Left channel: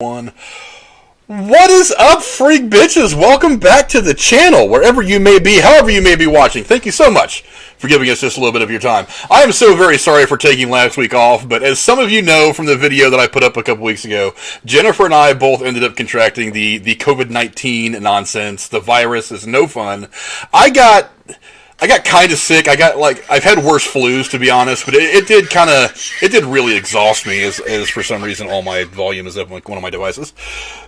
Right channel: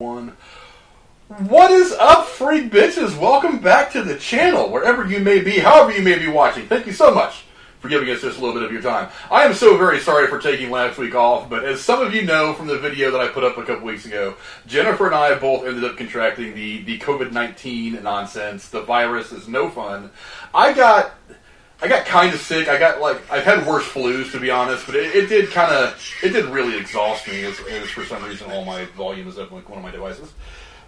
One. What is up, freak bitches? Welcome back to the channel, wherever you may be, however you may be watching. Thank you so much for giving us just a little bit of your time. I am so very sorry for taking last week off, but as some of you know from the video that I put up a couple weeks ago, Jennifer and I both ended up contracting the COVID-19 nonsense. The virus is no fun. I got kind of sick. I've had worse flus, to be honest, but it did really exhaust me as for some reason all my volume is up on one of my devices.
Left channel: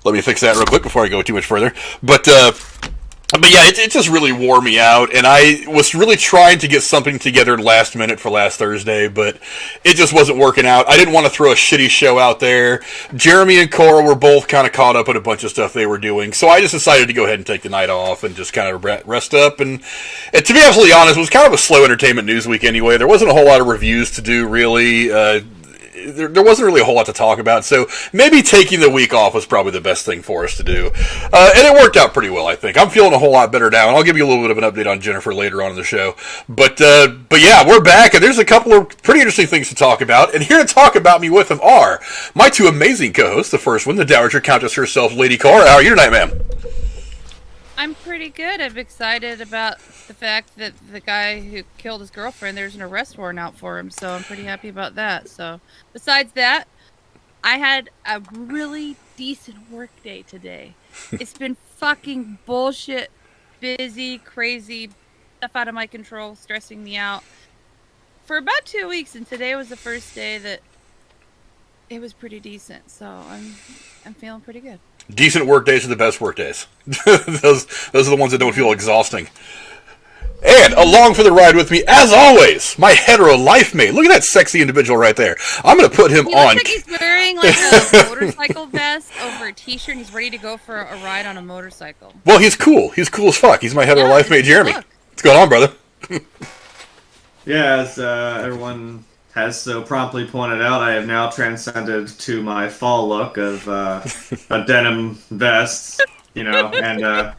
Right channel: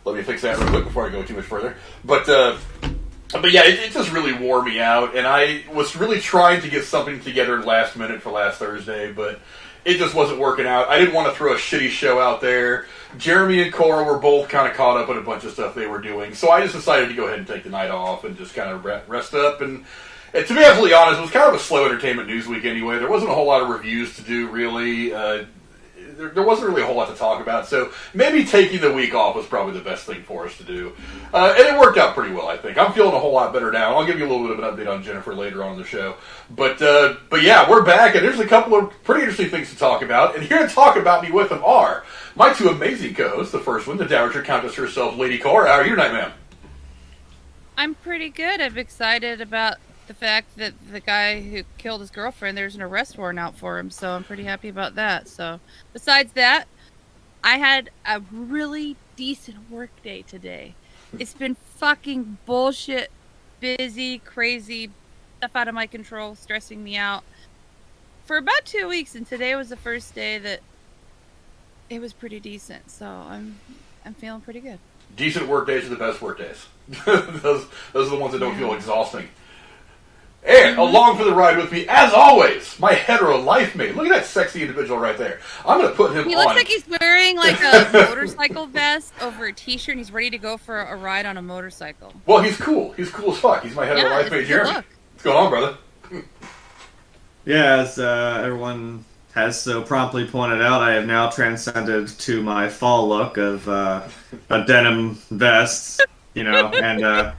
Let me fix that real quick before I go too much further. But yeah, it just really wore me out, and I was really trying to get something together last minute for last Thursday, but it just wasn't working out. I didn't want to throw a shitty show out there. Jeremy and Cora were both kind of caught up in a bunch of stuff they were doing, so I just decided to go ahead and take the night off and just kind of rest up. And to be absolutely honest, it was kind of a slow entertainment news week anyway. There wasn't a whole lot of reviews to do, really. There wasn't really a whole lot to talk about, so maybe taking the week off was probably the best thing for us to do. And it worked out pretty well, I think. I'm feeling a whole lot better now, and I'll give you a little bit of an update on Jennifer later on in the show. But yeah, we're back, and there's a couple of pretty interesting things to talk about. And here to talk about me with them are my two amazing co-hosts. The first one, the Dowager Countess herself, Lady Cora. How are you tonight, ma'am? I'm pretty good. I'm excited about the fact that the guy who killed his girlfriend, there's an arrest warrant out for him, so I'm pretty happy about that. So, besides that, I had a really decent work day today. It's been fucking bullshit, busy, crazy, stuff out of my control, stressing me out for about 2 weeks, and today was the first day that it was pretty decent, so I'm feeling pretty good. Decent work days are the best work days. those are the ones that don't feel exhausting. And along for the ride with me, as always, my hetero life mate. Look at that sexy individual right there. I'm going to put him on. He looks like he's wearing like a motorcycle vest over a t-shirt, and he's ready to go for a ride on a motorcycle. Well, he's cool. He's cool as fuck. He's my hetero life mate, Jeremy. What's going on, brother? Yeah, as everyone has so promptly pointed out, I have now transcended to my fall look of a denim vest, you know, and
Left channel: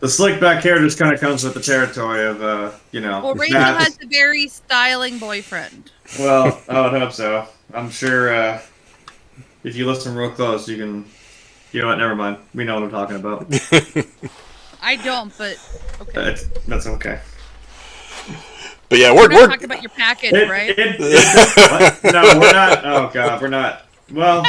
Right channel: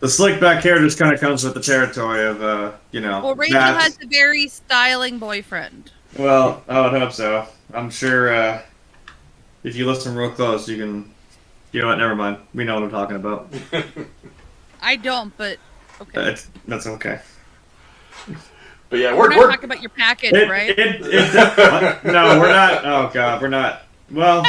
the slick back hair just kind of comes with the territory of, you know. Well, Rachel has a very styling boyfriend. Well, I would hope so. I'm sure if you listen real close, you can. You know what? Never mind. We know what I'm talking about. I don't, but okay. That's okay. But yeah, we're not talking about your package, right? What? No, we're not. Oh God, we're not. Well,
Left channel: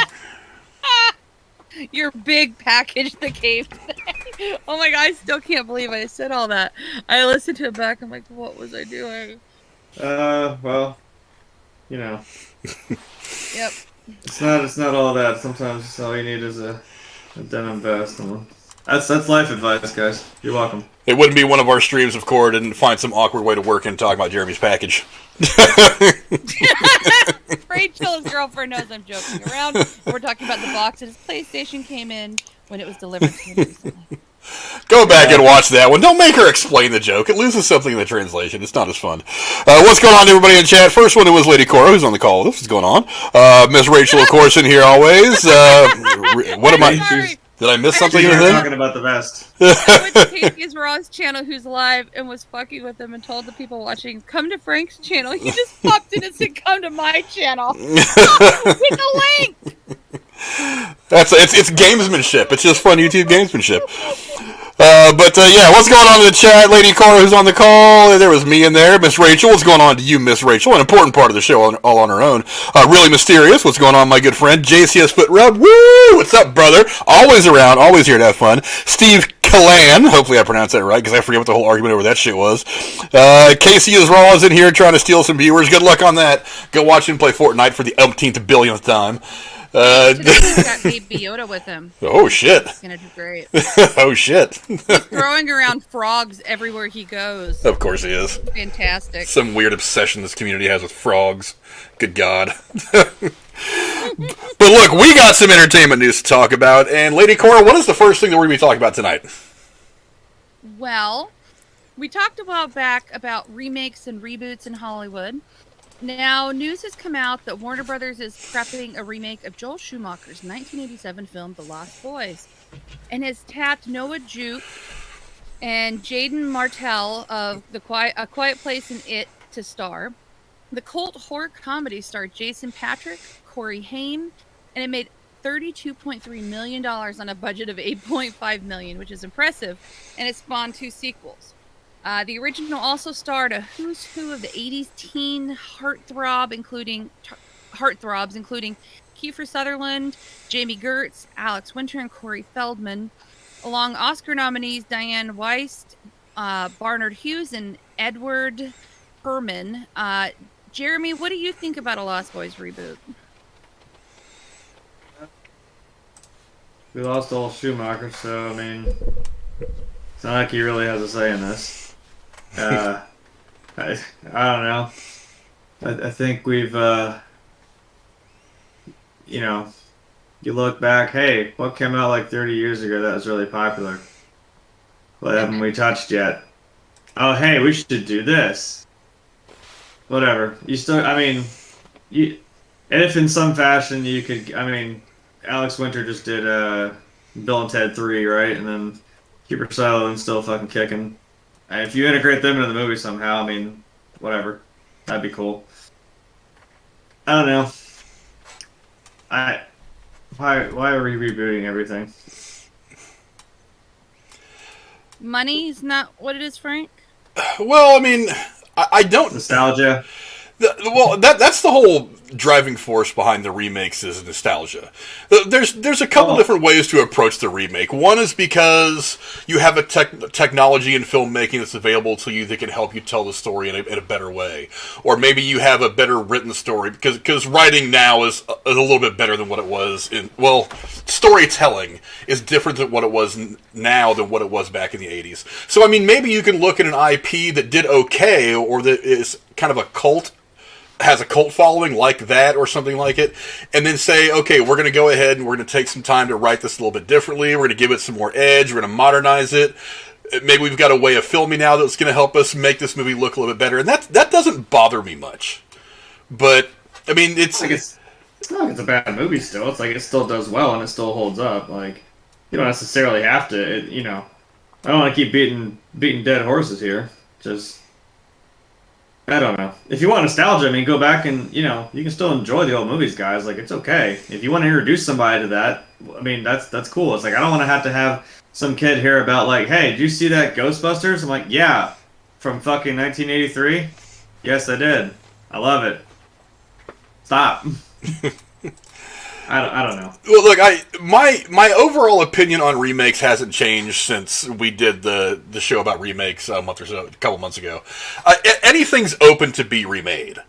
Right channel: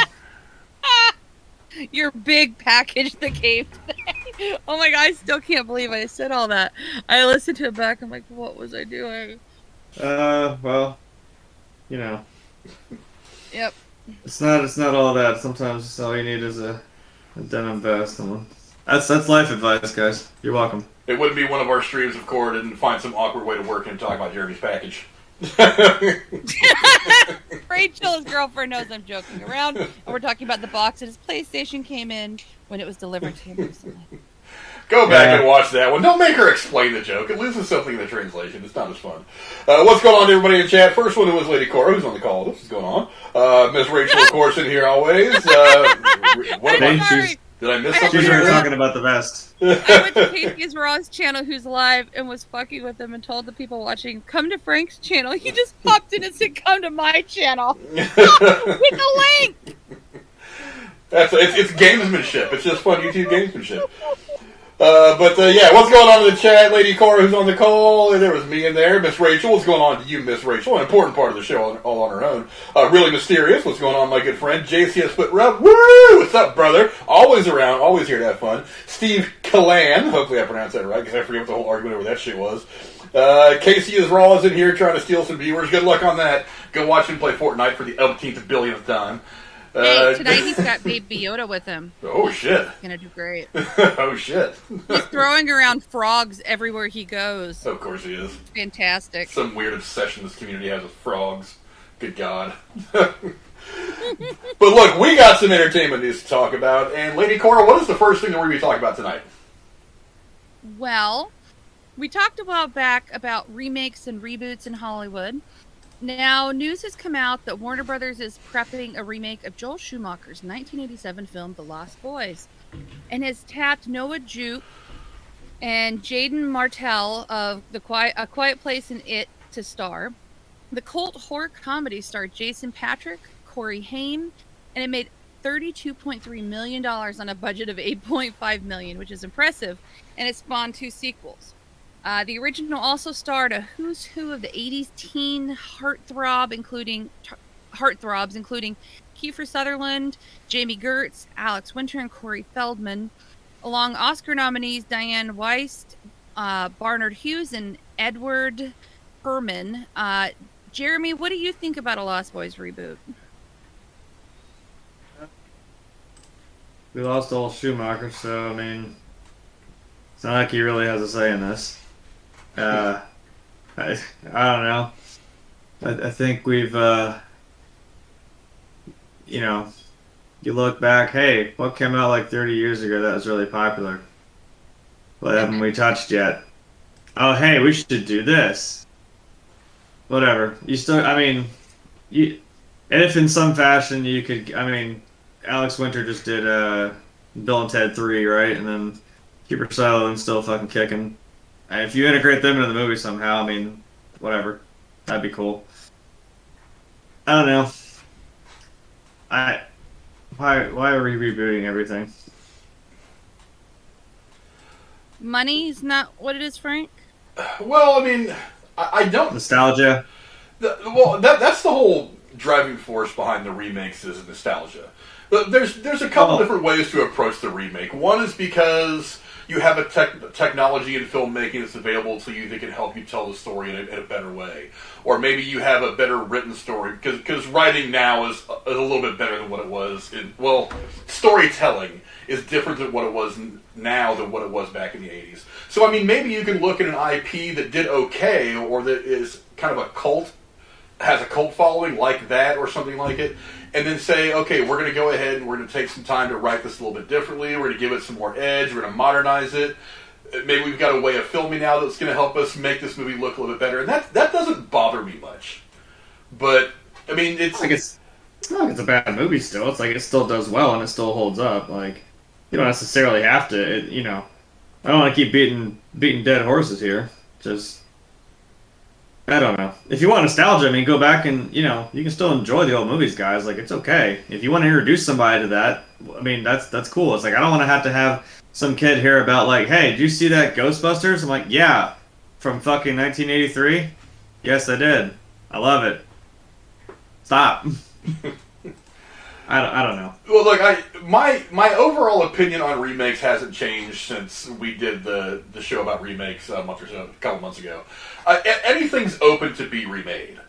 your big package that came today. Oh my God, I still can't believe I said all that. I listened to it back. I'm like, what was I doing? Well, you know. Yep. It's not all that. Sometimes all you need is a denim vest. That's life advice, guys. You're welcome. It wouldn't be one of our streams if Cora didn't find some awkward way to work and talk about Jeremy's package. Rachel's girlfriend knows I'm joking around. And we're talking about the box that his PlayStation came in when it was delivered to him recently. Go back and watch that one. Don't make her explain the joke. It loses something in the translation. It's not as fun. What's going on, everybody in chat? First one, it was Lady Cora, who's on the call with us. What's going on? Miss Rachel, of course, in here always. What am I? Did I miss something? You were talking about the vest. I went to Casey's Raw's channel, who's live, and was fucking with him and told the people watching, come to Frank's channel. He just popped in and said, come to my channel. With the link! It's gamesmanship. It's just fun YouTube gamesmanship. Yeah, what's going on in the chat? Lady Cora, who's on the call. There was me in there. Miss Rachel, what's going on to you, Miss Rachel? An important part of the show all on her own. Really mysterious. What's going on, my good friend? JCS Foot Rub. Woo! What's up, brother? Always around. Always here to have fun. Steve Kalan. Hopefully I pronounced that right, because I forget what the whole argument over that shit was. Casey is raw is in here trying to steal some viewers. Good luck on that. Go watch him play Fortnite for the umpteenth billionth time. Today he's got Baby Yoda with him. Oh, shit. He's going to do great. Oh, shit. He's throwing around frogs everywhere he goes. Of course he is. Fantastic. Some weird obsession this community has with frogs. Good God. But look, we got some entertainment news to talk about. And Lady Cora, what is the first thing that we're going to be talking about tonight? Well, we talked a while back about remakes and reboots in Hollywood. Now, news has come out that Warner Brothers is prepping a remake of Joel Schumacher's 1987 film, The Lost Boys, and has tapped Noah Jupe and Jaden Martell of A Quiet Place and It to star. The cult horror comedy starred Jason Patric, Corey Haim, and it made $32.3 million on a budget of $8.5 million, which is impressive, and it spawned 2 sequels. The original also starred a who's who of the 80s teen heartthrobs, including Kiefer Sutherland, Jamie Gertz, Alex Winter, and Corey Feldman, along Oscar nominees Diane Weist, Barnard Hughes, and Edward Herman. Jeremy, what do you think about a Lost Boys reboot? We lost old Schumacher, so I mean, it's not like he really has a say in this. I don't know. I think we've, you look back, hey, what came out like 30 years ago that was really popular? What haven't we touched yet? Oh, hey, we should do this. Whatever. You still, I mean, if in some fashion you could, I mean, Alex Winter just did Bill and Ted 3, right? And then Kiefer Sutherland's still fucking kicking. And if you integrate them into the movie somehow, I mean, whatever. That'd be cool. I don't know. Why are we rebooting everything? Money is not what it is, Frank? Well, I mean, I don't... Nostalgia? That's the whole driving force behind the remakes is nostalgia. There's a couple different ways to approach the remake. One is because you have a technology in filmmaking that's available to you that can help you tell the story in a better way. Or maybe you have a better written story, because writing now is a little bit better than what it was storytelling is different than what it was now than what it was back in the 80s. So, I mean, maybe you can look at an IP that did okay, or that is kind of has a cult following like that or something like it, and then say, okay, we're going to go ahead and we're going to take some time to write this a little bit differently, we're going to give it some more edge, we're going to modernize it, maybe we've got a way of filming now that's going to help us make this movie look a little bit better, and that doesn't bother me much. But, I mean, it's not like it's a bad movie still, it's like it still does well and it still holds up, like, you don't necessarily have to, I don't want to keep beating dead horses here, just... I don't know. If you want nostalgia, I mean, go back and, you can still enjoy the old movies, guys. Like, it's okay. If you want to introduce somebody to that, I mean, that's cool. It's like, I don't want to have some kid hear about, like, hey, did you see that Ghostbusters? I'm like, yeah. From fucking 1983? Yes, I did. I love it. Stop. I don't know. Well, look, my overall opinion on remakes hasn't changed since we did the show about remakes a couple months ago. Anything's open to be remade.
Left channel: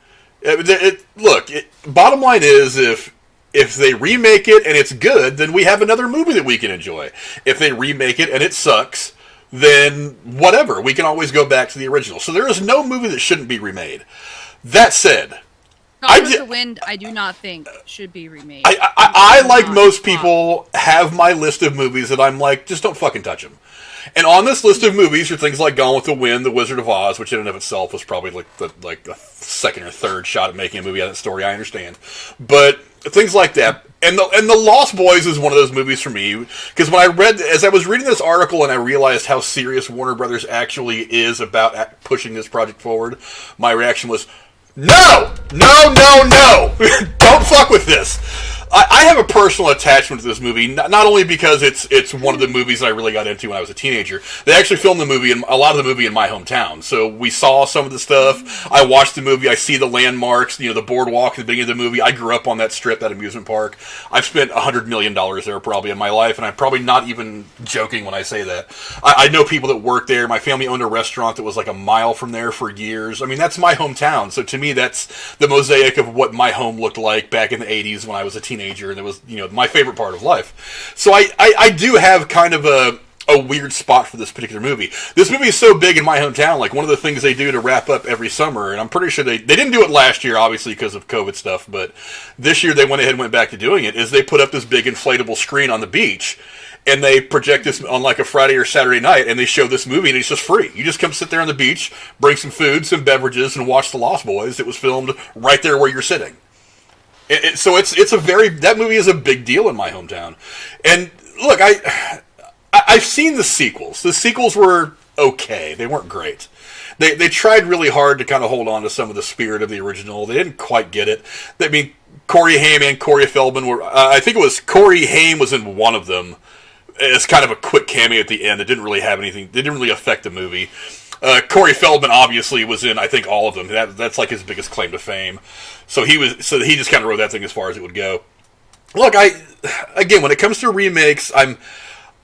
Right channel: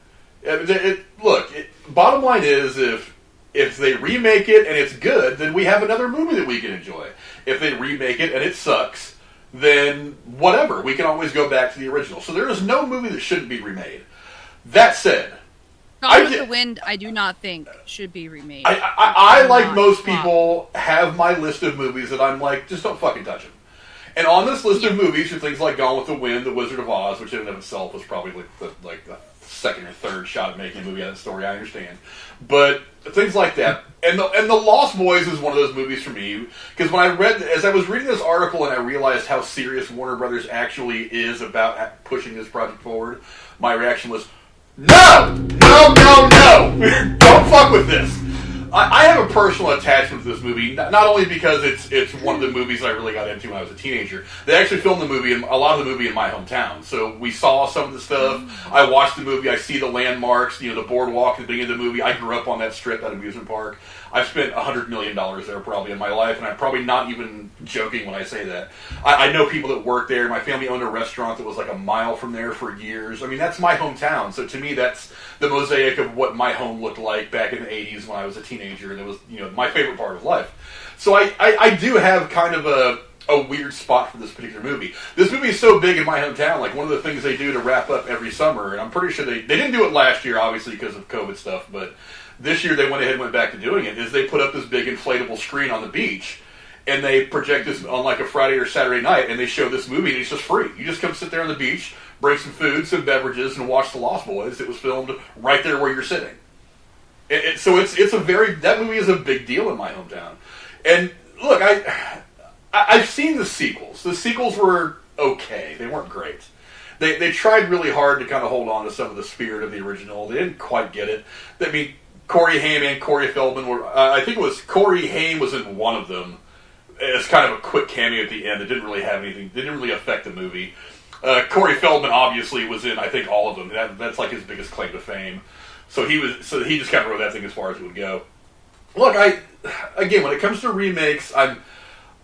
Bottom line is, if they remake it and it's good, then we have another movie that we can enjoy. If they remake it and it sucks, then whatever. We can always go back to the original. So there is no movie that shouldn't be remade. That said... Gone with the Wind, I do not think should be remade. I like most people, have my list of movies that I'm like, just don't fucking touch them. And on this list of movies are things like Gone with the Wind, The Wizard of Oz, which in and of itself was probably like the second or third shot at making a movie out of that story, I understand. But things like that. And the Lost Boys is one of those movies for me, because as I was reading this article and I realized how serious Warner Brothers actually is about pushing this project forward, my reaction was, no! Don't fuck with this. I have a personal attachment to this movie, not only because it's one of the movies that I really got into when I was a teenager. They actually filmed a lot of the movie in my hometown, so we saw some of the stuff. I watched the movie. I see the landmarks, the boardwalk at the beginning of the movie. I grew up on that strip, that amusement park. I've spent $100 million there probably in my life, and I'm probably not even joking when I say that. I know people that work there. My family owned a restaurant that was like a mile from there for years. I mean, that's my hometown, so to me, that's the mosaic of what my home looked like back in the 80s when I was a teenager, and it was, my favorite part of life. So I do have kind of a weird spot for this particular movie. This movie is so big in my hometown, like one of the things they do to wrap up every summer, and I'm pretty sure they didn't do it last year, obviously, because of COVID stuff, but this year they went ahead and went back to doing it, is they put up this big inflatable screen on the beach, and they project this on like a Friday or Saturday night, and they show this movie, and it's just free. You just come sit there on the beach, bring some food, some beverages, and watch The Lost Boys. It was filmed right there where you're sitting. So that movie is a big deal in my hometown. And look, I've seen the sequels. The sequels were okay. They weren't great. They tried really hard to kind of hold on to some of the spirit of the original. They didn't quite get it. I mean, Corey Haim and Corey Feldman were. I think it was Corey Haim was in one of them. It's kind of a quick cameo at the end. It didn't really have anything. It didn't really affect the movie. Corey Feldman obviously was in, I think, all of them. That's like his biggest claim to fame. So he just kind of wrote that thing as far as it would go. Look, again, when it comes to remakes,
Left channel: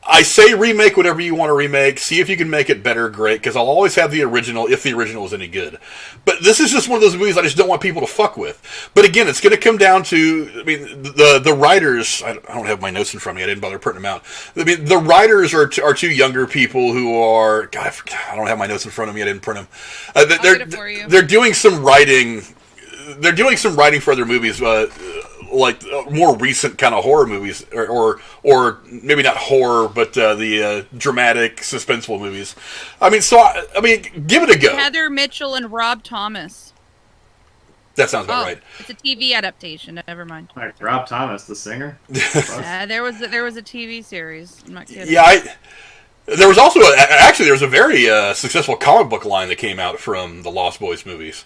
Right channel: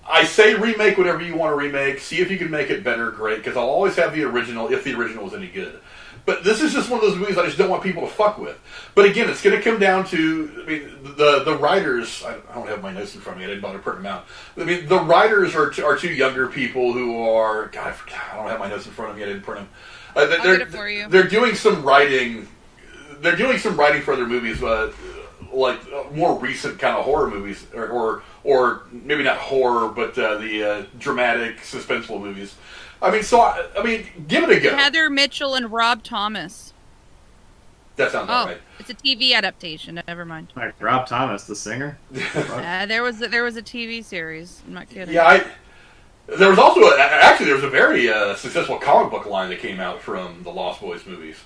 I say remake whatever you want to remake. See if you can make it better, great, because I'll always have the original if the original is any good. But this is just one of those movies I just don't want people to fuck with. But again, it's going to come down to, I mean, the writers, I don't have my notes in front of me, I didn't bother printing them out. I mean, the writers are two younger people who are, God, I don't have my notes in front of me, I didn't print them. I'll get it for you. They're doing some writing for other movies, like more recent kind of horror movies, or maybe not horror, but the dramatic, suspenseful movies. I mean, give it a go. Heather Mitchell and Rob Thomas. That sounds about right. It's a TV adaptation. Never mind. Like Rob Thomas, the singer. There was a TV series. I'm not kidding. Yeah, there was also there was a very successful comic book line that came out from the Lost Boys movies.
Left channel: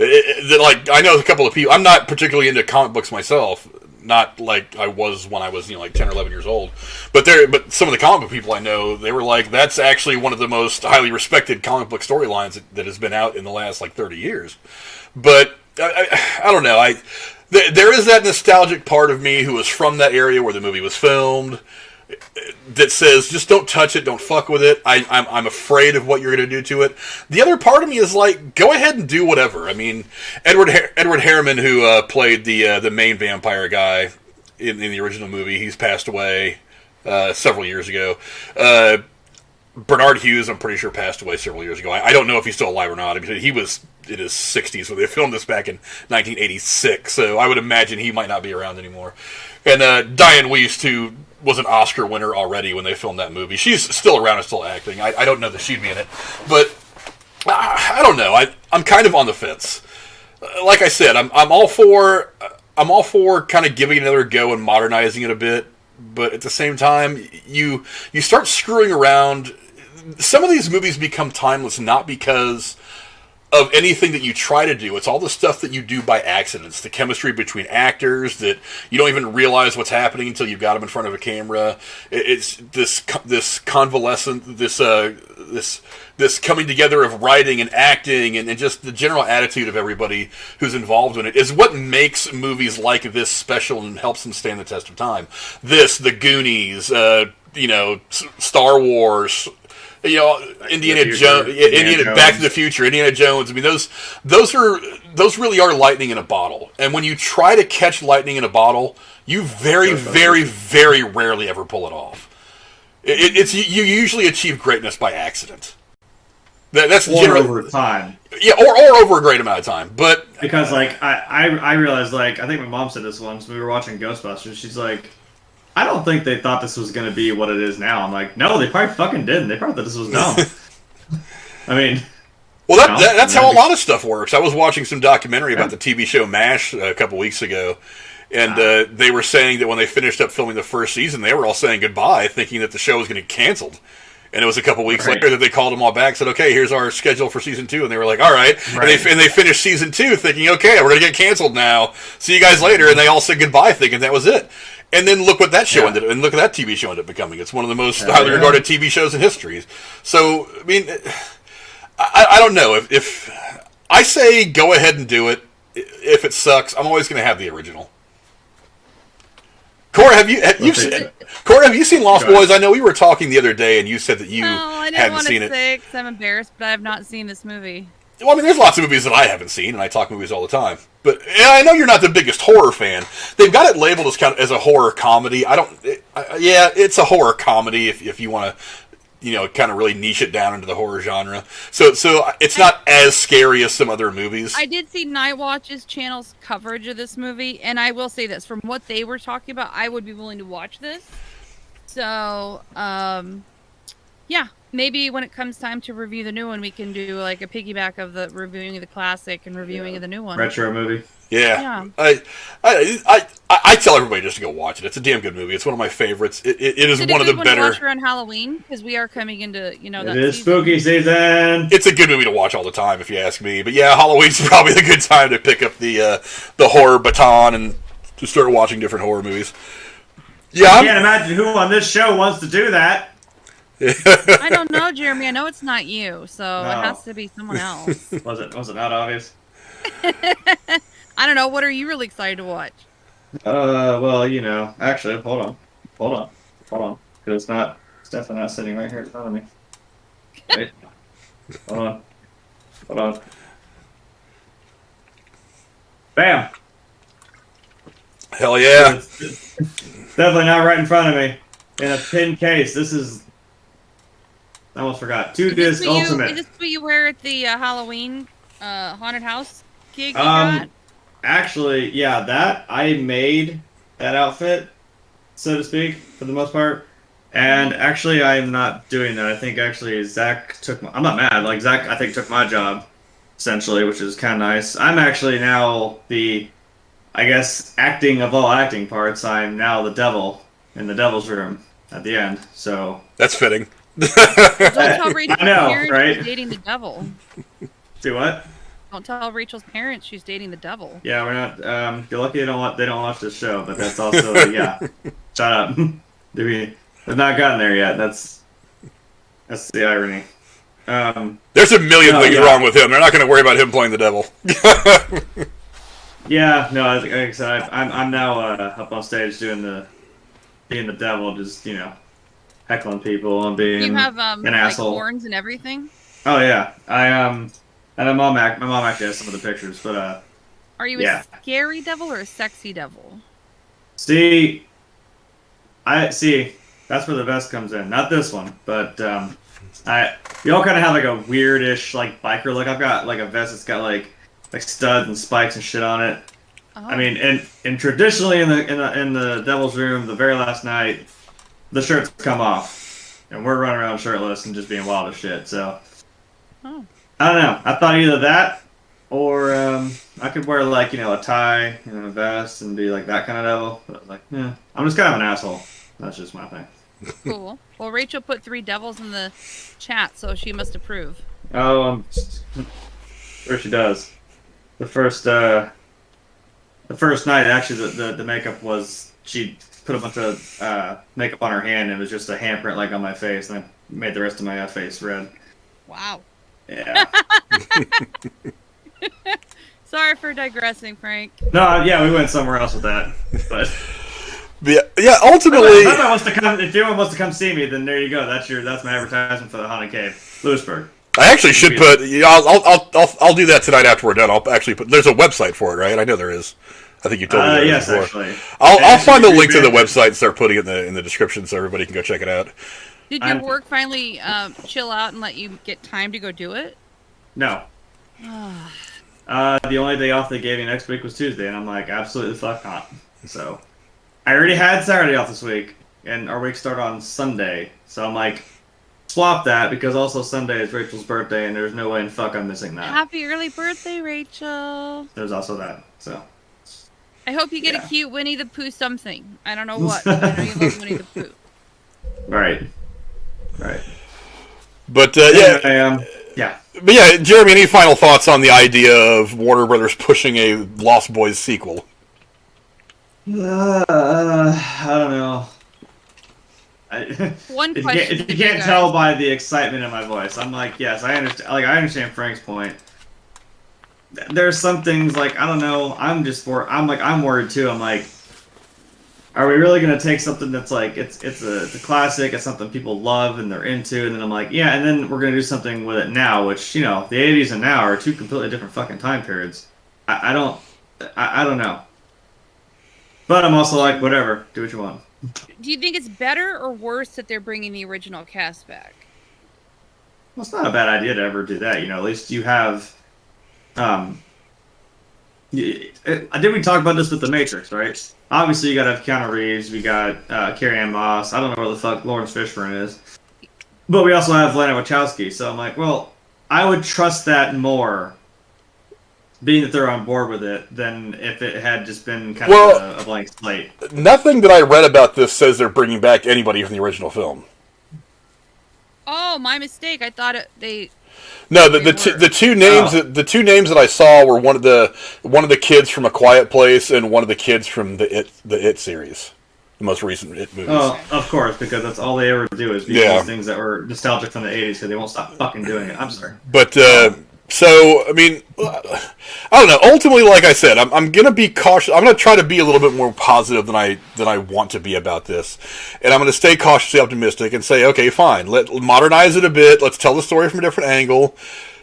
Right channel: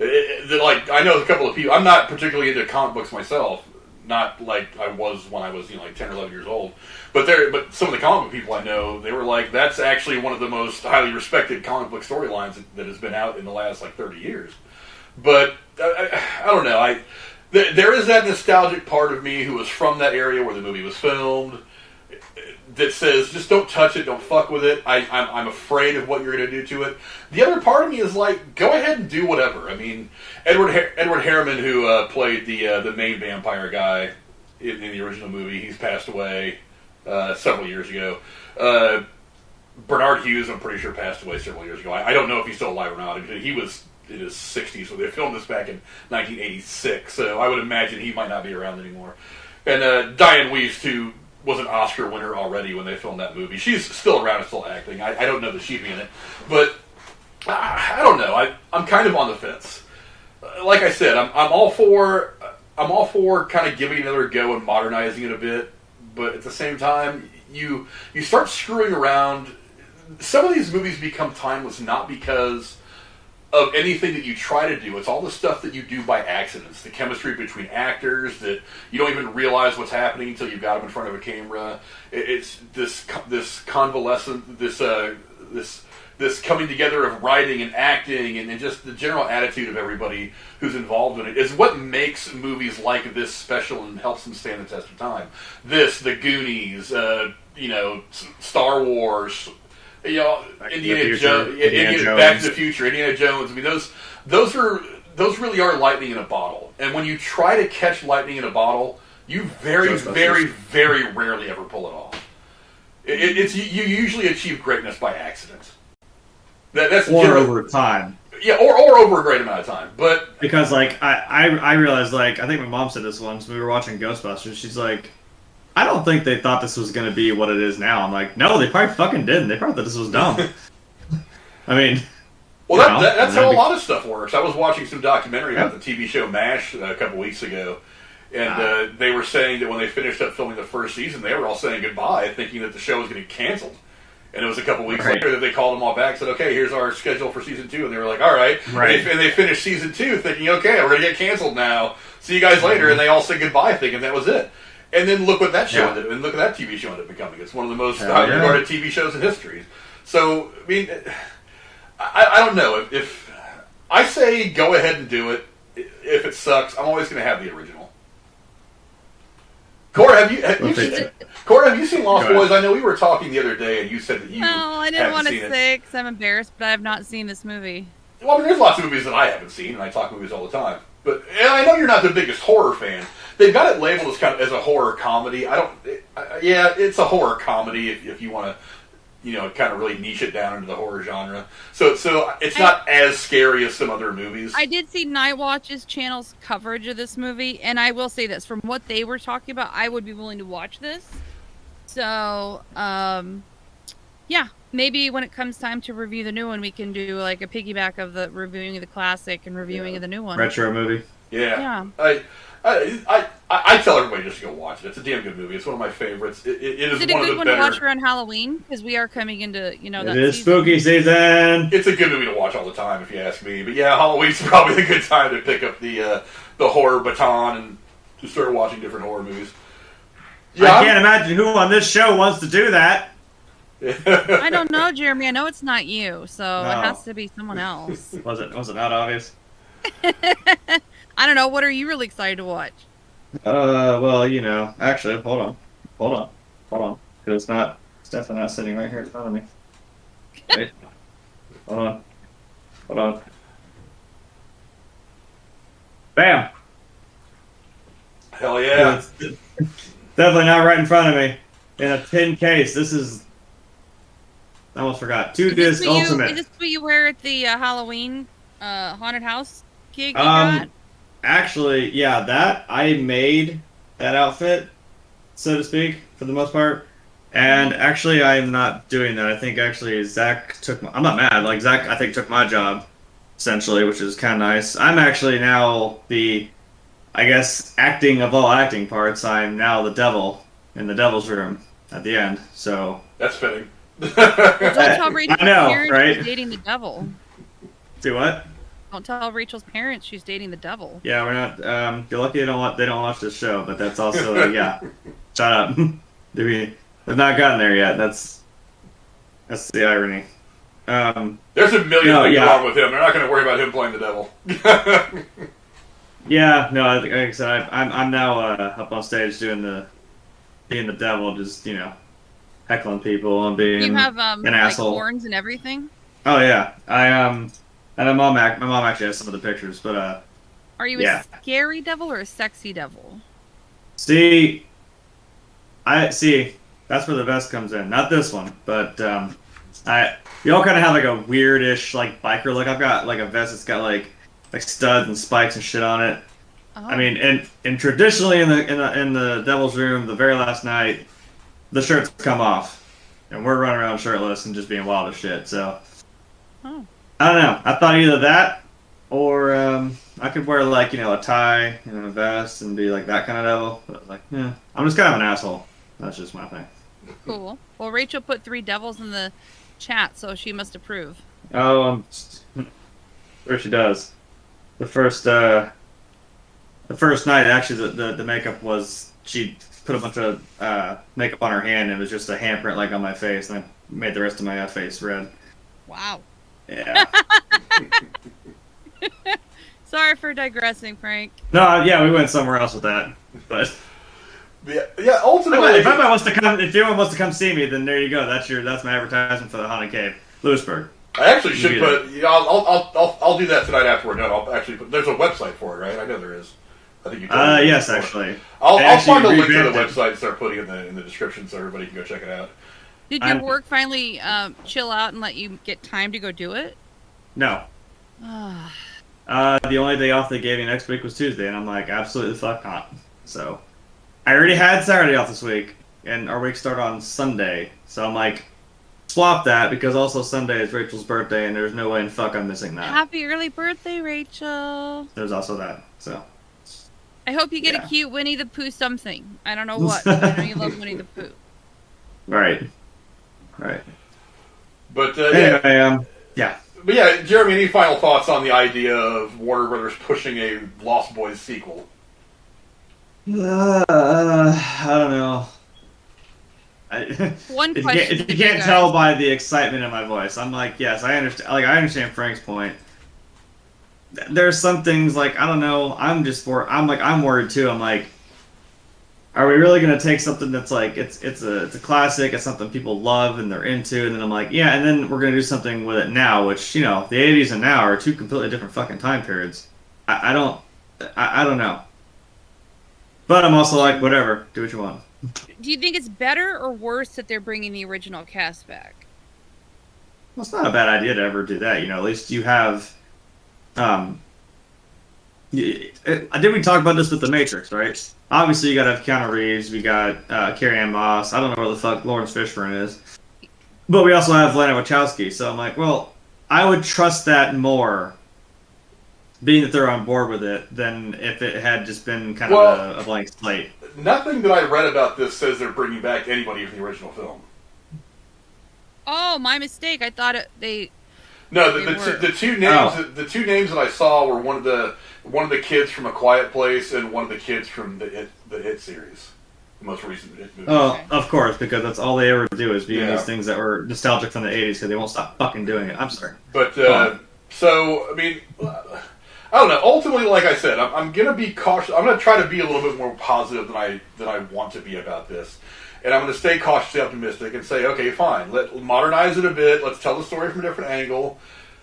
Like, I know a couple of people. I'm not particularly into comic books myself, not like I was when I was like 10 or 11 years old. But some of the comic book people I know, they were like, that's actually one of the most highly respected comic book storylines that has been out in the last like 30 years. But I don't know. There is that nostalgic part of me who was from that area where the movie was filmed, that says, just don't touch it, don't fuck with it. I'm afraid of what you're going to do to it. The other part of me is like, go ahead and do whatever. I mean, Edward Harriman, who played the main vampire guy in the original movie, he's passed away several years ago. Bernard Hughes, I'm pretty sure, passed away several years ago. I don't know if he's still alive or not. I mean, he was in his 60s, so they filmed this back in 1986, so I would imagine he might not be around anymore. And Diane Wiest, who was an Oscar winner already when they filmed that movie. She's still around and still acting. I don't know that she'd be in it. But I don't know. I'm kind of on the fence. Like I said, I'm all for kind of giving it another go and modernizing it a bit. But at the same time, you start screwing around. Some of these movies become timeless not because of anything that you try to do. It's all the stuff that you do by accident. It's the chemistry between actors that you don't even realize what's happening until you've got them in front of a camera. It's this convalescent, this coming together of writing and acting and just the general attitude of everybody who's involved in it is what makes movies like this special and helps them stand the test of time. The Goonies, Star Wars, Indiana Jones, Back to the Future, Indiana Jones. I mean, those really are lightning in a bottle. And when you try to catch lightning in a bottle, you very, very, very rarely ever pull it off. You usually achieve greatness by accident. That's over time. Yeah, or over a great amount of time. But because like I realized, like, I think my mom said this once when we were watching Ghostbusters. She's like, I don't think they thought this was going to be what it is now. I'm like, no, they probably fucking didn't. They probably thought this was dumb. I mean... Well, that's how a lot of stuff works. I was watching some documentary about the TV show MASH a couple weeks ago, and they were saying that when they finished up filming the first season, they were all saying goodbye, thinking that the show was going to get canceled. And it was a couple weeks later that they called them all back and said, okay, here's our schedule for season 2. And they were like, all right. And they finished season 2 thinking, okay, we're going to get canceled now. See you guys later. And they all said goodbye thinking that was it. And then look what that show ended up, and look at that TV show ended up becoming. It's one of the most highly regarded TV shows in history. So, I mean, I don't know. If I say go ahead and do it, if it sucks, I'm always going to have the original. Cora, have you seen Lost Boys? I know we were talking the other day, and you said that you I didn't want to say because I'm embarrassed, but I have not seen this movie. Well, I mean, there's lots of movies that I haven't seen, and I talk movies all the time. But I know you're not the biggest horror fan. They've got it labeled as a horror comedy. It's a horror comedy if you want to, kind of really niche it down into the horror genre. So it's not as scary as some other movies. I did see Nightwatch's channel's coverage of this movie, and I will say this: from what they were talking about, I would be willing to watch this. So, yeah, maybe when it comes time to review the new one, we can do like a piggyback of the reviewing of the classic and reviewing of the new one. Retro movie. Yeah. Yeah. I tell everybody just to go watch it. It's a damn good movie. It's one of my favorites. It is Is it one a of the good one better. to watch around Halloween? Because we are coming into, you know, that It is season. spooky season. It's a good movie to watch all the time, if you ask me. But yeah, Halloween's probably the good time to pick up the horror baton and to start watching different horror movies. Yeah, I can't imagine who on this show wants to do that. I don't know, Jeremy. I know it's not you, so No. it has to be someone else. Was it not obvious? I don't know. What are you really excited to watch? Well, you know, actually, hold on, because it's definitely not sitting right here in front of me. Wait, hold on. Bam! Hell yeah. It's definitely not right in front of me. In a pin case. This is. I almost forgot. 2-disc Ultimate. Is this what you wear at the Halloween haunted house gig you got? Actually, yeah, that I made that outfit, so to speak, for the most part. And actually, I'm not doing that. I think actually Zach took. I'm not mad. Like Zach, I think took my job, essentially, which is kind of nice. I'm actually now the, I guess, acting of all acting parts. I'm now the devil in the devil's room at the end. So That's fitting. Don't tell Rachel's I know, parents right? she's dating the devil. do what? Don't tell Rachel's parents she's dating the devil. Yeah, we're not. You're lucky they don't watch this show, but that's also yeah. Shut up. They've not gotten there yet. That's the irony. There's a million things wrong with him. They're not going to worry about him playing the devil. Yeah, no. Like I said, I'm now up on stage being the devil, just heckling people and being You have an like asshole. horns and everything. Oh yeah, and my mom actually has some of the pictures, but Are you yeah. a scary devil or a sexy devil? see, that's where the vest comes in. Not this one, but we all kind of have like a weirdish like biker look. I've got like a vest that's got like studs and spikes and shit on it. Oh. I mean, and traditionally in the devil's room, the very last night, the shirts come off, and we're running around shirtless and just being wild as shit. So Oh. I don't know. I thought either that or I could wear like a tie and a vest and be like that kind of devil. But like, yeah, I'm just kind of an asshole. That's just my thing. Cool. Well, Rachel put 3 devils in the chat, so she must approve. Oh, sure she does. The first night, actually, the makeup was she put a bunch of makeup on her hand, and it was just a handprint like on my face, and I made the rest of my face red. Wow. Yeah. Sorry for digressing, Frank. No, yeah, we went somewhere else with that, but. Yeah, ultimately. If anyone wants to come see me, then there you go. That's my advertisement for the Haunted Cave, Lewisburg. I actually should put. I'll do that tonight after we're done. I'll actually put. There's a website for it, right? I know there is. I think you told me. Yes, before. actually. I'll find the link to the revamped it. website and start putting it in the description so everybody can go check it out. Did your work finally chill out and let you get time to go do it? No. The only day off they gave me next week was Tuesday, and I'm like, absolutely fuck not. So, I already had Saturday off this week, and our week started on Sunday. So I'm like, swap that, because also Sunday is Rachel's birthday, and there's no way in fuck I'm missing that. Happy early birthday, Rachel. There's also that, so. I hope you get Yeah. a cute Winnie the Pooh something. I don't know what, but I know you love Winnie the Pooh. Right. But Anyway, yeah. But yeah, Jeremy, any final thoughts on the idea of Warner Brothers pushing a Lost Boys sequel? I don't know. One If question. you for you can't guys. tell by the excitement in my voice, I'm like, yes, I understand. Like, I understand Frank's point. There's some things like I don't know. I'm worried too. I'm like, are we really gonna take something that's like it's a classic, it's something people love and they're into, and then I'm like, yeah, and then we're gonna do something with it now, which the 80s and now are two completely different fucking time periods. I don't know. But I'm also like, whatever, do what you want. Do you think it's better or worse that they're bringing the original cast back? Well, it's not a bad idea to ever do that. At least you have. Did we talk about this with The Matrix, right? Obviously, you gotta have Keanu Reeves. We got Carrie Ann Moss. I don't know where the fuck Lawrence Fishburne is. But we also have Lana Wachowski, so I'm like, well, I would trust that more, being that they're on board with it, than if it had just been kind of a blank slate. Nothing that I read about this says they're bringing back anybody from the original film. Oh, my mistake. I thought they. No, the two names that I saw were one of the kids from A Quiet Place and one of the kids from the It series, the most recent It movies. Oh, of course, because that's all they ever do is be these things that were nostalgic from the 80s, because they won't stop fucking doing it. I'm sorry. But so I mean, I don't know. Ultimately, like I said, I'm gonna be cautious. I'm gonna try to be a little bit more positive than I want to be about this, and I'm gonna stay cautiously optimistic and say, okay, fine, modernize it a bit. Let's tell the story from a different angle.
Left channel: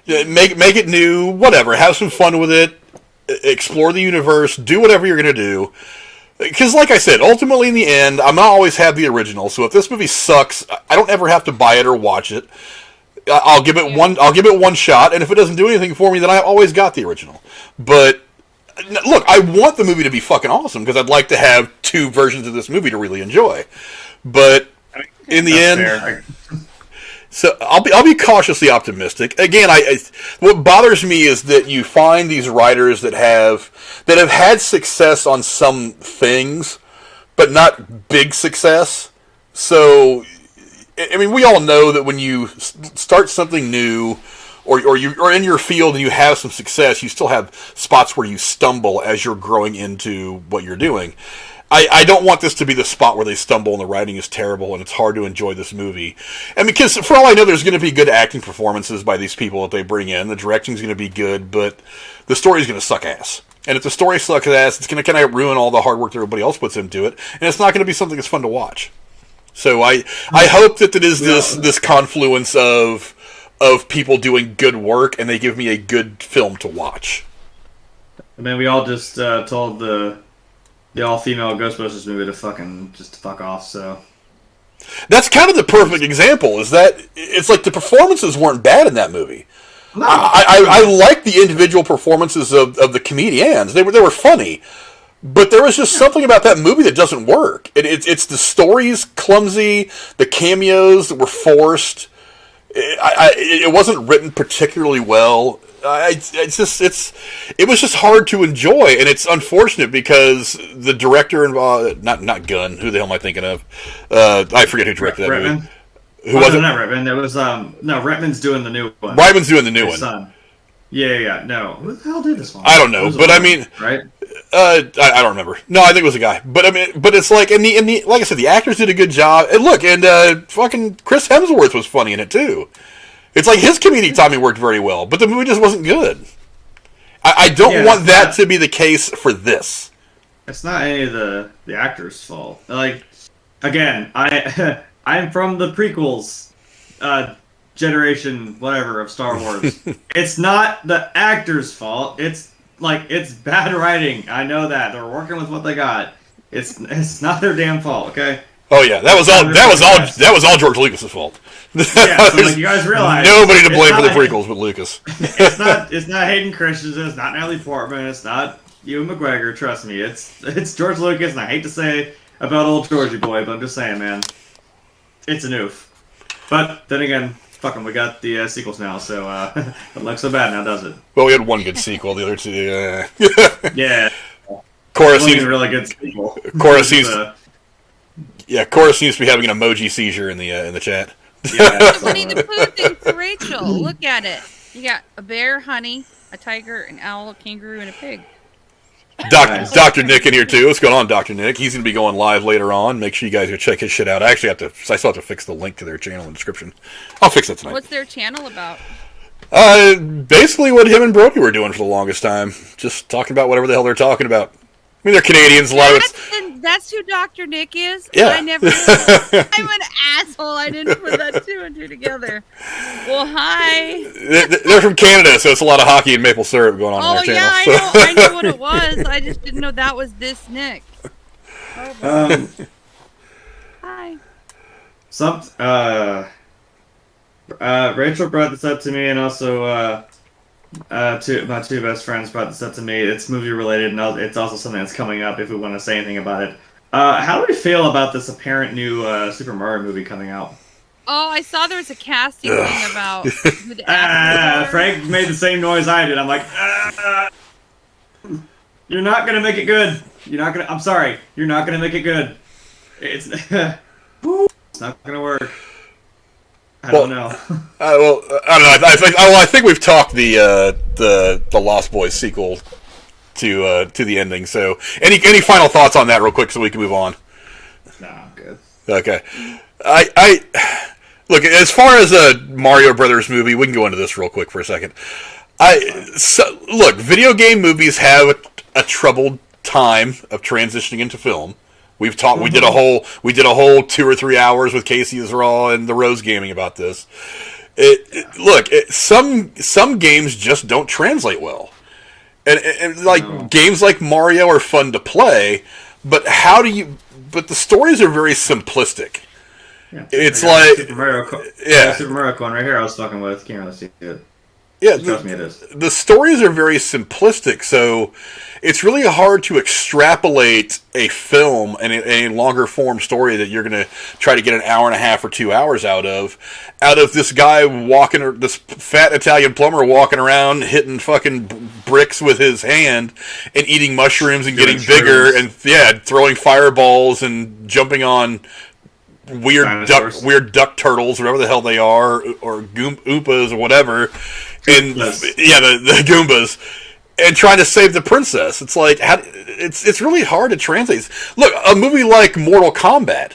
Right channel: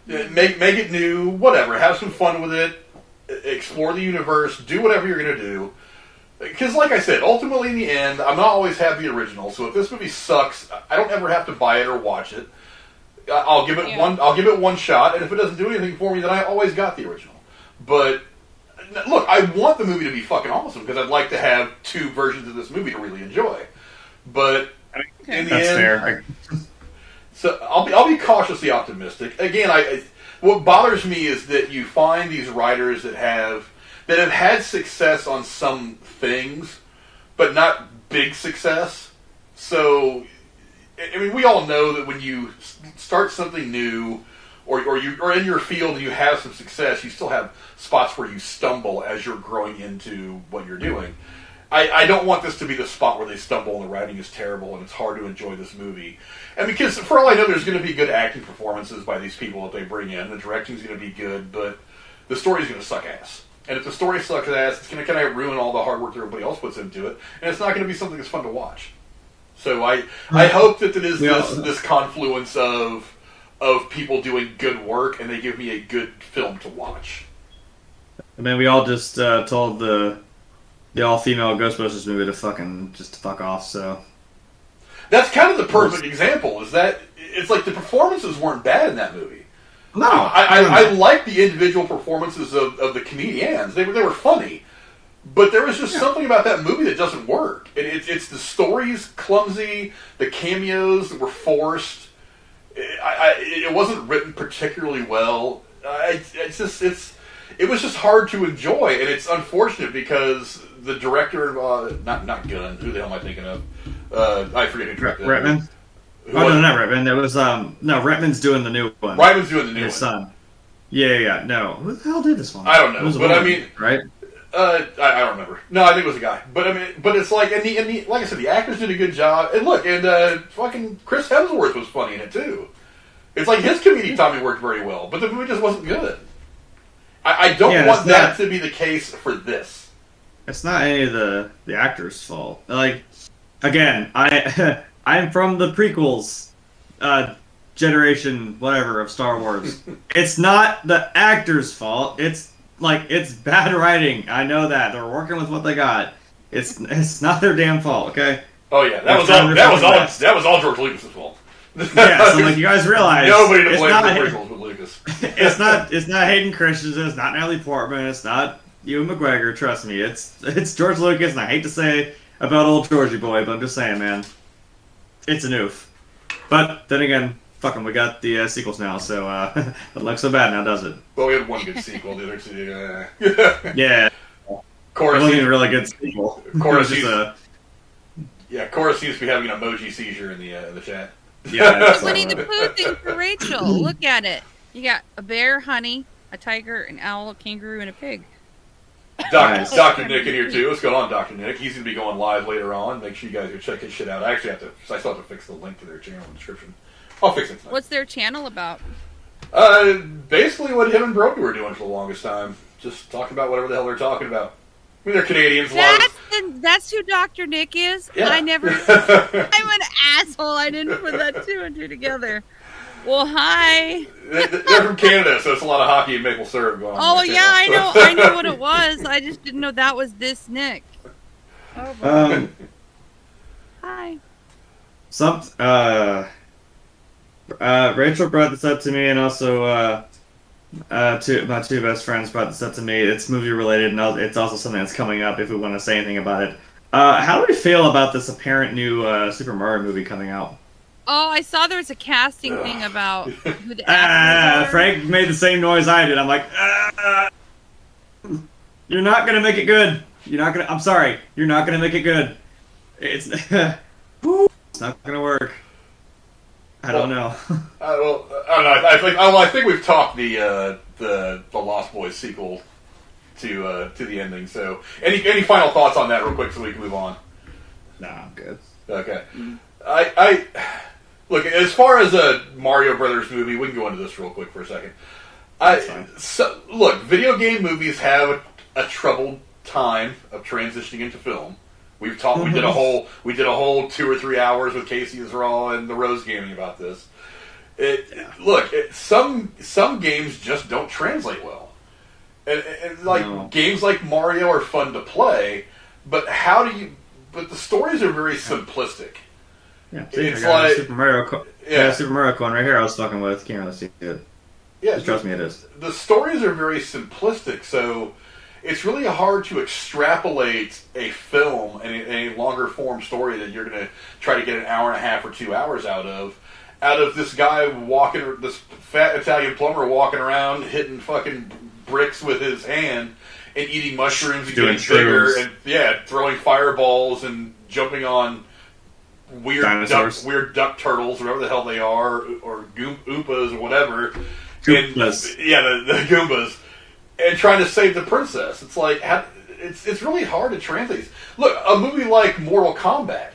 Make it new. Whatever. Have some fun with it. Explore the universe. Do whatever you're gonna do. Because, like I said, ultimately in the end, I'm not always have the original. So if this movie sucks, I don't ever have to buy it or watch it. I'll give it one shot, and if it doesn't do anything for me, then I always got the original. But look, I want the movie to be fucking awesome because I'd like to have two versions of this movie to really enjoy. But in the end, so I'll be cautiously optimistic. Again, what bothers me is that you find these writers that have had success on some things, but not big success. So. I mean, we all know that when you start something new, or you're in your field and you have some success, you still have spots where you stumble as you're growing into what you're doing. I don't want this to be the spot where they stumble and the writing is terrible and it's hard to enjoy this movie. And because, for all I know, there's going to be good acting performances by these people that they bring in. The directing's going to be good, but the story's going to suck ass. And if the story sucks ass, it's going to kind of ruin all the hard work that everybody else puts into it, and it's not going to be something that's fun to watch. So I hope that it is this confluence of people doing good work, and they give me a good film to watch. I mean, we all just told the all-female Ghostbusters movie to fuck off. So that's kind of the perfect example. Is that it's like the performances weren't bad in that movie. No, I like the individual performances of the comedians. They were funny. But there was just something about that movie that doesn't work. It's the story's clumsy, the cameos that were forced. It wasn't written particularly well. It was just hard to enjoy, and it's unfortunate because the director, not Gunn, who the hell am I thinking of? I forget who directed that Reitman? movie. No, not Reitman. It was Reitman's doing the new one. Reitman's doing the new one. Son. Yeah. No, who the hell did this one? I don't know, but I mean, right? I don't remember. No, I think it was a guy. But I mean, it's like, and like I said, the actors did a good job. And look, fucking Chris Hemsworth was funny in it too. It's like his comedic timing worked very well, but the movie just wasn't good. I don't want that to be the case for this. It's not any of the actors' fault. Like, again, I'm from the prequels generation, whatever, of Star Wars. It's not the actors' fault. It's bad writing. I know that. They're working with what they got. It's not their damn fault, okay? Oh yeah, that was all George Lucas' fault. Yeah, so like you guys realize nobody to blame for the prequels but Lucas. It's not Hayden Christensen, it's not Natalie Portman, it's not Ewan McGregor, trust me. It's George Lucas, and I hate to say about old Georgie boy, but I'm just saying, man. It's an oof. But then again, fuck 'em, we got the sequels now, so it doesn't look so bad now, does it? Well, we had one good sequel, the other two, yeah. Cora seems a really good sequel. Cora seems to be having an emoji seizure in the chat. Yeah, the Winnie the Pooh thing for Rachel. Look at it. You got a bear, honey, a tiger, an owl, a kangaroo, and a pig. Dr. Nick in here too. What's going on, Dr. Nick? He's going to be going live later on. Make sure you guys go check his shit out. I still have to fix the link to their channel in the description. I'll fix it tonight. What's their channel about? Basically what him and Brody were doing for the longest time. Just talking about whatever the hell they're talking about. I mean, they're Canadians. That's who Dr. Nick is? Yeah. I'm an asshole. I didn't put that two and two together. Well, hi. They're from Canada, so it's a lot of hockey and maple syrup going on. Oh, on their yeah, channel, I knew what it was. I just didn't know that was this Nick. Oh, boy. Hi. Rachel brought this up to me, and also my two best friends brought this up to me. It's movie related, and it's also something that's coming up if we want to say anything about it. How do we feel about this apparent new Super Mario movie coming out? Oh, I saw there was a casting thing about who the actors are. Frank made the same noise I did. I'm like, you're not gonna make it good. You're not gonna. I'm sorry. You're not gonna make it good. It's it's not gonna work. I don't know. I don't know. I think we've talked the Lost Boys sequel to the ending. So, any final thoughts on that, real quick, so we can move on? Nah, I'm good. Okay. I look, as far as a Mario Brothers movie, we can go into this real quick for a second. Look, video game movies have a troubled time of transitioning into film. We've talked. We did a whole 2 or 3 hours with Casey Israel and the Rose Gaming about this. Some games just don't translate well, and like games like Mario are fun to play, but But the stories are very simplistic. Yeah, it's like Super Mario coin right here. I was fucking with. Can't really see it. Yeah, trust me, it is. The stories are very simplistic, so it's really hard to extrapolate a film and a longer form story that you're going to try to get an hour and a half or 2 hours out of this guy this fat Italian plumber walking around hitting fucking bricks with his hand and eating mushrooms and getting bigger and throwing fireballs and jumping on weird duck turtles, whatever the hell they are, or Oompas or whatever. Goombas. The Goombas. And trying to save the princess. It's like, it's really hard to translate. Look, a movie like Mortal Kombat.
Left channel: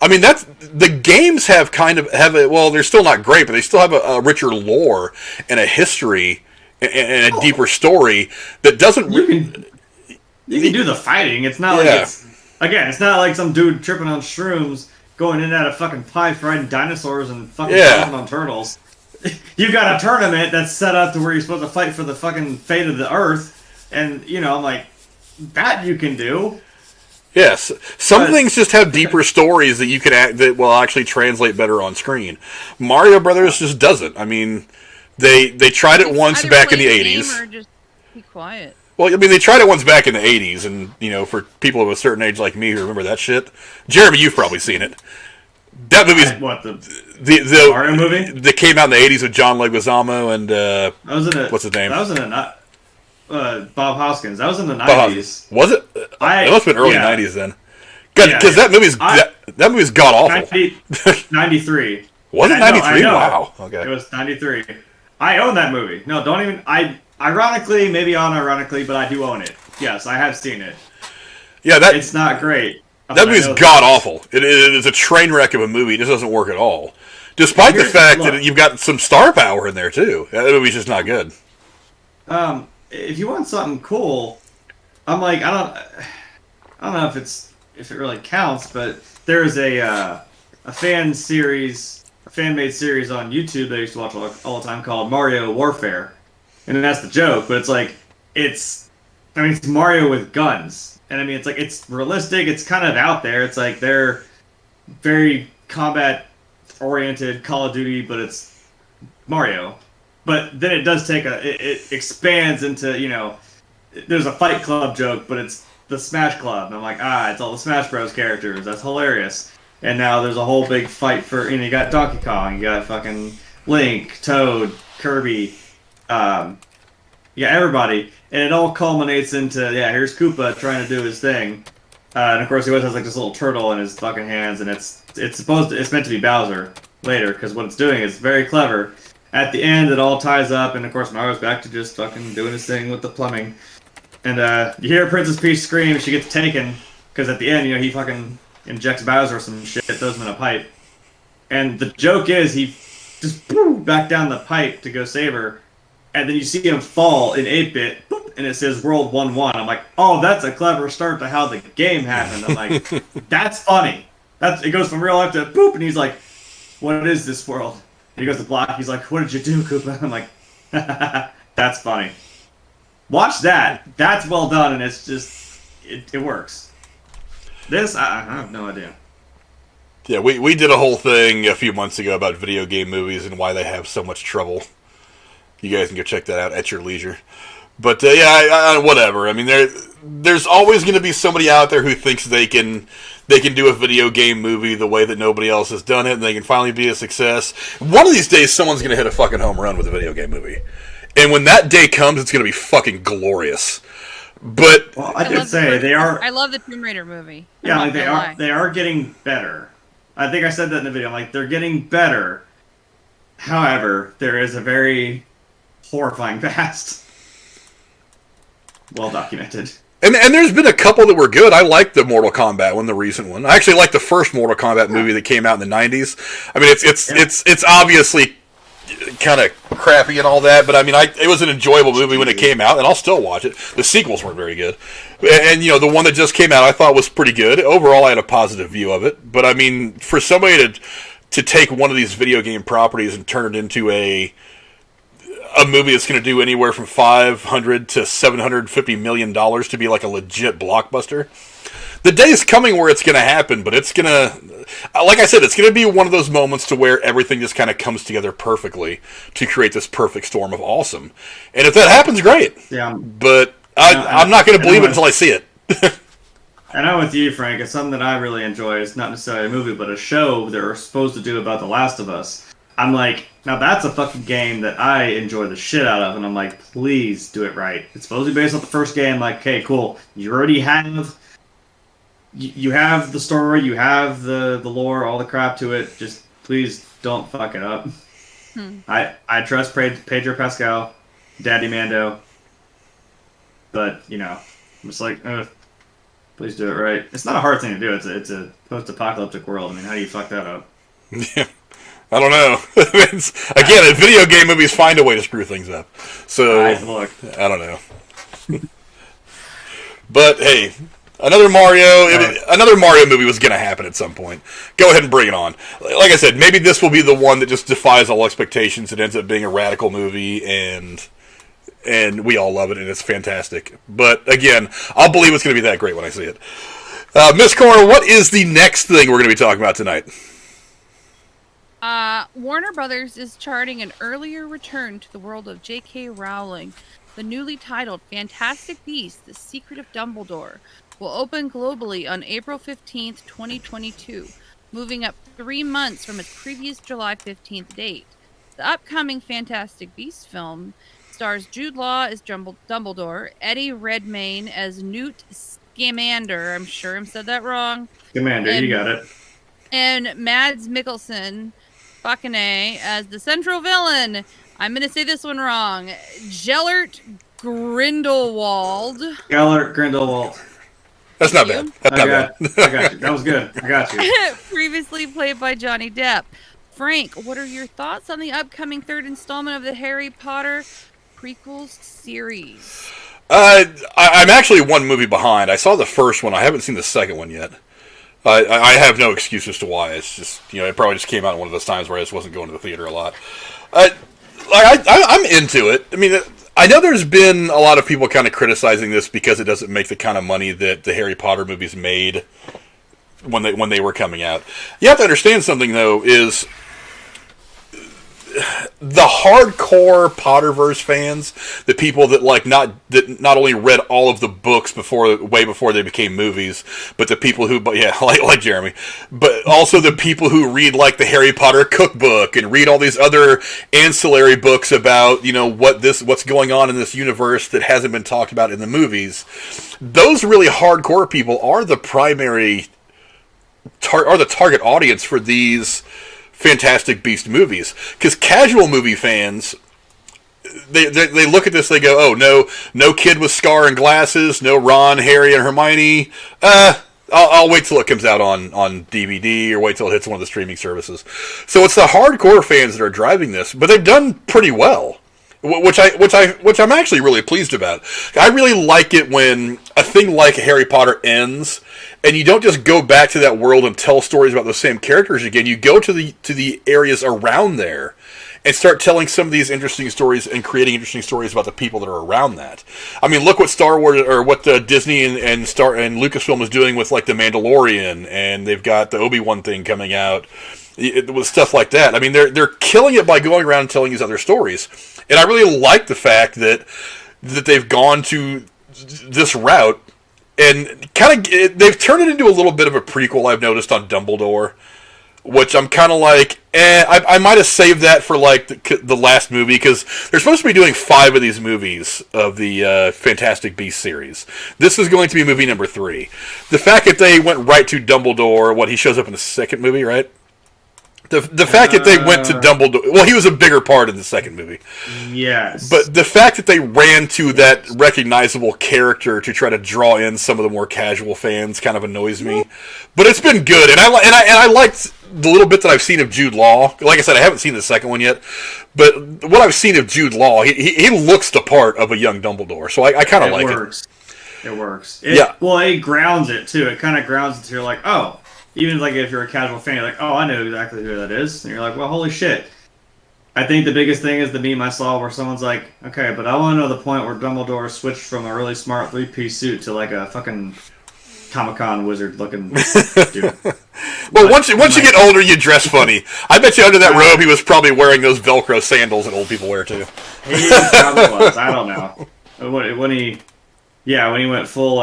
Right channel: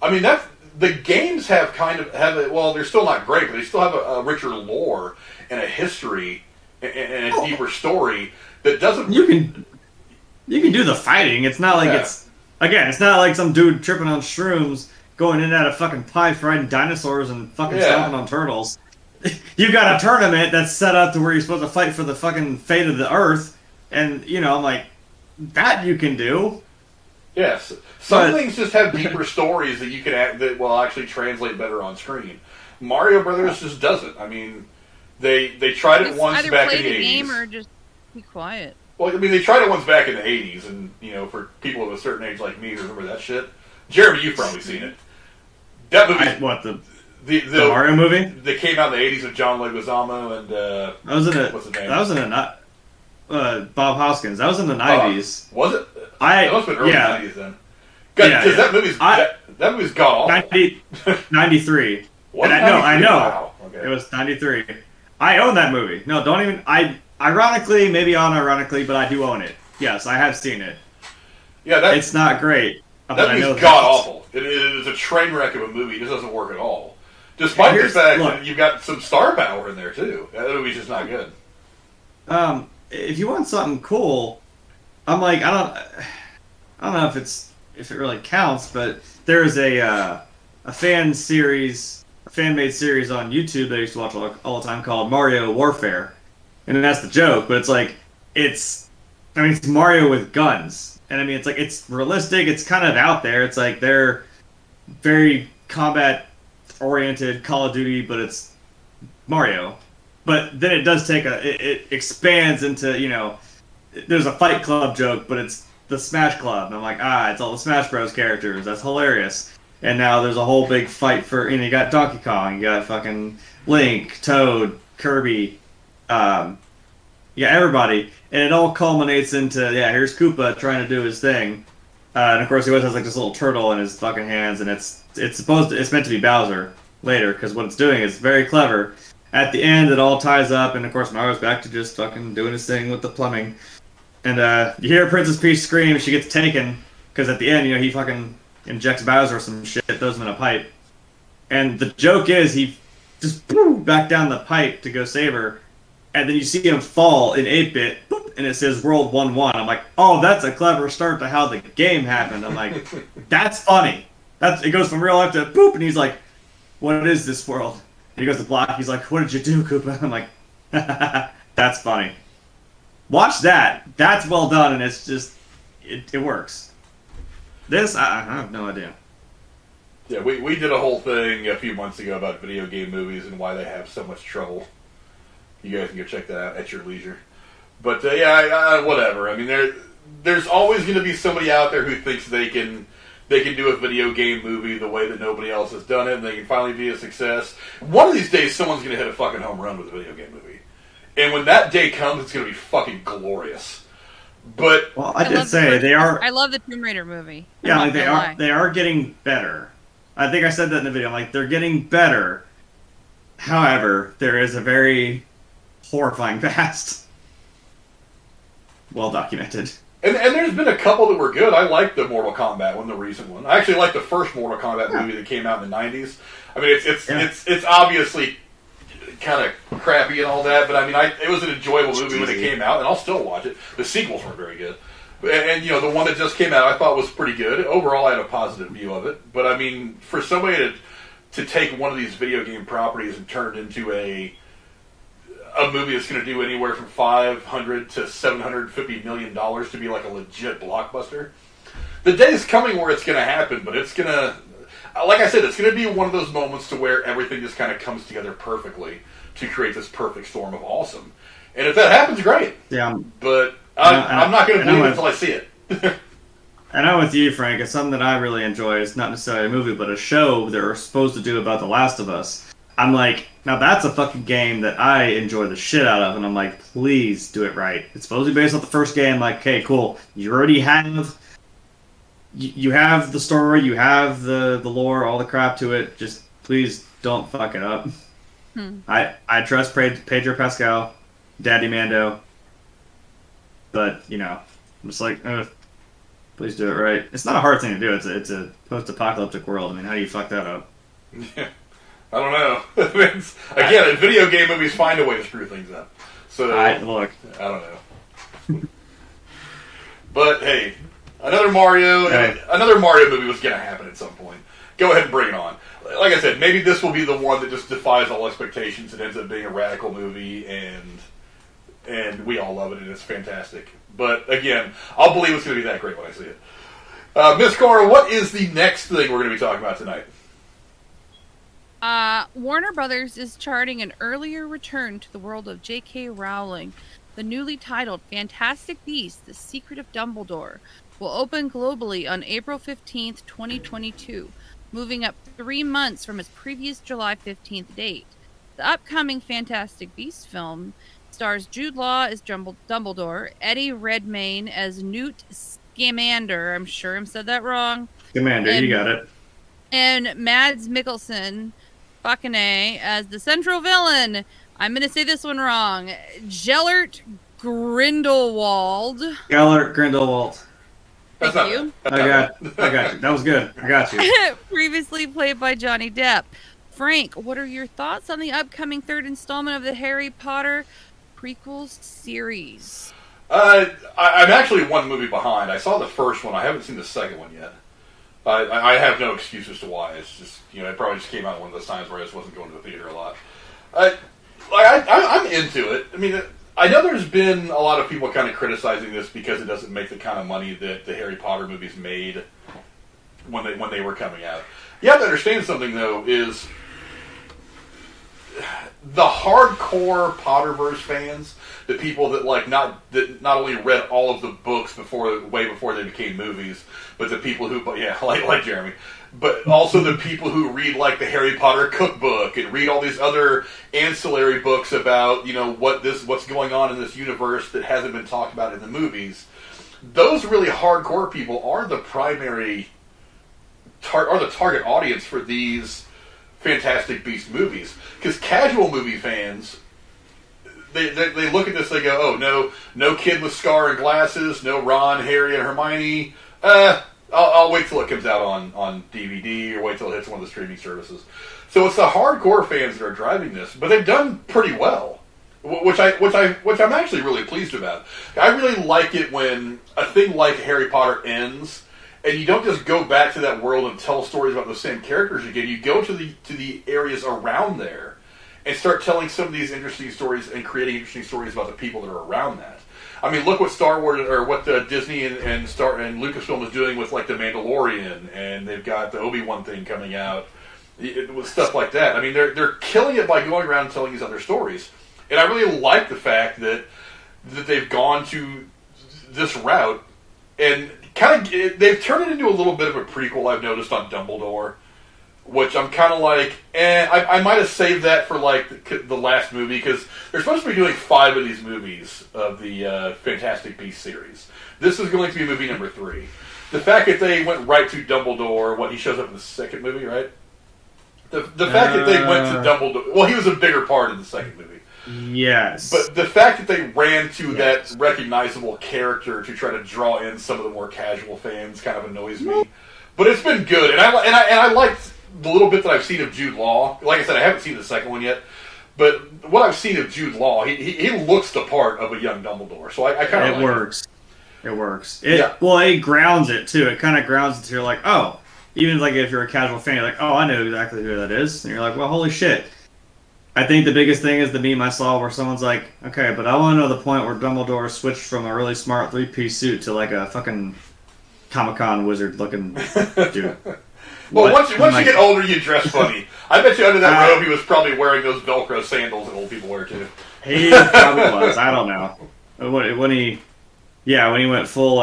I mean, the games have they're still not great, but they still have a richer lore and a history and a deeper story that doesn't. You can do the fighting. It's not like it's not like some dude tripping on shrooms going in and out of fucking pipes riding dinosaurs and fucking stomping on turtles. You've got a tournament that's set up to where you're supposed to fight for the fucking fate of the Earth, and I'm like, that you can do. Yes, some things just have deeper stories that you can that will actually translate better on screen. Mario Brothers just doesn't. I mean, they tried it once back in the 80s. Game or just be quiet. Well, I mean, they tried it once back in the 80s, and for people of a certain age like me who remember that shit, Jeremy, you've probably seen it. That movie's the Mario movie that came out in the 80s with John Leguizamo and what's his name? That was in Bob Hoskins. That was in the 90s. Was it? It must have been early 90s then. Because that movie's god awful. 93. Was it 93? I know. Wow. Okay. It was 93. I own that movie. No, don't even. Ironically, maybe unironically, but I do own it. Yes, I have seen it. Yeah, it's not great. That movie's god awful. It is a train wreck of a movie. It just doesn't work at all. Despite the fact that you've got some star power in there too. That movie's just not good. If you want something cool, I'm like, I don't know if it really counts, but there's a fan-made series on YouTube that I used to watch all the time called Mario Warfare, and that's the joke. But it's Mario with guns, and I mean it's realistic. It's kind of out there. It's like they're very combat-oriented Call of Duty, but it's Mario. But then it does it expands into, there's a Fight Club joke, but it's the Smash Club. And I'm like, it's all the Smash Bros. Characters. That's hilarious. And now there's a whole big fight for, you got Donkey Kong, you got fucking Link, Toad, Kirby, everybody. And it all culminates into, here's Koopa trying to do his thing. And of course he always has like this little turtle in his fucking hands, and it's meant to be Bowser later, because what it's doing is very clever. At the end, it all ties up, and of course Mario's back to just fucking doing his thing with the plumbing. And you hear Princess Peach scream, she gets taken, because at the end, he fucking injects Bowser with some shit, throws him in a pipe. And the joke is, he just back down the pipe to go save her, and then you see him fall in 8-bit, and it says World 1-1. I'm like, oh, that's a clever start to how the game happened. I'm like, that's funny. It goes from real life to boop, and he's like, what is this world? He goes to block. He's like, what did you do, Koopa? I'm like, that's funny. Watch that. That's well done, and it's just, it works. This, I have no idea. Yeah, we did a whole thing a few months ago about video game movies and why they have so much trouble. You guys can go check that out at your leisure. But, whatever. I mean, there's always going to be somebody out there who thinks they can they can do a video game movie the way that nobody else has done it, and they can finally be a success. One of these days, someone's going to hit a fucking home run with a video game movie. And when that day comes, it's going to be fucking glorious. But I did say they are. I love the Tomb Raider movie. Yeah, like they are getting better. I think I said that in the video. Like, they're getting better. However, there is a very horrifying past. Well documented. And there's been a couple that were good. I liked the Mortal Kombat one, the recent one. I actually liked the first Mortal Kombat movie that came out in the 90s. I mean, it's obviously kind of crappy and all that, but I mean, it was an enjoyable movie when it came out, and I'll still watch it. The sequels weren't very good. And, the one that just came out I thought was pretty good. Overall, I had a positive view of it. But, I mean, for somebody to take one of these video game properties and turn it into a movie that's going to do anywhere from $500 to $750 million to be like a legit blockbuster. The day's coming where it's going to happen, but it's going to, like I said, it's going to be one of those moments to where everything just kind of comes together perfectly to create this perfect storm of awesome. And if that happens, great. Yeah. But I'm not going to believe it until I see it. And I'm with you, Frank. It's something that I really enjoy. It's not necessarily a movie, but a show they're supposed to do about The Last of Us. I'm like, now that's a fucking game that I enjoy the shit out of, and I'm like, please do it right. It's supposed to be based off the first game. Like, okay, cool. You already have, you have the story, you have the lore, all the crap to it. Just please don't fuck it up. I trust Pedro Pascal, Daddy Mando, but I'm just like, please do it right. It's not a hard thing to do. It's a post-apocalyptic world. I mean, how do you fuck that up? Yeah. I don't know. Again, video game movies find a way to screw things up. So I don't know. But hey, another Mario movie was going to happen at some point. Go ahead and bring it on. Like I said, maybe this will be the one that just defies all expectations. It ends up being a radical movie, and we all love it, and it's fantastic. But again, I'll believe it's going to be that great when I see it. Miss Cora, what is the next thing we're going to be talking about tonight? Warner Brothers is charting an earlier return to the world of J.K. Rowling. The newly titled Fantastic Beasts: The Secret of Dumbledore will open globally on April 15th, 2022, moving up 3 months from its previous July 15th date. The upcoming Fantastic Beasts film stars Jude Law as Dumbledore, Eddie Redmayne as Newt Scamander, I'm sure I said that wrong. Scamander, you got it. And Mads Mikkelsen as the central villain. I'm going to say this one wrong. Gellert Grindelwald. That's not bad. I got you. That was good. I got you. Previously played by Johnny Depp. Frank, what are your thoughts on the upcoming third installment of the Harry Potter prequels series? I'm actually one movie behind. I saw the first one. I haven't seen the second one yet. I have no excuse as to why. It's just, it probably just came out one of those times where I just wasn't going to the theater a lot. I'm into it. I mean, I know there's been a lot of people kind of criticizing this because it doesn't make the kind of money that the Harry Potter movies made when they were coming out. You have to understand something, though, is the hardcore Potterverse fans, the people that not only read all of the books way before they became movies, but the people who like Jeremy, but also the people who read like the Harry Potter cookbook and read all these other ancillary books about what's going on in this universe that hasn't been talked about in the movies. Those really hardcore people are the primary the target audience for these Fantastic Beast movies, because casual movie fans, they look at this, they go, oh, no kid with Scar and glasses, no Ron, Harry, and Hermione. I'll wait till it comes out on DVD or wait till it hits one of the streaming services. So it's the hardcore fans that are driving this, but they've done pretty well, which I'm actually really pleased about. I really like it when a thing like Harry Potter ends, and you don't just go back to that world and tell stories about the same characters again. You go to the areas around there and start telling some of these interesting stories and creating interesting stories about the people that are around that. I mean, look what Star Wars or what Disney and Lucasfilm is doing with like the Mandalorian, and they've got the Obi-Wan thing coming out with stuff like that. I mean, they're killing it by going around and telling these other stories, and I really like the fact that they've gone to this route. and kind of they've turned it into a little bit of a prequel. I've noticed on Dumbledore, which I'm kind of like, I might have saved that for like the last movie, because they're supposed to be doing 5 of these movies of the Fantastic Beasts series. This is going to be movie number 3. The fact that they went right to Dumbledore, he shows up in the second movie, right? The fact that they went to Dumbledore... Well, he was a bigger part in the second movie. Yes. But the fact that they ran to that recognizable character to try to draw in some of the more casual fans kind of annoys me. But it's been good. And I liked the little bit that I've seen of Jude Law. Like I said, I haven't seen the second one yet. But what I've seen of Jude Law, he looks the part of a young Dumbledore. So I kind of like it. It works. Yeah. Well, it grounds it, too. It kind of grounds it to you're like, oh... Even like if you're a casual fan, you're like, oh, I know exactly who that is. And you're like, well, holy shit. I think the biggest thing is the meme I saw where someone's like, okay, but I want to know the point where Dumbledore switched from a really smart 3-piece suit to like a fucking Comic-Con wizard looking dude. Well, once you get older, you dress funny. I bet you under that robe he was probably wearing those Velcro sandals that old people wear too. He probably was. I don't know. When he went full...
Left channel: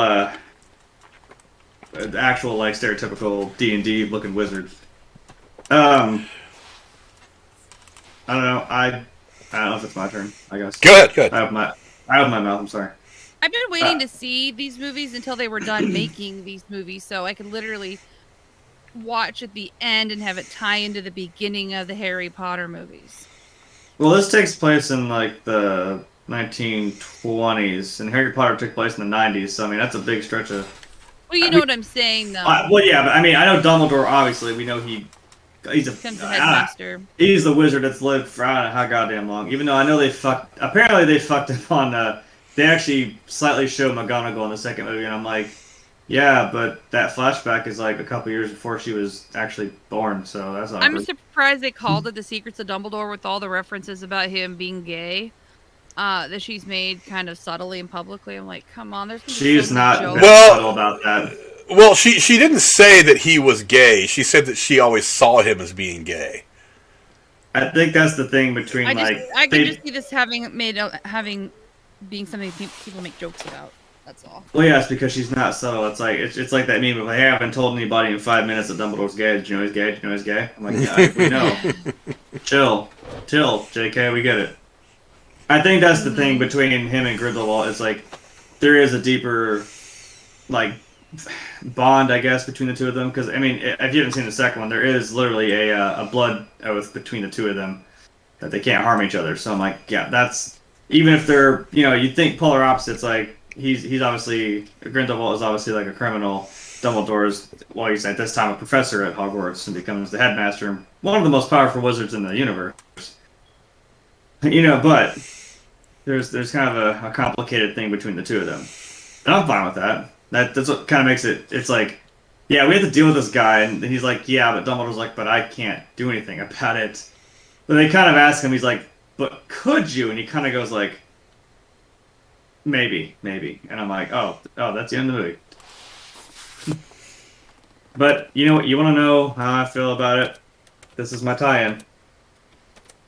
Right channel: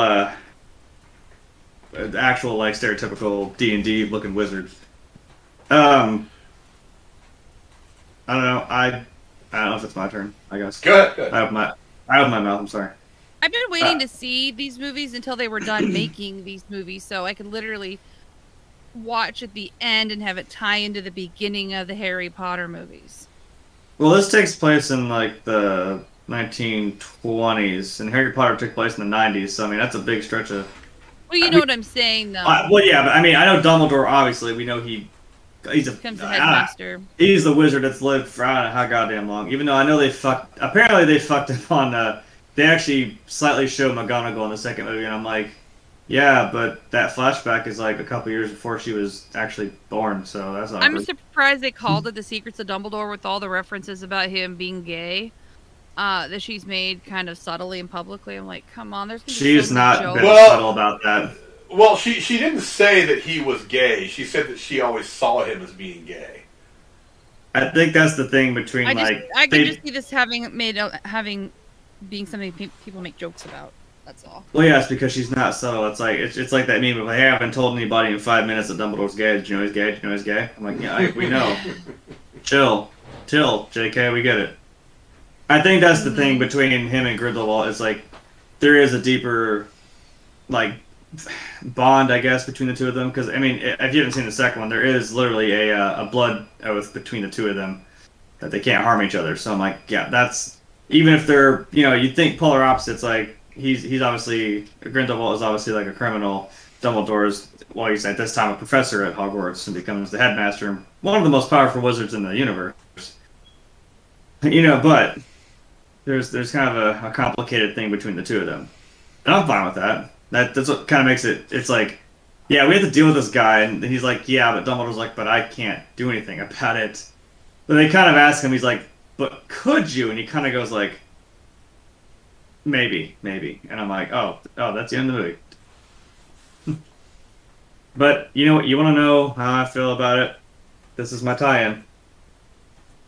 actual like stereotypical D&D looking wizard. I don't know. I don't know if it's my turn. I guess. Good. I have my mouth. I'm sorry. I've been waiting to see these movies until they were done making these movies, so I could literally watch at the end and have it tie into the beginning of the Harry Potter movies. Well, this takes place in like the 1920s, and Harry Potter took place in the 90s. So I mean, that's a big stretch of. Well, you know what I'm saying, though. Well, yeah, but I mean, I know Dumbledore. Obviously, we know he's a Becomes the headmaster. He's the wizard that's lived for I don't know how goddamn long. Even though I know they fucked. Apparently, they fucked up on. They actually slightly show McGonagall in the second movie, and I'm like, yeah, but that flashback is like a couple years before she was actually born, so that's awkward. I'm surprised they called it The Secrets of Dumbledore with all the references about him being gay. That she's made kind of subtly and publicly. I'm like, come on, there's. She's not that subtle about that. Well, she didn't say that he was gay. She said that she always saw him as being gay. I think that's the thing between I can just see this being something people make jokes about. That's all. Well, yeah, it's because she's not subtle. It's like that meme of, hey, I haven't told anybody in 5 minutes that Dumbledore's gay. Did you know he's gay? Did you know he's gay? I'm like, yeah, we know. Chill, JK, we get it. I think that's the thing between him and Grindelwald. It's like there is a deeper, like, bond, I guess, between the two of them. Because I mean, if you haven't seen the second one, there is literally a blood oath between the two of them that they can't harm each other. So I'm like, yeah, that's even if they're you think polar opposites. Like he's obviously Grindelwald is obviously like a criminal. Dumbledore's he's at this time a professor at Hogwarts and becomes the headmaster and one of the most powerful wizards in the universe. But. There's kind of a complicated thing between the two of them. And I'm fine with that. That's what kind of makes it, it's like, yeah, we have to deal with this guy, and he's like, yeah, but Dumbledore's like, but I can't do anything about it. But they kind of ask him, he's like, but could you? And he kind of goes like, maybe. And I'm like, oh, that's the end of the movie. But, you know what, you want to know how I feel about it? This is my tie-in.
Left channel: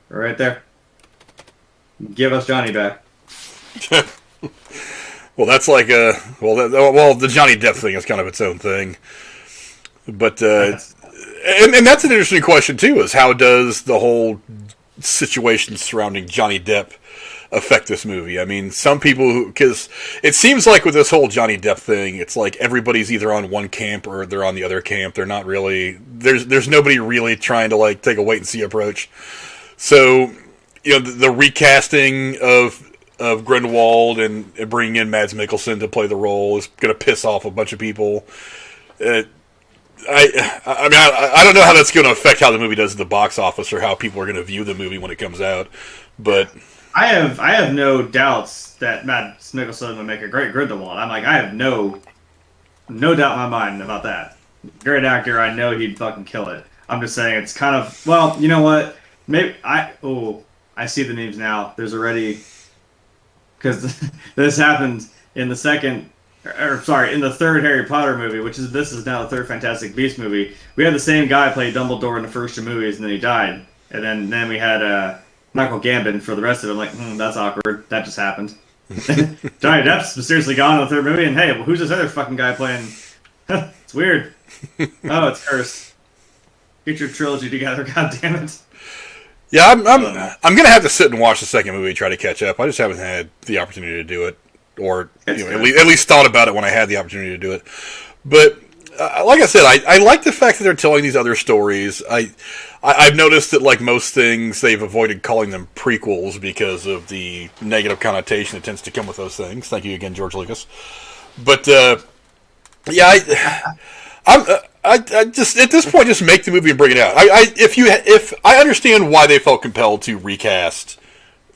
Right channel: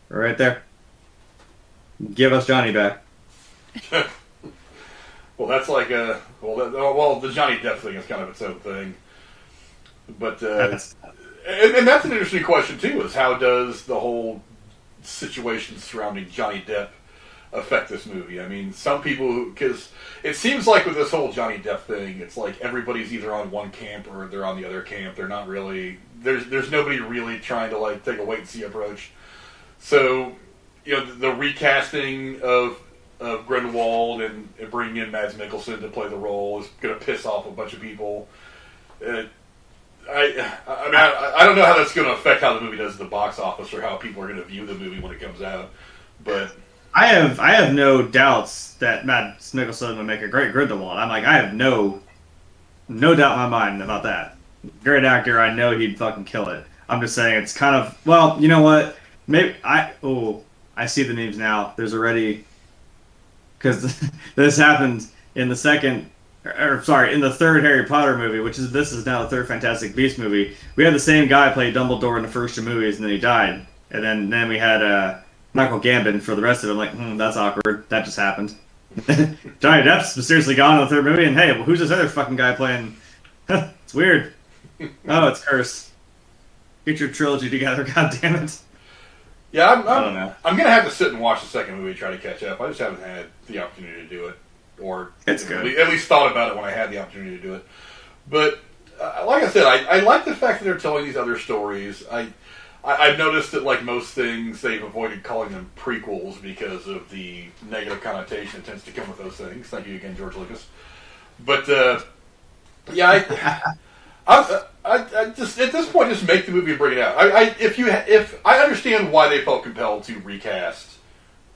Right there. Give us Johnny back. Well, that's like the Johnny Depp thing is kind of its own thing. But and that's an interesting question too. Is how does the whole situation surrounding Johnny Depp affect this movie? I mean, some people because it seems like with this whole Johnny Depp thing, it's like everybody's either on one camp or they're on the other camp. They're not really there's nobody really trying to like take a wait and see approach. So. The recasting of Grindelwald and bringing in Mads Mikkelsen to play the role is going to piss off a bunch of people. I don't know how that's going to affect how the movie does at the box office or how people are going to view the movie when it comes out. But I have no doubts that Mads Mikkelsen would make a great Grindelwald. I'm like, I have no doubt in my mind about that. Great actor, I know he'd fucking kill it. I'm just saying it's kind of you know what? Maybe I see the memes now. There's already because this happened in the in the third Harry Potter movie, this is now the third Fantastic Beasts movie. We had the same guy play Dumbledore in the first 2 movies, and then he died. And then we had Michael Gambon for the rest of it. I'm like, that's awkward. That just happened. Johnny Depp's mysteriously gone in the third movie, and hey, well, who's this other fucking guy playing? It's weird. Oh, it's cursed. Get your trilogy together, goddammit. Yeah, I'm gonna have to sit and watch the second movie, try to catch up. I just haven't had the opportunity to do it, or at least thought about it when I had the opportunity to do it. But like I said, I like the fact that they're telling these other stories. I've noticed that, like most things, they've avoided calling them prequels because of the negative connotation that tends to come with those things. Thank you again, George Lucas. But yeah, I just at this point just make the movie and bring it out. If I understand why they felt compelled to recast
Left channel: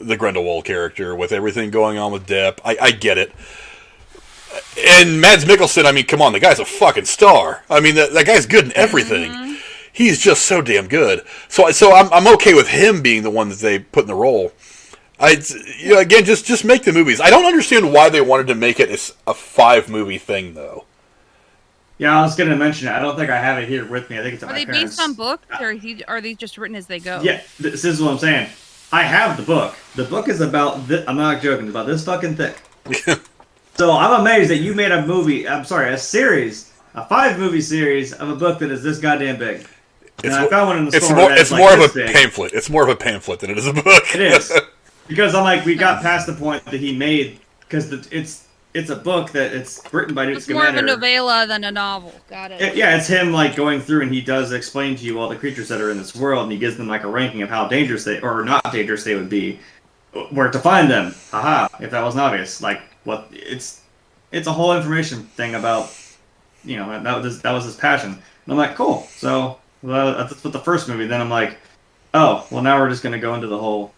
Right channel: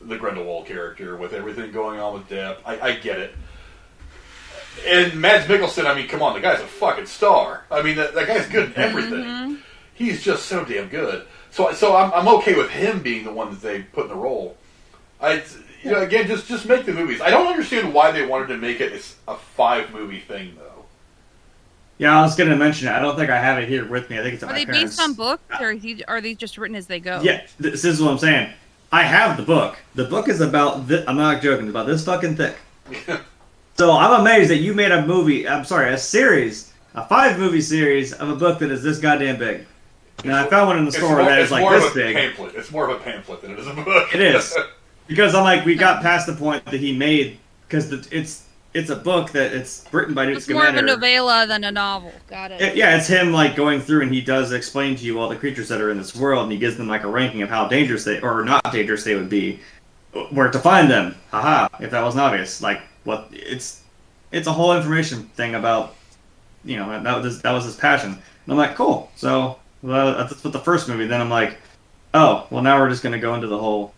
the Grindelwald character with everything going on with Depp, I get it. And Mads Mikkelsen, I mean, come on, the guy's a fucking star. I mean, that guy's good in everything. Mm-hmm. He's just so damn good. So I'm okay with him being the one that they put in the role. Again, just make the movies. I don't understand why they wanted to make it a 5-movie thing, though. Yeah, I was going to mention it. I don't think I have it here with me. I think it's at my parents'. Are they based on books, or are these just written as they go? Yeah, this is what I'm saying. I have the book. The book is about this. I'm not joking. It's about this fucking thick. So I'm amazed that you made a series, a 5-movie series of a book that is this goddamn big. And I found one in the store that is like this big. Pamphlet. It's more of a pamphlet than it is a book. It is. Because I'm like, we got past the point that he made, because it's a book that it's written by Newt Scamander. It's more of a novella than a novel. Got it. Yeah, it's him like going through, and he does explain to you all the creatures that are in this world, and he gives them like a ranking of how dangerous they, or not dangerous they would be, where to find them. Haha, if that wasn't obvious. Like, what, it's a whole information thing about, that was his passion. And I'm like, cool. So, that's what the first movie, then I'm like, oh, well now we're just going to go into the whole,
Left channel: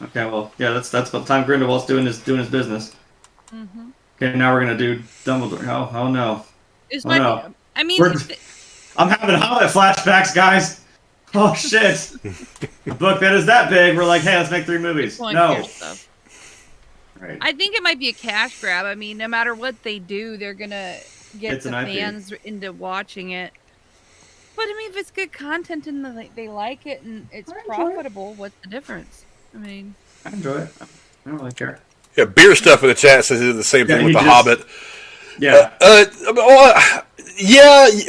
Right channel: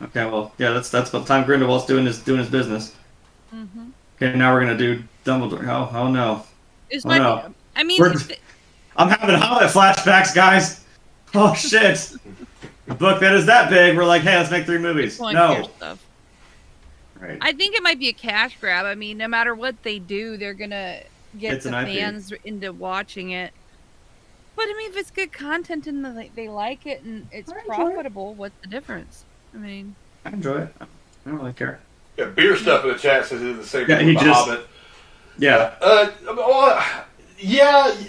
okay, well, yeah, that's about the time Grindelwald's doing his business. Mm-hmm. Okay, now we're gonna do Dumbledore. Oh no. I'm having Hobbit flashbacks, guys. Oh shit. A book that is that big, we're like, hey, let's make 3 movies. No. Right. I think it might be a cash grab. I mean, no matter what they do, they're gonna get the fans into watching it. But I mean, if it's good content and they like it and it's profitable, what's the difference? I mean, I enjoy it. I don't really care. Yeah, beer stuff in the chat says he did the same thing with The Hobbit. Yeah.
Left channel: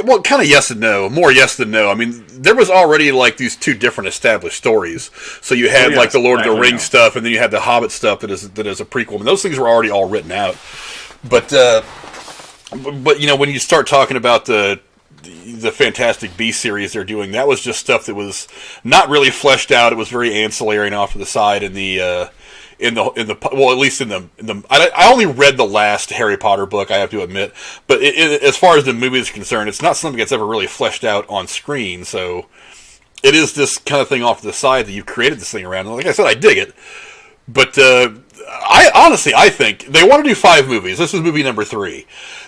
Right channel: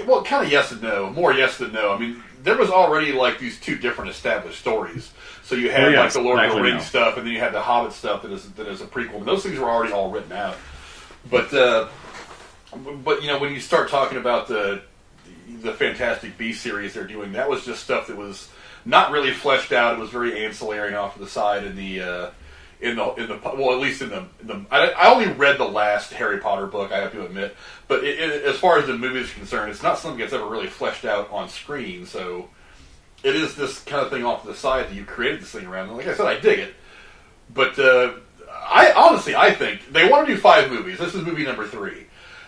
Well, kind of yes and no. More yes than no. I mean, there was already like these 2 different established stories. So you had like the Lord of the Rings stuff, and then you had the Hobbit stuff that is a prequel. And those things were already all written out. But when you start talking about the Fantastic Beasts series they're doing, that was just stuff that was not really fleshed out. It was very ancillary and off to the side in the I only read the last Harry Potter book, I have to admit, but as far as the movie is concerned, it's not something that's ever really fleshed out on screen, so it is this kind of thing off to the side that you created this thing around. And like I said, I dig it, but I think they want to do 5 movies. This is movie number 3.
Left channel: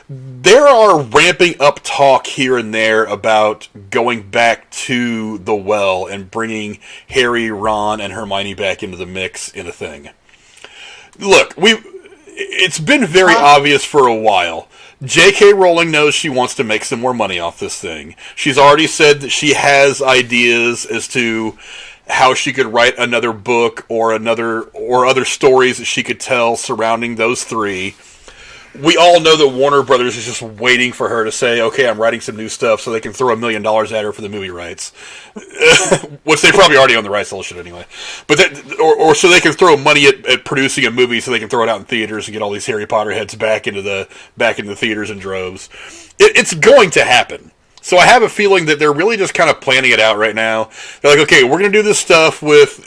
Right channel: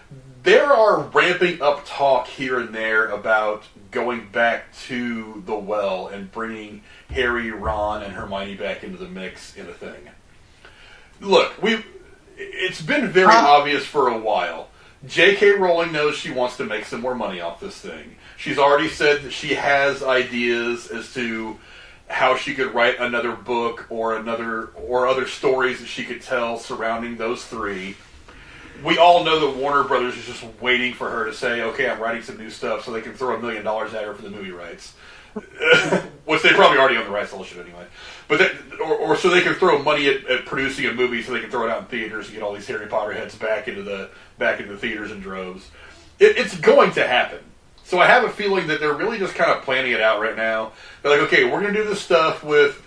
There are ramping up talk here and there about going back to the well and bringing Harry, Ron, and Hermione back into the mix in a thing. Look, it's been very obvious for a while. J.K. Rowling knows she wants to make some more money off this thing. She's already said that she has ideas as to how she could write another book or other stories that she could tell surrounding those 3. We all know that Warner Brothers is just waiting for her to say, okay, I'm writing some new stuff so they can throw $1 million at her for the movie rights. Which they probably already own the rights to all shit anyway. But or so they can throw money at producing a movie so they can throw it out in theaters and get all these Harry Potter heads back into the theaters in droves. It's going to happen. So I have a feeling that they're really just kind of planning it out right now. They're like, okay, we're going to do this stuff with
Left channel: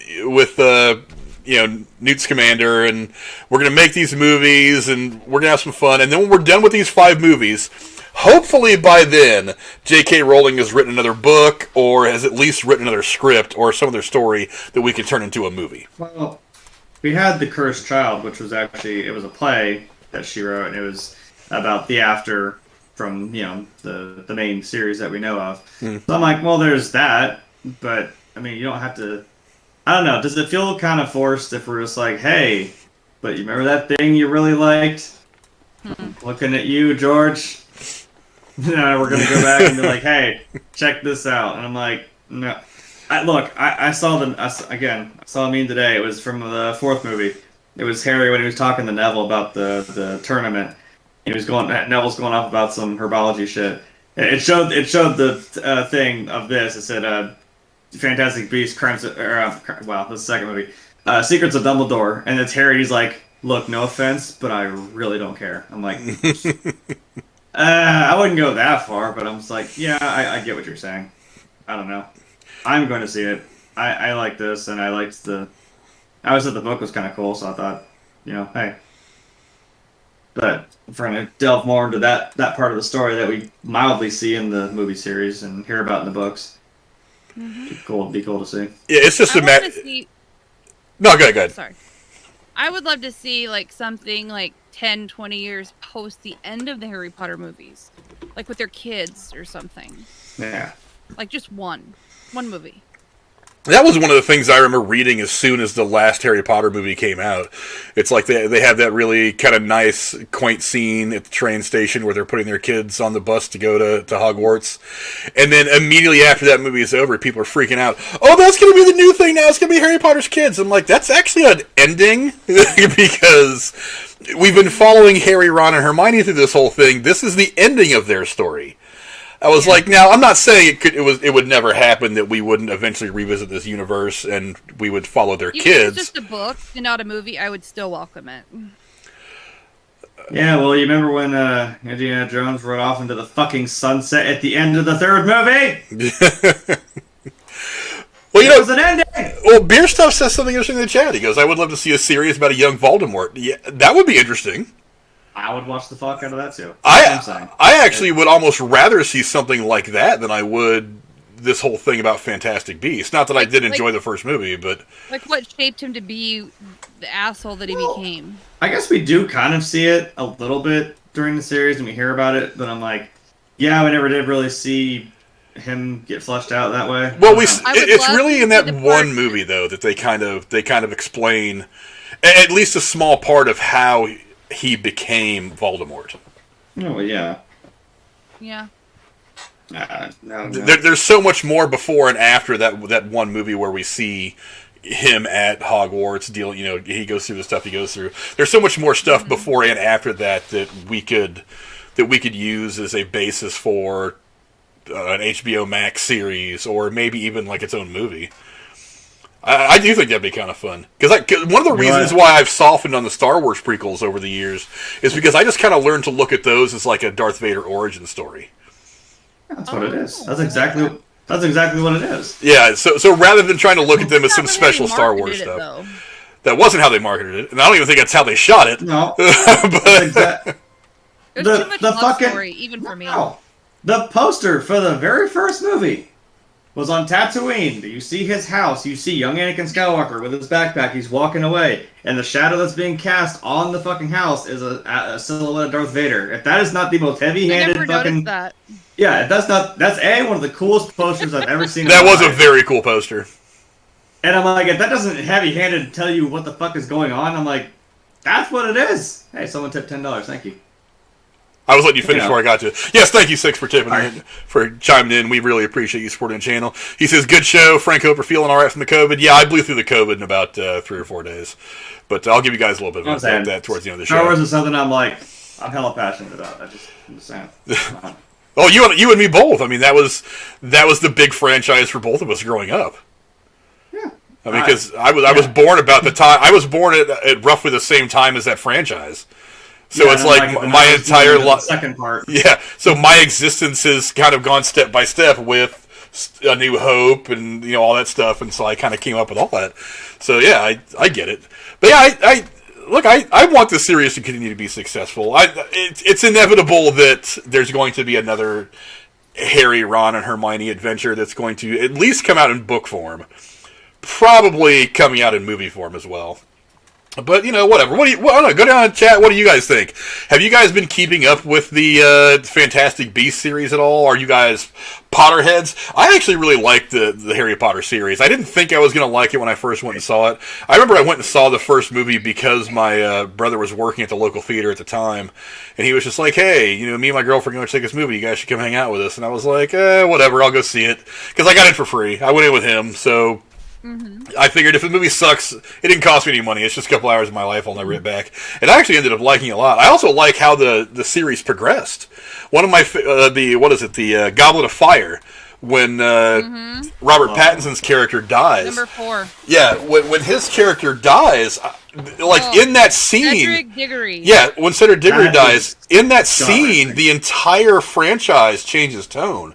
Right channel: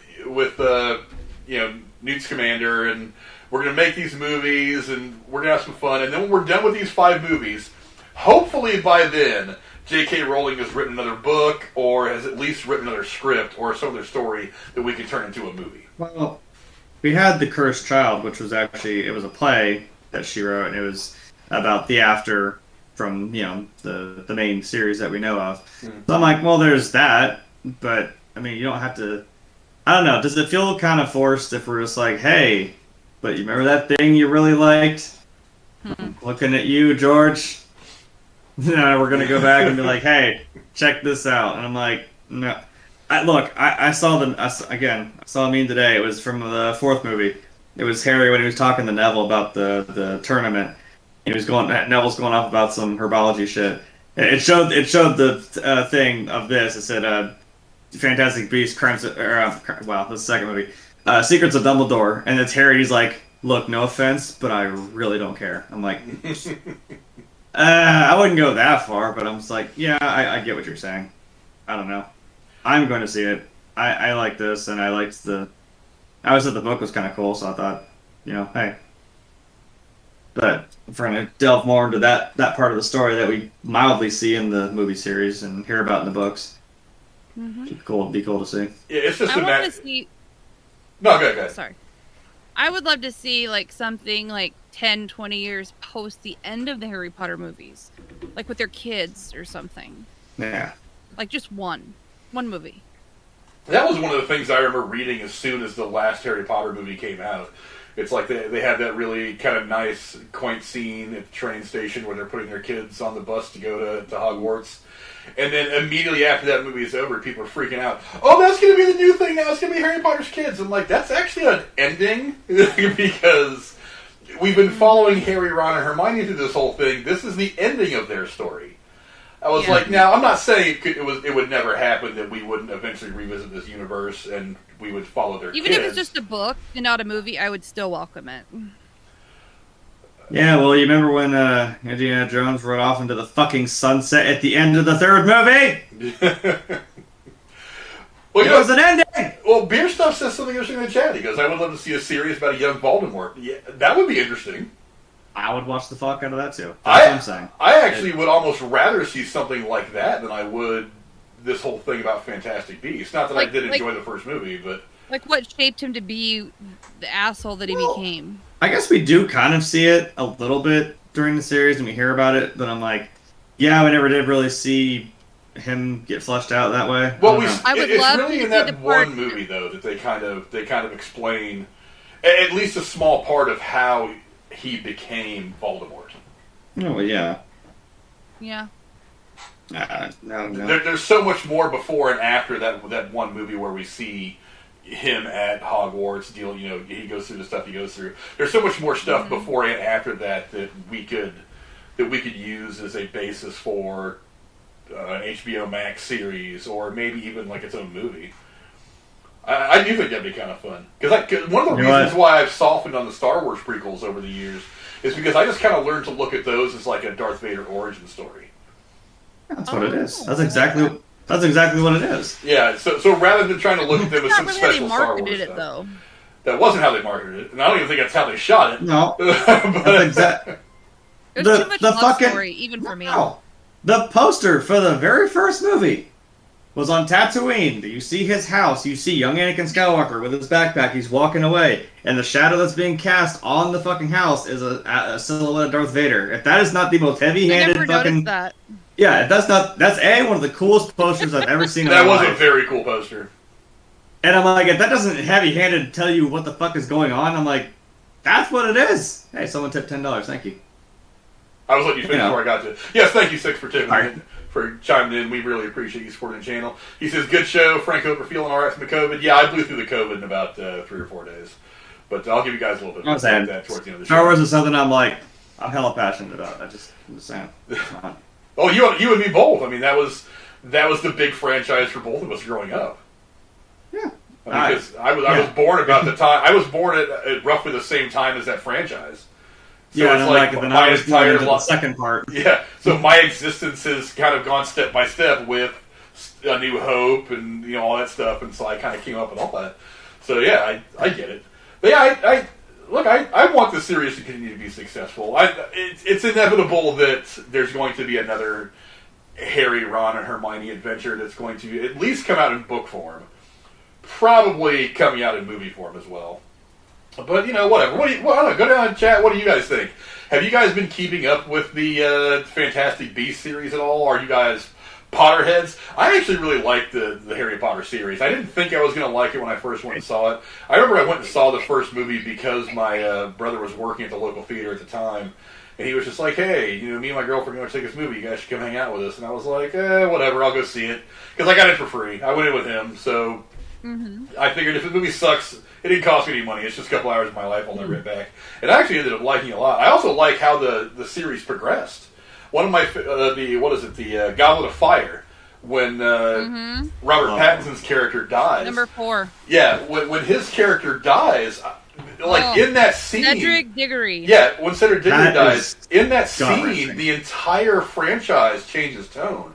Newt Scamander, and we're going to make these movies, and we're going to have some fun. And then when we're done with these 5 movies, hopefully by then, J.K. Rowling has written another book, or has at least written another script, or some other story that we can turn into a movie. Well, we had The Cursed Child, which was it was a play that she wrote, and it was about the after from, the main series that we know of. Mm. So I'm like, well, there's that, but, I mean, you don't have to... I don't know. Does it feel kind of forced if we're just like, hey, but you remember that thing you really liked? Looking at you, George. We're going to go back and be like, hey, check this out. And I'm like, no. I saw a meme today. It was from the 4th movie. It was Harry when he was talking to Neville about the tournament. Neville's going off about some herbology shit. It showed the thing of this. It said Fantastic Beasts, Crimson, the second movie, Secrets of Dumbledore, and it's Harry. He's like, look, no offense, but I really don't care. I'm like, I wouldn't go that far, but I'm just like, yeah, I get what you're saying. I don't know. I'm going to see it. I like this, and I liked I always thought the book was kind of cool, so I thought, hey. But if we're going to delve more into that part of the story that we mildly see in the movie series and hear about in the books, it'd be cool to see. Yeah, it's just I want to see... No, go ahead. Sorry. I would love to see like something like 10, 20 years post the end of the Harry Potter movies. Like with their kids or something. Yeah. Like just one movie. That was one of the things I remember reading as soon as the last Harry Potter movie came out. It's like they had that really kind of nice, quaint scene at the train station where they're putting their kids on the bus to go to Hogwarts. And then immediately after that movie is over, people are freaking out. Oh, that's going to be the new thing now. It's going to be Harry Potter's kids. I'm like, that's actually an ending because we've been following Harry, Ron, and Hermione through this whole thing. This is the ending of their story. I was like, now, I'm not saying it would never happen that we wouldn't eventually revisit this universe and we would follow their kids. Even if it's just a book and not a movie, I would still welcome it. Yeah, well, you remember when Indiana Jones rode off into the fucking sunset at the end of the third movie? Well, it was an ending! Well, Beer Stuff says something interesting in the chat. He goes, I would love to see a series about a young Voldemort. Yeah, that would be interesting. I would watch the fuck out of that too. That's what I'm saying. I actually would almost rather see something like that than I would this whole thing about Fantastic Beasts. Not that I did enjoy the first movie, but... Like what shaped him to be the asshole that he became. I guess we do kind of see it a little bit during the series and we hear about it, but I'm like, yeah, we never did really see him get fleshed out that way. Well, it's really in that one movie, though, that they kind of explain at least a small part of how he became Voldemort. Oh, well, yeah. Yeah. No. There's so much more before and after that one movie where we see him at Hogwarts dealing. He goes through the stuff he goes through. There's so much more stuff before and after that we could use as a basis for an HBO Max series or maybe even like its own movie. I do think that'd be kind of fun. Because one of the reasons why I've softened on the Star Wars prequels over the years is because I just kind of learned to look at those as like a Darth Vader origin story. That's what it is. That's exactly what it is. Yeah, so rather than trying to look at them as some special Star Wars stuff. That wasn't how they marketed it, and I don't even think that's how they shot it. No. There's too much love story, even for me. No. The poster for the very first movie was on Tatooine. You see his house. You see young Anakin Skywalker with his backpack. He's walking away. And the shadow that's being cast on the fucking house is a silhouette of Darth Vader. If that is not the most heavy-handed I never noticed that. Yeah, that's one of the coolest posters I've ever seen in my life. That was a very cool poster. And I'm like, if that doesn't heavy-handed tell you what the fuck is going on, I'm like, that's what it is. Hey, someone tipped $10. Thank you. I was letting you finish before I got to it. Yes, thank you, Six, for tipping for chiming in. We really appreciate you supporting the channel. He says, good show. Frank, hope you're feeling all right from the COVID. Yeah, I blew through the COVID in about 3 or 4 days. But I'll give you guys a little bit of that towards the end of the show. Star Wars is something I'm hella passionate about. I'm just saying. Oh, you and me both. I mean, that was the big franchise for both of us growing up. Yeah. Because I was born about the time. I was born at roughly the same time as that franchise. So it's like my entire life. Second part. Yeah. So my existence has kind of gone step by step with A New Hope and all that stuff, and so I kind of came up with all that. So yeah, I get it. But yeah, I want the series to continue to be successful. It's inevitable that there's going to be another Harry, Ron, and Hermione adventure that's going to at least come out in book form. Probably coming out in movie form as well. But, whatever. I don't know, go down and chat. What do you guys think? Have you guys been keeping up with the Fantastic Beasts series at all? Are you guys Potterheads? I actually really liked the Harry Potter series. I didn't think I was going to like it when I first went and saw it. I remember I went and saw the first movie because my brother was working at the local theater at the time. And he was just like, hey, me and my girlfriend are going to take this movie. You guys should come hang out with us. And I was like, whatever, I'll go see it. Because I got it for free. I went in with him, so I figured if the movie sucks, it didn't cost me any money. It's just a couple hours of my life I'll never get back. And I actually ended up liking it a lot. I also like how the series progressed. One of my the Goblet of Fire, when Robert Pattinson's character dies. Number 4. Yeah, when his character dies, in that scene, Cedric Diggory. Yeah, when Cedric Diggory dies, in that gut-wrenching. scene, the entire franchise changes tone.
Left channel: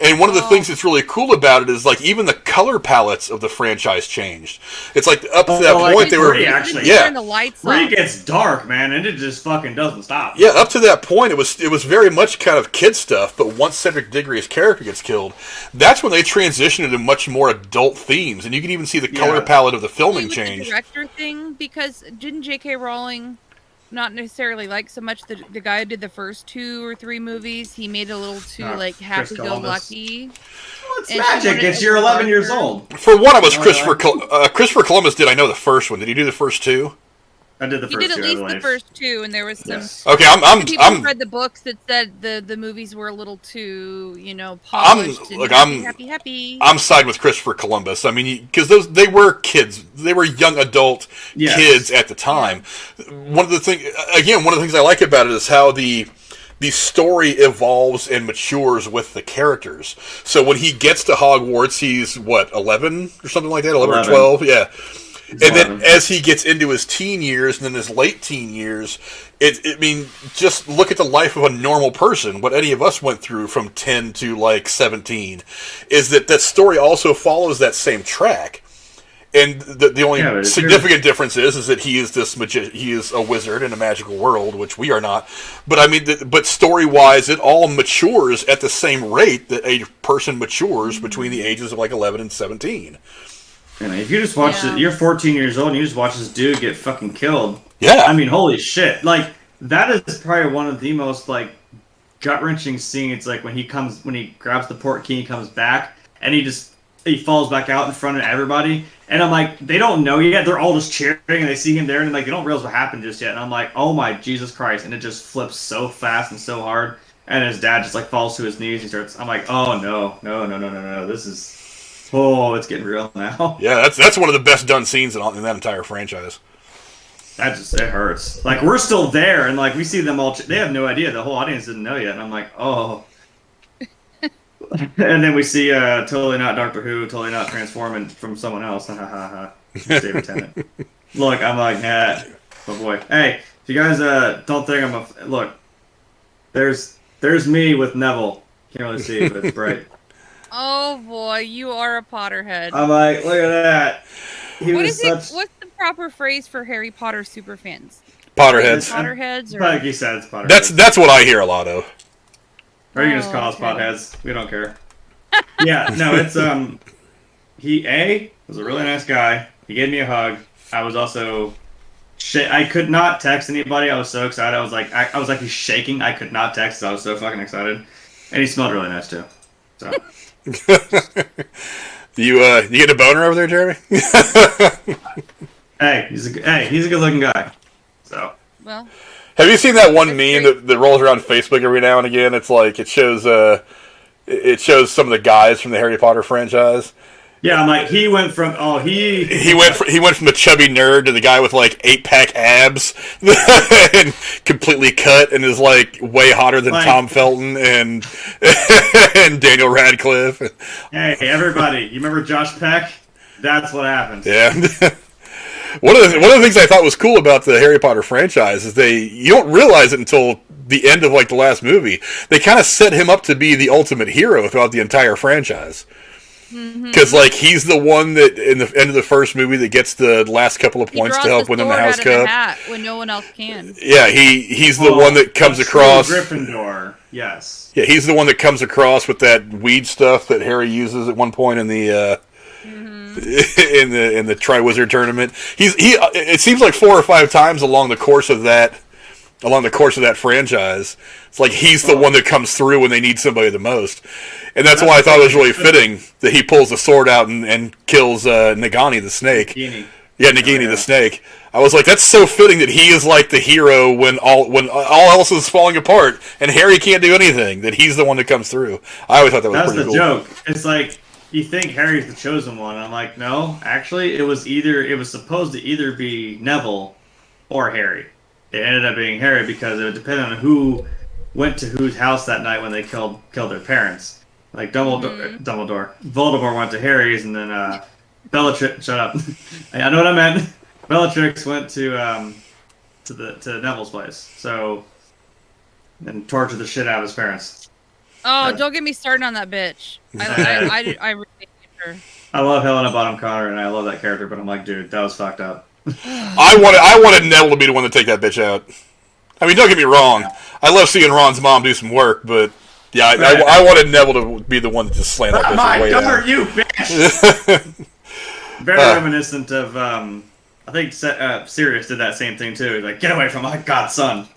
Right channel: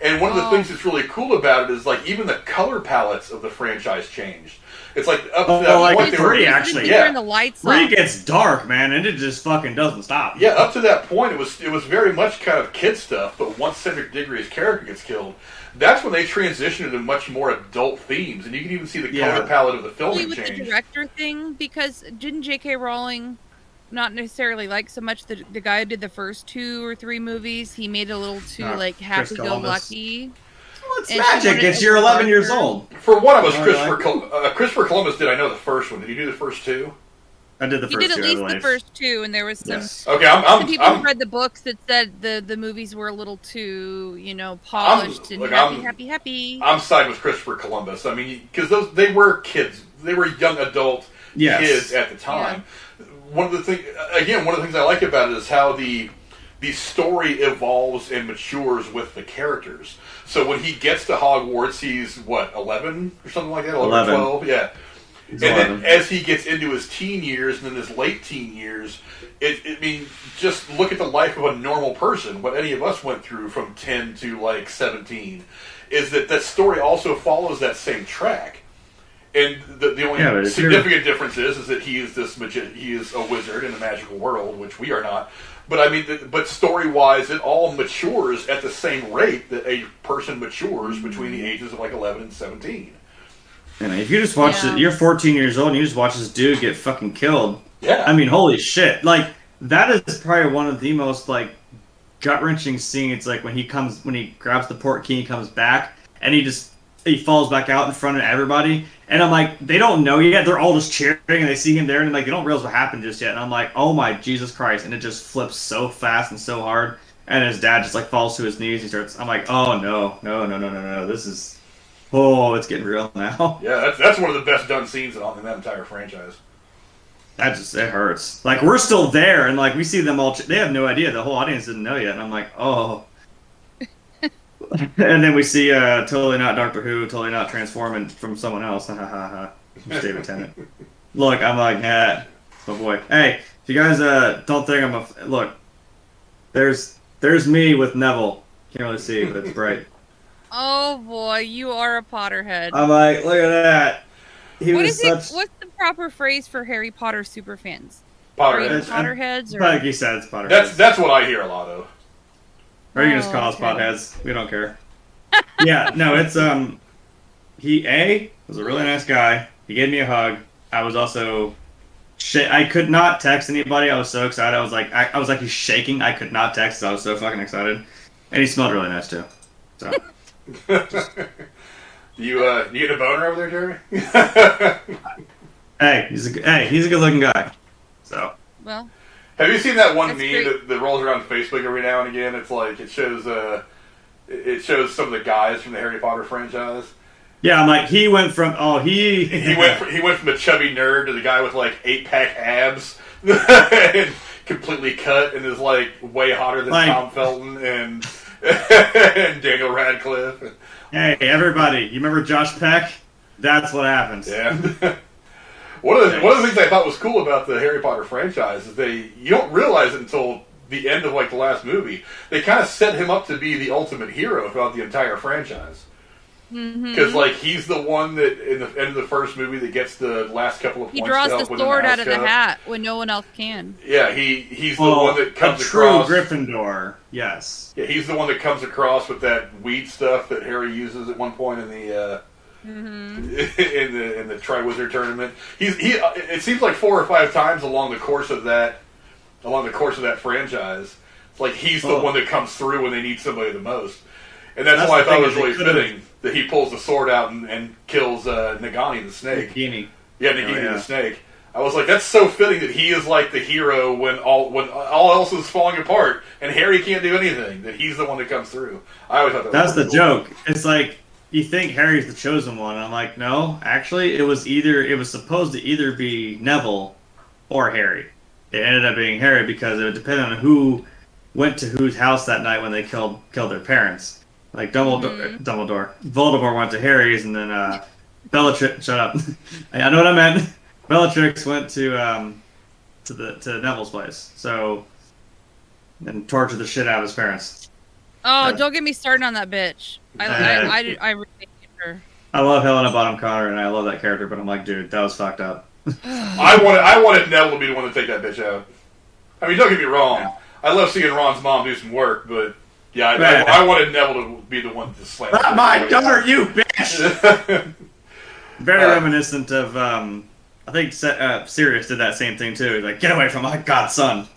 And one of the things that's really cool about it is, like, even the color palettes of the franchise changed. It's like up to that point they were actually. Turn the lights 3 off. gets dark, man, and it just fucking doesn't stop. Yeah, up to that point it was very much kind of kid stuff. But once Cedric Diggory's character gets killed, that's when they transition into much more adult themes, and you can even see the color palette of the filming with change. The director thing, because didn't J.K. Rowling not necessarily like so much the guy who did the first 2 or 3 movies? He made it a little too happy-go-lucky. Well, it's magic. It's you're 11 years old. For what it was Christopher Columbus did. I know the first one. Did he do the first 2? I did the first 2. He did at least the first 2, and there was some. Yes. Okay, some people who read the books that said the movies were a little too, polished happy. I'm siding with Christopher Columbus. I mean, because they were kids. They were young adult kids at the time. Yeah. One of the things I like about it is how the story evolves and matures with the characters. So when he gets to Hogwarts, he's, 11 or something like that? 11. 12? Yeah. And then as he gets into his teen years and then his late teen years, just look at the life of a normal person. What any of us went through from 10 to 17 is that story also follows that same track. And the only significant difference is that he is he is a wizard in a magical world, which we are not. But but story-wise, it all matures at the same rate that a person matures between the ages of 11 and 17. And if you just watch it, you're 14 years old and you just watch this dude get fucking killed. Yeah. I mean, holy shit. That is probably one of the most, gut-wrenching scenes, when he grabs the port key and comes back, and he falls back out in front of everybody. And I'm like, they don't know yet. They're all just cheering, and they see him there, and they don't realize what happened just yet. And I'm like, oh my Jesus Christ. And it just flips so fast and so hard. And his dad just, falls to his knees. I'm like, oh, no. This is... Oh, it's getting real now. Yeah, that's one of the best done scenes in that entire franchise. It hurts. We're still there, and we see them all. They have no idea. The whole audience didn't know yet, and I'm like, oh. And then we see totally not Doctor Who, totally not transforming from someone else. Ha ha ha. David Tennant. Look, I'm like, nah. Oh boy. Hey, if you guys don't think I'm a look, there's me with Neville. Can't really see, but it's bright. Oh boy, you are a Potterhead. I'm like, look at that. What's the proper phrase for Harry Potter superfans? Potterheads. Potterheads, or like he said, it's Potterheads. That's what I hear a lot of. Or you can just call us Potheads. We don't care. Yeah, no, it's he was a really nice guy. He gave me a hug. I was also I could not text anybody. I was so excited. I was like he's shaking. I could not text. I was so fucking excited. And he smelled really nice too. So. You get a boner over there, Jeremy? Hey, he's a good looking guy. So. Well. Have you seen that one meme that rolls around Facebook every now and again? It's it shows some of the guys from the Harry Potter franchise. Yeah, I'm like, he went from he went from the chubby nerd to the guy with 8-pack abs and completely cut and is way hotter than Tom Felton and Daniel Radcliffe. Hey, everybody, you remember Josh Peck? That's what happens. Yeah. One of the things I thought was cool about the Harry Potter franchise is you don't realize it until the end of the last movie. They kind of set him up to be the ultimate hero throughout the entire franchise. Because he's the one that in the end of the first movie that gets the last couple of points to help win the House Cup. He draws the sword out of the hat when no one else can. Yeah, he's the one that comes across. Gryffindor, yes. Yeah, he's the one that comes across with that weed stuff that Harry uses at one point in the in the Triwizard tournament. It seems like 4 or 5 times along the course of that franchise. It's he's the one that comes through when they need somebody the most. And that's why I thought it was really fitting that he pulls the sword out and kills Nagini the snake. Nagini. Yeah, Nagini the snake. I was like, that's so fitting that he is the hero when all else is falling apart and Harry can't do anything. That he's the one that comes through. I always thought that was that's the cool. joke. It's you think Harry's the chosen one. And I'm like, no, actually, it was supposed to either be Neville or Harry. It ended up being Harry because it would depend on who went to whose house that night when they killed their parents. Like Voldemort went to Harry's, and then Bellatrix. Shut up. I know what I meant. Bellatrix went to Neville's place. So, and tortured the shit out of his parents. Oh, don't get me started on that bitch. I really hate her. I love Helena Bonham Carter, and I love that character, but I'm like, dude, that was fucked up. I wanted Neville to be the one to take that bitch out. I mean, don't get me wrong. I love seeing Ron's mom do some work, but yeah, I wanted Neville to be the one to just slam Not my daughter, you bitch! Very reminiscent of, I think Sirius did that same thing too. Like, get away from my godson.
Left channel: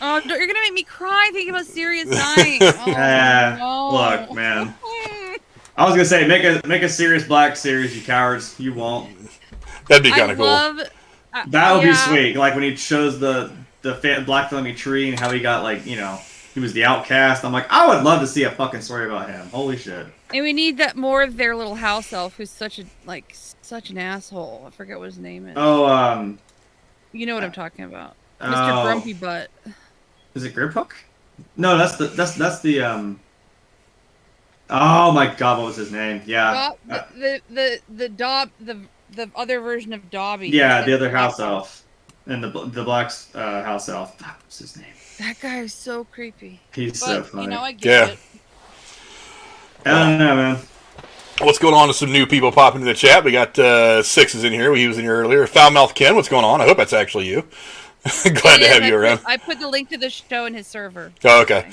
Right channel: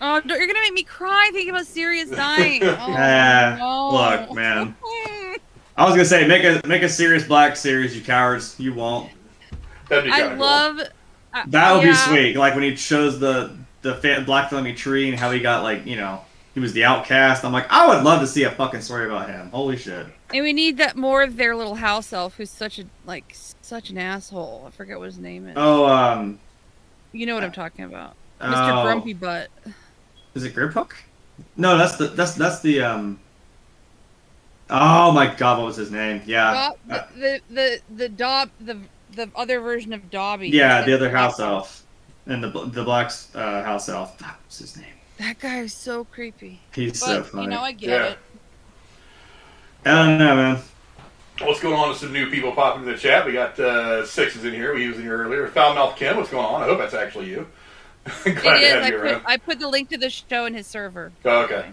Oh, you're gonna make me cry thinking about Sirius dying. Oh, no. Look, man. I was gonna say, make a Sirius Black series, you cowards. You won't. That'd be kind of cool. That would be sweet. Like when he chose the Black Family Tree and how he got, like, you know, he was the outcast. I'm like, I would love to see a fucking story about him. Holy shit. And we need that more of their little house elf who's such an asshole. I forget what his name is. Oh, you know what I'm talking about. Mr. Grumpy Butt. Is it Griphook? No, that's the oh my god, what was his name? Yeah. The other version of Dobby. Yeah, the other house elf. And the Black's house elf. What was his name? That guy is so creepy. He's so funny. You know, I get it. I don't know, man. What's going on with some new people popping into the chat? We got Sixes in here. He was in here earlier. Foulmouth Ken, what's going on? I hope that's actually you. Glad to have you around. I put the link to the show in his server. Oh, okay.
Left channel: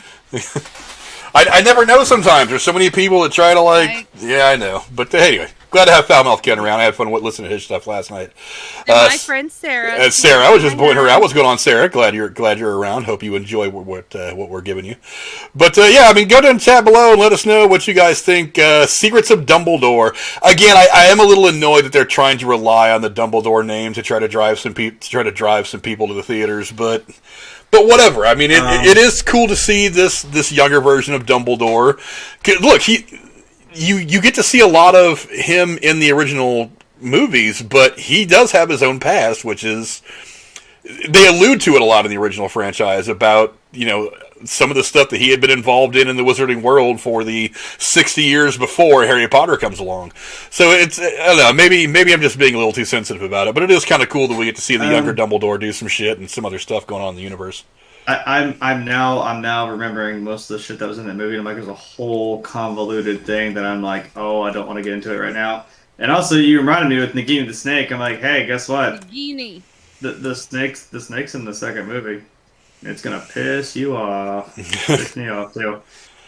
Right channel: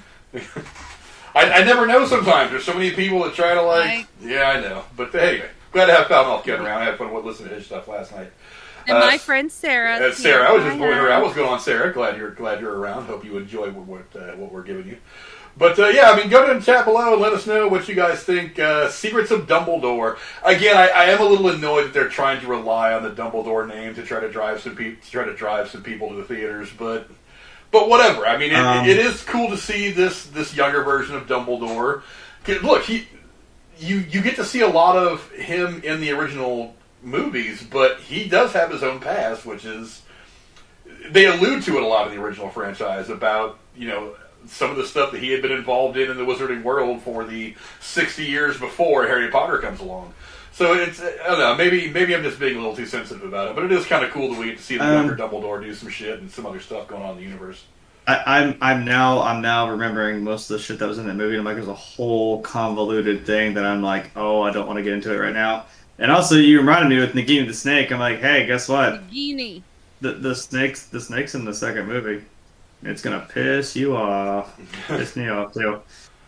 I never know sometimes. There's so many people that try to Yeah, I know. But anyway, glad to have Foulmouth Ken around. I had fun listening to his stuff last night. And my friend Sarah. Sarah, I was just pointing her out. What's going on, Sarah? Glad you're around. Hope you enjoy what we're giving you. But yeah, I mean, go down and chat below and let us know what you guys think. Secrets of Dumbledore. Again, I am a little annoyed that they're trying to rely on the Dumbledore name to try to drive some people to the theaters, but whatever. I mean, it is cool to see this younger version of Dumbledore. Look, you get to see a lot of him in the original movies, but he does have his own past, which is, they allude to it a lot in the original franchise about, you know, some of the stuff that he had been involved in the wizarding world for the 60 years before Harry Potter comes along. So it's, I don't know, maybe I'm just being a little too sensitive about it, but it is kind of cool that we get to see the younger Dumbledore do some shit and some other stuff going on in the universe. I'm now remembering most of the shit that was in that movie. I'm like, there's a whole convoluted thing that I'm like, oh, I don't want to get into it right now. And also, you reminded me with Nagini the Snake. I'm like, hey, guess what? Nagini. The snake's in the second movie. It's gonna piss you off. Piss me off too.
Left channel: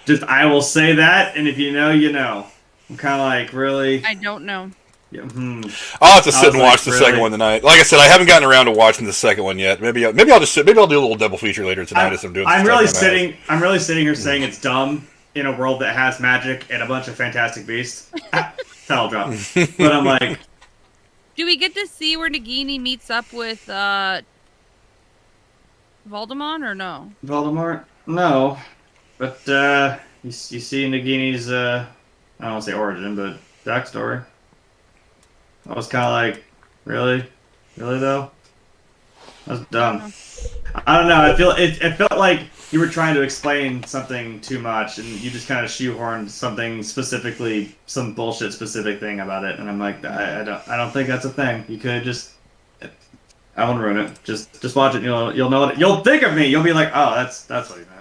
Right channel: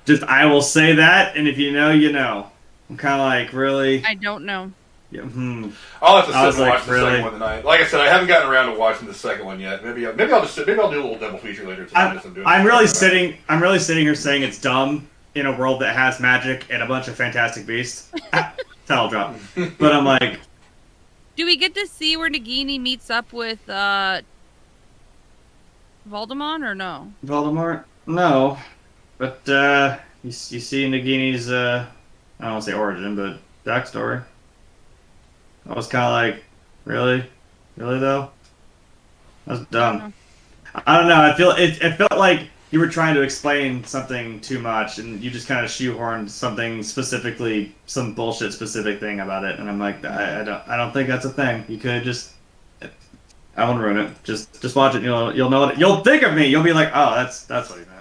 Just, I will say that, and if you know, you know. I'm kind of like, really? I don't know. Yeah. I'll have to sit and watch the second one tonight. Like I said, I haven't gotten around to watching the second one yet. Maybe I'll do a little double feature later tonight as I'm doing. I'm really sitting here saying it's dumb in a world that has magic and a bunch of fantastic beasts. Towel drop. But I'm like, do we get to see where Nagini meets up with Voldemort or no? Voldemort? No. But you see Nagini's I don't want to say origin, but backstory. I was kind of like, really though? That's dumb. I don't know. It felt like you were trying to explain something too much, and you just kind of shoehorned something specifically, some bullshit specific thing about it, and I'm like, I don't think that's a thing. You could just, I won't ruin it. Just watch it. You'll know it. You'll think of me. You'll be like, oh, that's what he meant.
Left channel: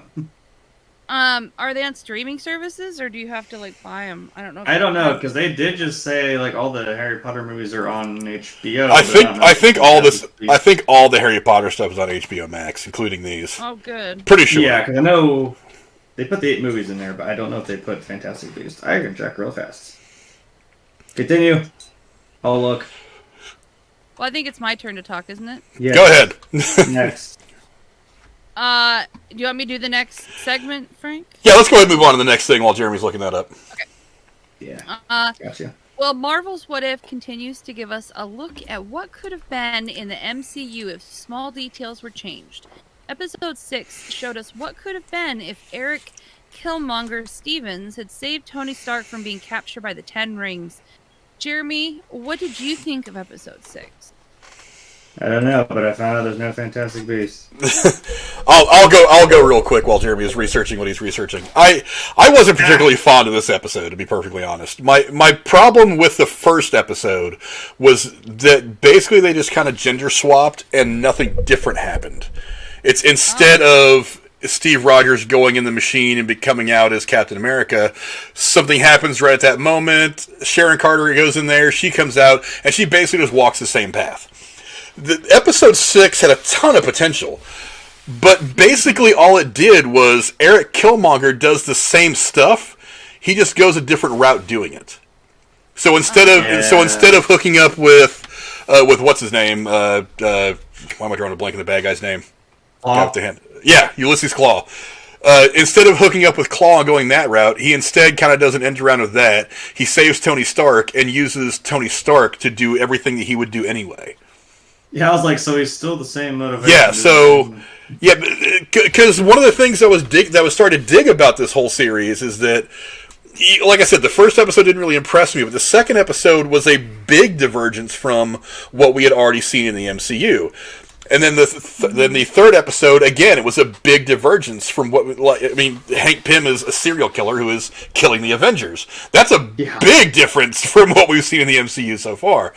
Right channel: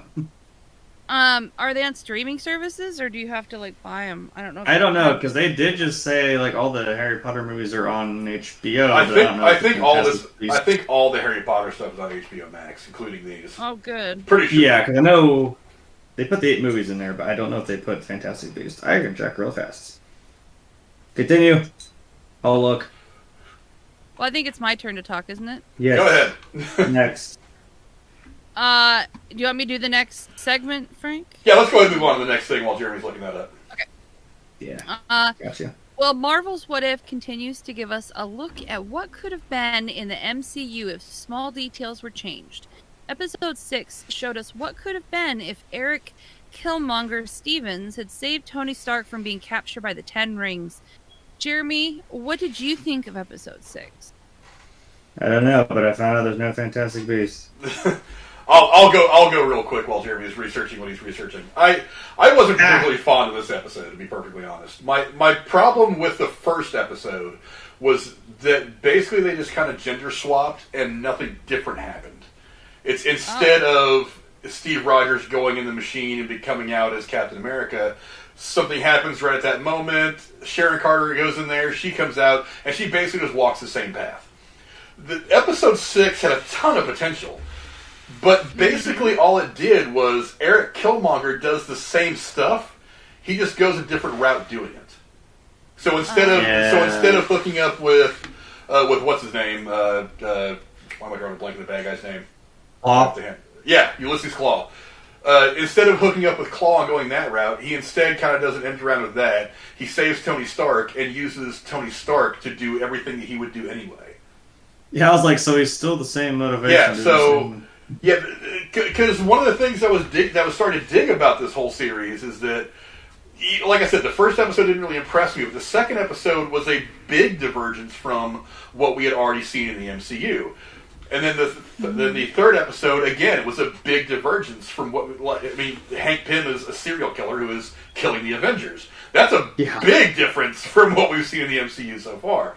Are they on streaming services, or do you have to like buy them? I don't know. I don't know, because they did just say like all the Harry Potter movies are on HBO. I think all the Harry Potter stuff is on HBO Max, including these. Oh, good. Pretty sure. Yeah, because I know they put the 8 movies in there, but I don't know if they put Fantastic Beasts. I can check real fast. Continue. Oh, look. Well, I think it's my turn to talk, isn't it? Yeah. Go ahead. Next. Do you want me to do the next segment, Frank? Yeah, let's go ahead and move on to the next thing while Jeremy's looking that up. Okay. Yeah. Gotcha. Well, Marvel's What If continues to give us a look at what could have been in the MCU if small details were changed. Episode 6 showed us what could have been if Eric Killmonger Stevens had saved Tony Stark from being captured by the Ten Rings. Jeremy, what did you think of episode 6? I don't know, but I found out there's no Fantastic Beasts. I'll go real quick while Jeremy is researching what he's researching. I wasn't particularly fond of this episode, to be perfectly honest. My problem with the first episode was that basically they just kind of gender swapped and nothing different happened. It's instead of Steve Rogers going in the machine and coming out as Captain America, something happens right at that moment. Sharon Carter goes in there, she comes out, and she basically just walks the same path. The episode 6 had a ton of potential, but basically all it did was Eric Killmonger does the same stuff. He just goes a different route doing it. So instead of hooking up with what's his name? Why am I drawing a blank on the bad guy's name? Claw. Yeah, Ulysses Claw. Instead of hooking up with Claw and going that route, he instead kind of does an end around with that. He saves Tony Stark and uses Tony Stark to do everything that he would do anyway. Yeah, I was like, so he's still the same motivation. Yeah, so yeah, because one of the things that was starting to dig about this whole series is that, like I said, the first episode didn't really impress me, but the second episode was a big divergence from what we had already seen in the MCU. And then the third episode, again, it was a big divergence from what... Hank Pym is a serial killer who is killing the Avengers. That's a big difference from what we've seen in the MCU so far.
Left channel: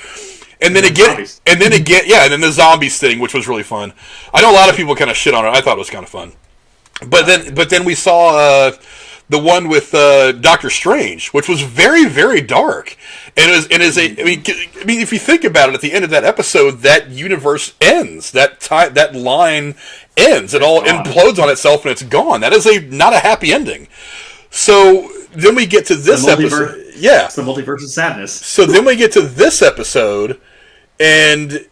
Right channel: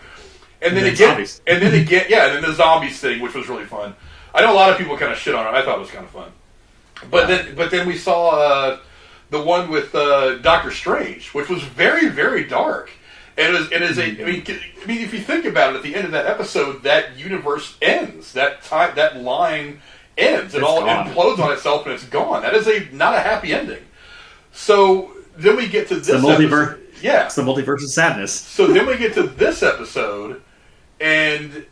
And then the zombies thing, which was really fun. I know a lot of people kind of shit on it. I thought it was kind of fun. But then we saw the one with Doctor Strange, which was very, very dark. And if you think about it, at the end of that episode, that universe ends. That line ends. It all implodes on itself, and it's gone. That is not a happy ending. So then we get to this episode. Yeah, it's the multiverse of sadness. So then we get to this episode, and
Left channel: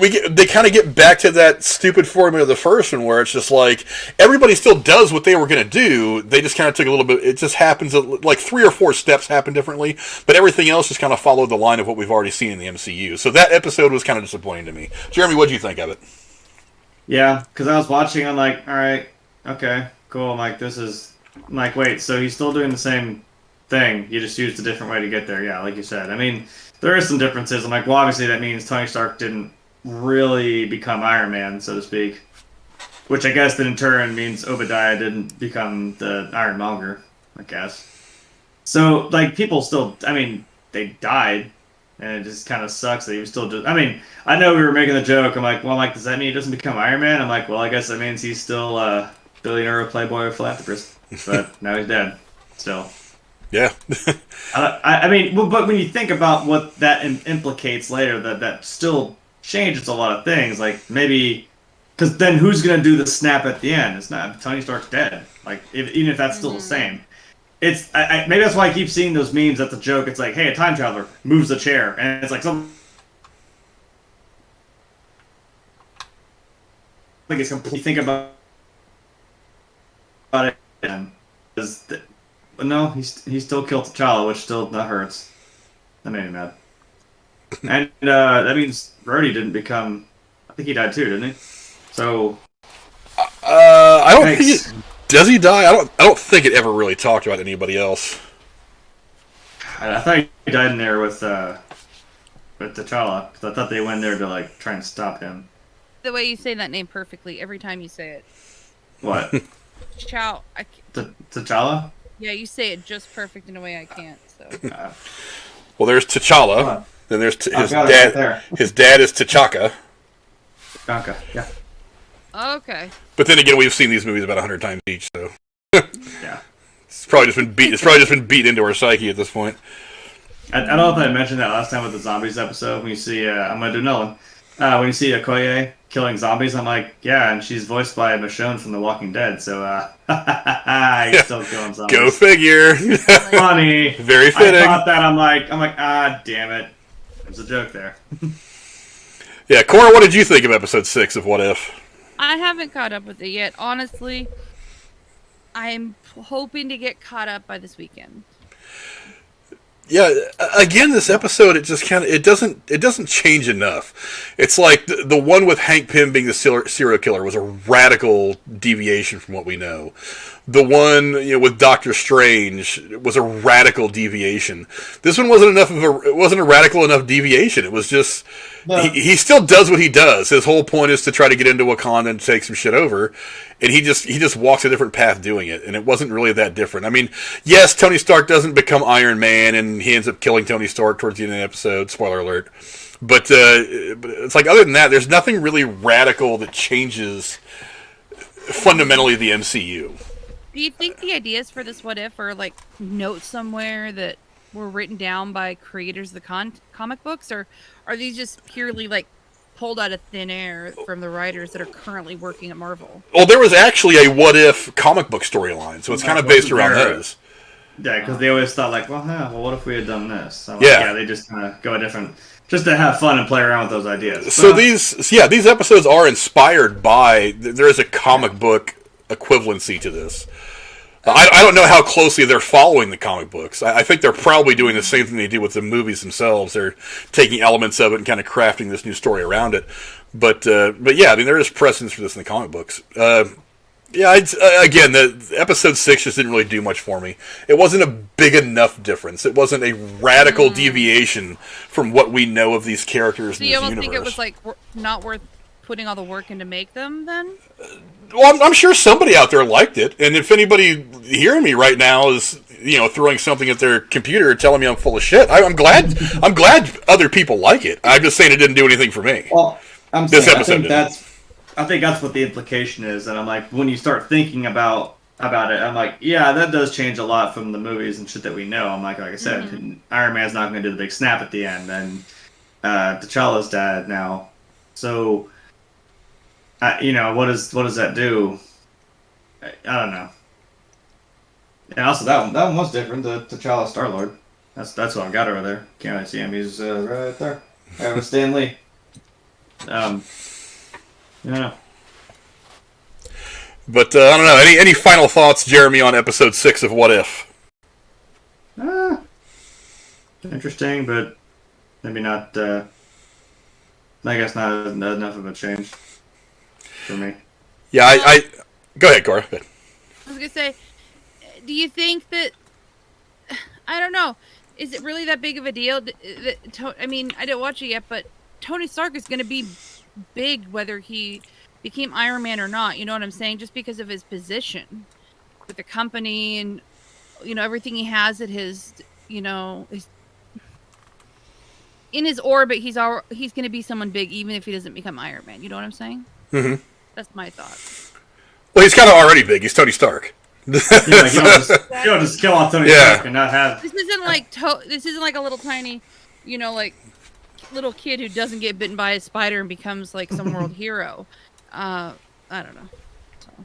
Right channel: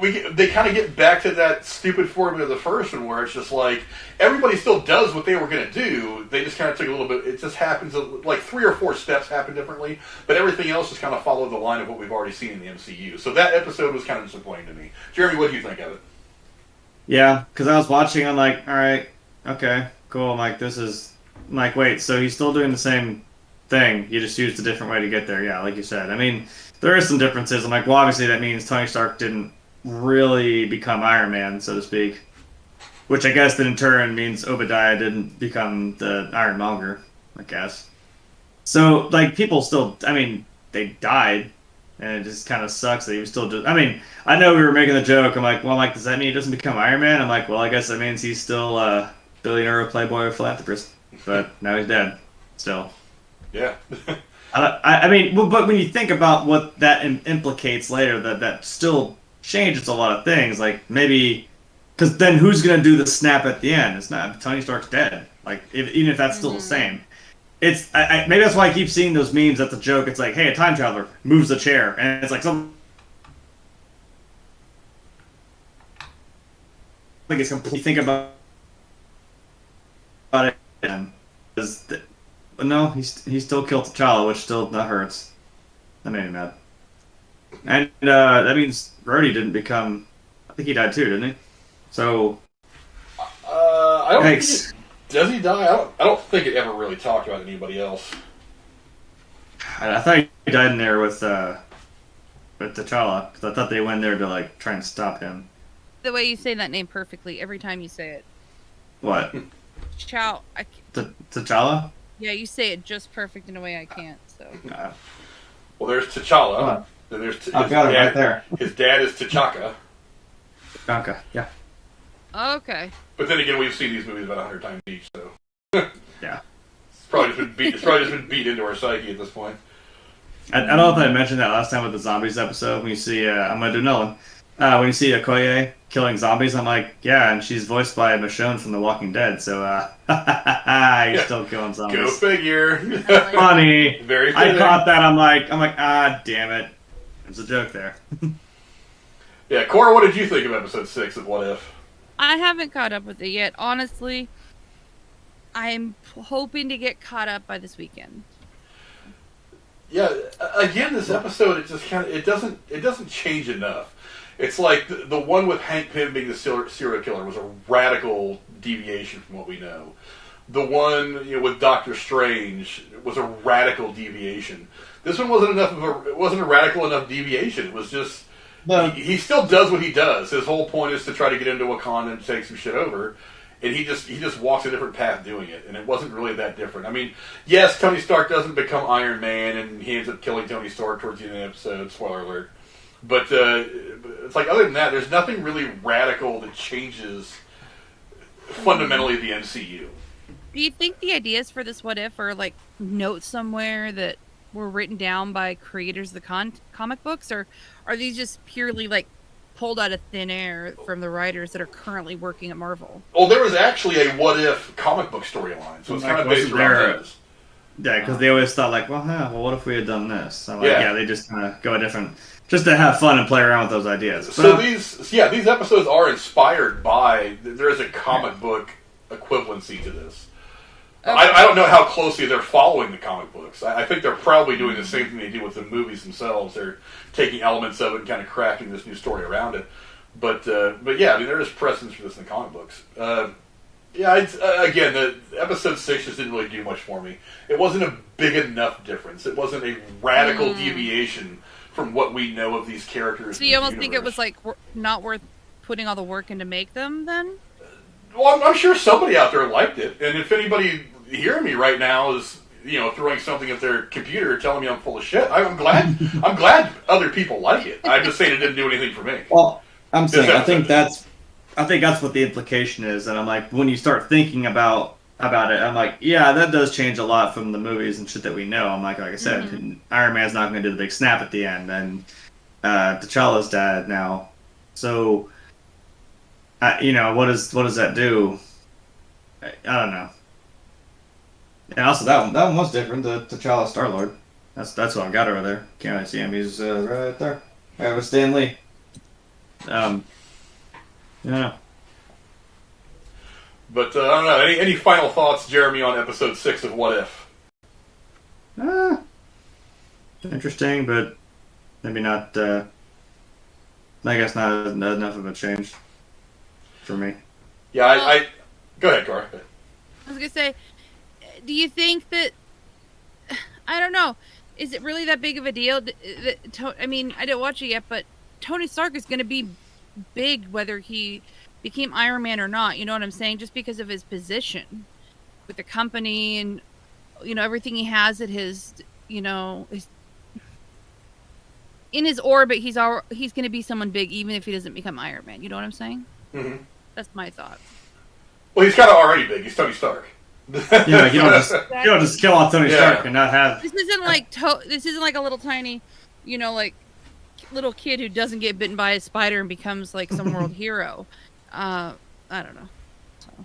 they kind of get back to that stupid formula of the first one, where it's just like everybody still does what they were going to do. They just kind of took a little bit. It just happens like 3 or 4 steps happen differently, but everything else just kind of followed the line of what we've already seen in the MCU. So that episode was kind of disappointing to me. Jeremy, what did you think of it? Yeah, because I was watching. I'm like, all right, okay, cool. I'm like, wait, so he's still doing the same thing. You just used a different way to get there. Yeah, like you said. I mean, there are some differences. I'm like, well, obviously that means Tony Stark didn't really become Iron Man, so to speak. Which I guess then in turn means Obadiah didn't become the Ironmonger, I guess. So, like, people still, they died, and it just kind of sucks that he was still just, I know we were making the joke, I'm like, does that mean he doesn't become Iron Man? I'm like, well, I guess that means he's still a billionaire, playboy, philanthropist. But now he's dead, still. Yeah. But when you think about what that implicates later, that still changes a lot of things. Like, maybe... Because then who's going to do the snap at the end? It's not... Tony Stark's dead. Like, even if that's still the same. It's... maybe that's why I keep seeing those memes at the joke. It's like, hey, a time traveler moves the chair. And it's like some... Like, it's completely... Think about it. But no, he still killed T'Challa, which still that hurts. That made me mad. And that means Rhodey didn't become... I think he died too, didn't he? So... I don't think does he die? I don't think it ever really talked about anybody else. I thought he died in there with T'Challa, because I thought they went there to, like, try and stop him. The way you say that name perfectly every time you say it. What? Chow. T'Challa? Yeah, you say it just perfect in a way I can't. So. Well, there's T'Challa. Then there's his dad. Right there. His dad is T'Chaka. T'Chaka, yeah. Okay. But then again, we've seen these movies about 100 times each, so Yeah. It's probably just been beat into our psyche at this point. I don't know if I mentioned that last time with the zombies episode. When you see, I'm gonna do another one. When you see Okoye killing zombies, I'm like, yeah, and she's voiced by Michonne from The Walking Dead, so he's still killing zombies. Go figure. Funny. Very fitting. I thought that. I'm like, damn it. There's a joke there. Yeah, Cora, what did you think of episode 6 of What If? I haven't caught up with it yet. Honestly, I'm hoping to get caught up by this weekend. Yeah, again, this episode, it just kind of, it doesn't change enough. It's like the one with Hank Pym being the serial killer was a radical deviation from what we know. The one, with Doctor Strange was a radical deviation. This one it wasn't a radical enough deviation. It was just, he still does what he does. His whole point is to try to get into Wakanda and take some shit over. And he just walks a different path doing it, and it wasn't really that different. I mean, yes, Tony Stark doesn't become Iron Man, and he ends up killing Tony Stark towards the end of the episode. Spoiler alert. But it's like, other than that, there's nothing really radical that changes fundamentally the MCU. Do you think the ideas for this What If are like notes somewhere that were written down by creators of the comic books, or are these just purely like pulled out of thin air from the writers that are currently working at Marvel? Well, there was actually a What If comic book storyline, so it's kind of based around those. Yeah, because they always thought like, well, what if we had done this? So they just kind of go a different, just to have fun and play around with those ideas. So these episodes are inspired by. There is a comic book equivalency to this. I don't know how closely they're following the comic books. I think they're probably doing the same thing they do with the movies themselves. They're taking elements of it and kind of crafting this new story around it. But yeah, I mean, there is precedence for this in the comic books. Again, the episode 6 just didn't really do much for me. It wasn't a big enough difference. It wasn't a radical deviation from what we know of these characters. So you almost think it was like not worth putting all the work in to make them then? Well, I'm sure somebody out there liked it, and if anybody hearing me right now is, throwing something at their computer telling me I'm full of shit, I'm glad other people like it. I'm just saying it didn't do anything for me. Well, I think that's what the implication is, and I'm like, when you start thinking about it, I'm like, yeah, that does change a lot from the movies and shit that we know. I'm like I said, Iron Man's not going to do the big snap at the end, and T'Challa's dead now, so. What does that do? I don't know. And also that one was different. The T'Challa Star-Lord. That's what I got over there. Can't really see him. He's right there. Right with Stan Lee. Yeah. But I don't know. Any final thoughts, Jeremy, on episode 6 of What If? Interesting, but maybe not. I guess not enough of a change. For me. Yeah, I go ahead, Cora. Go ahead. I was going to say, do you think that, I don't know, is it really that big of a deal? I mean, I didn't watch it yet, but Tony Stark is going to be big whether he became Iron Man or not, you know what I'm saying? Just because of his position with the company and, everything he has at his, his, in his orbit, he's going to be someone big even if he doesn't become Iron Man, you know what I'm saying? Mm-hmm. That's my thought. Well, he's kind of already big. He's Tony Stark. You don't just kill off Tony Stark and not have. This isn't like a little tiny, like little kid who doesn't get bitten by a spider and becomes like some world hero. I don't know. So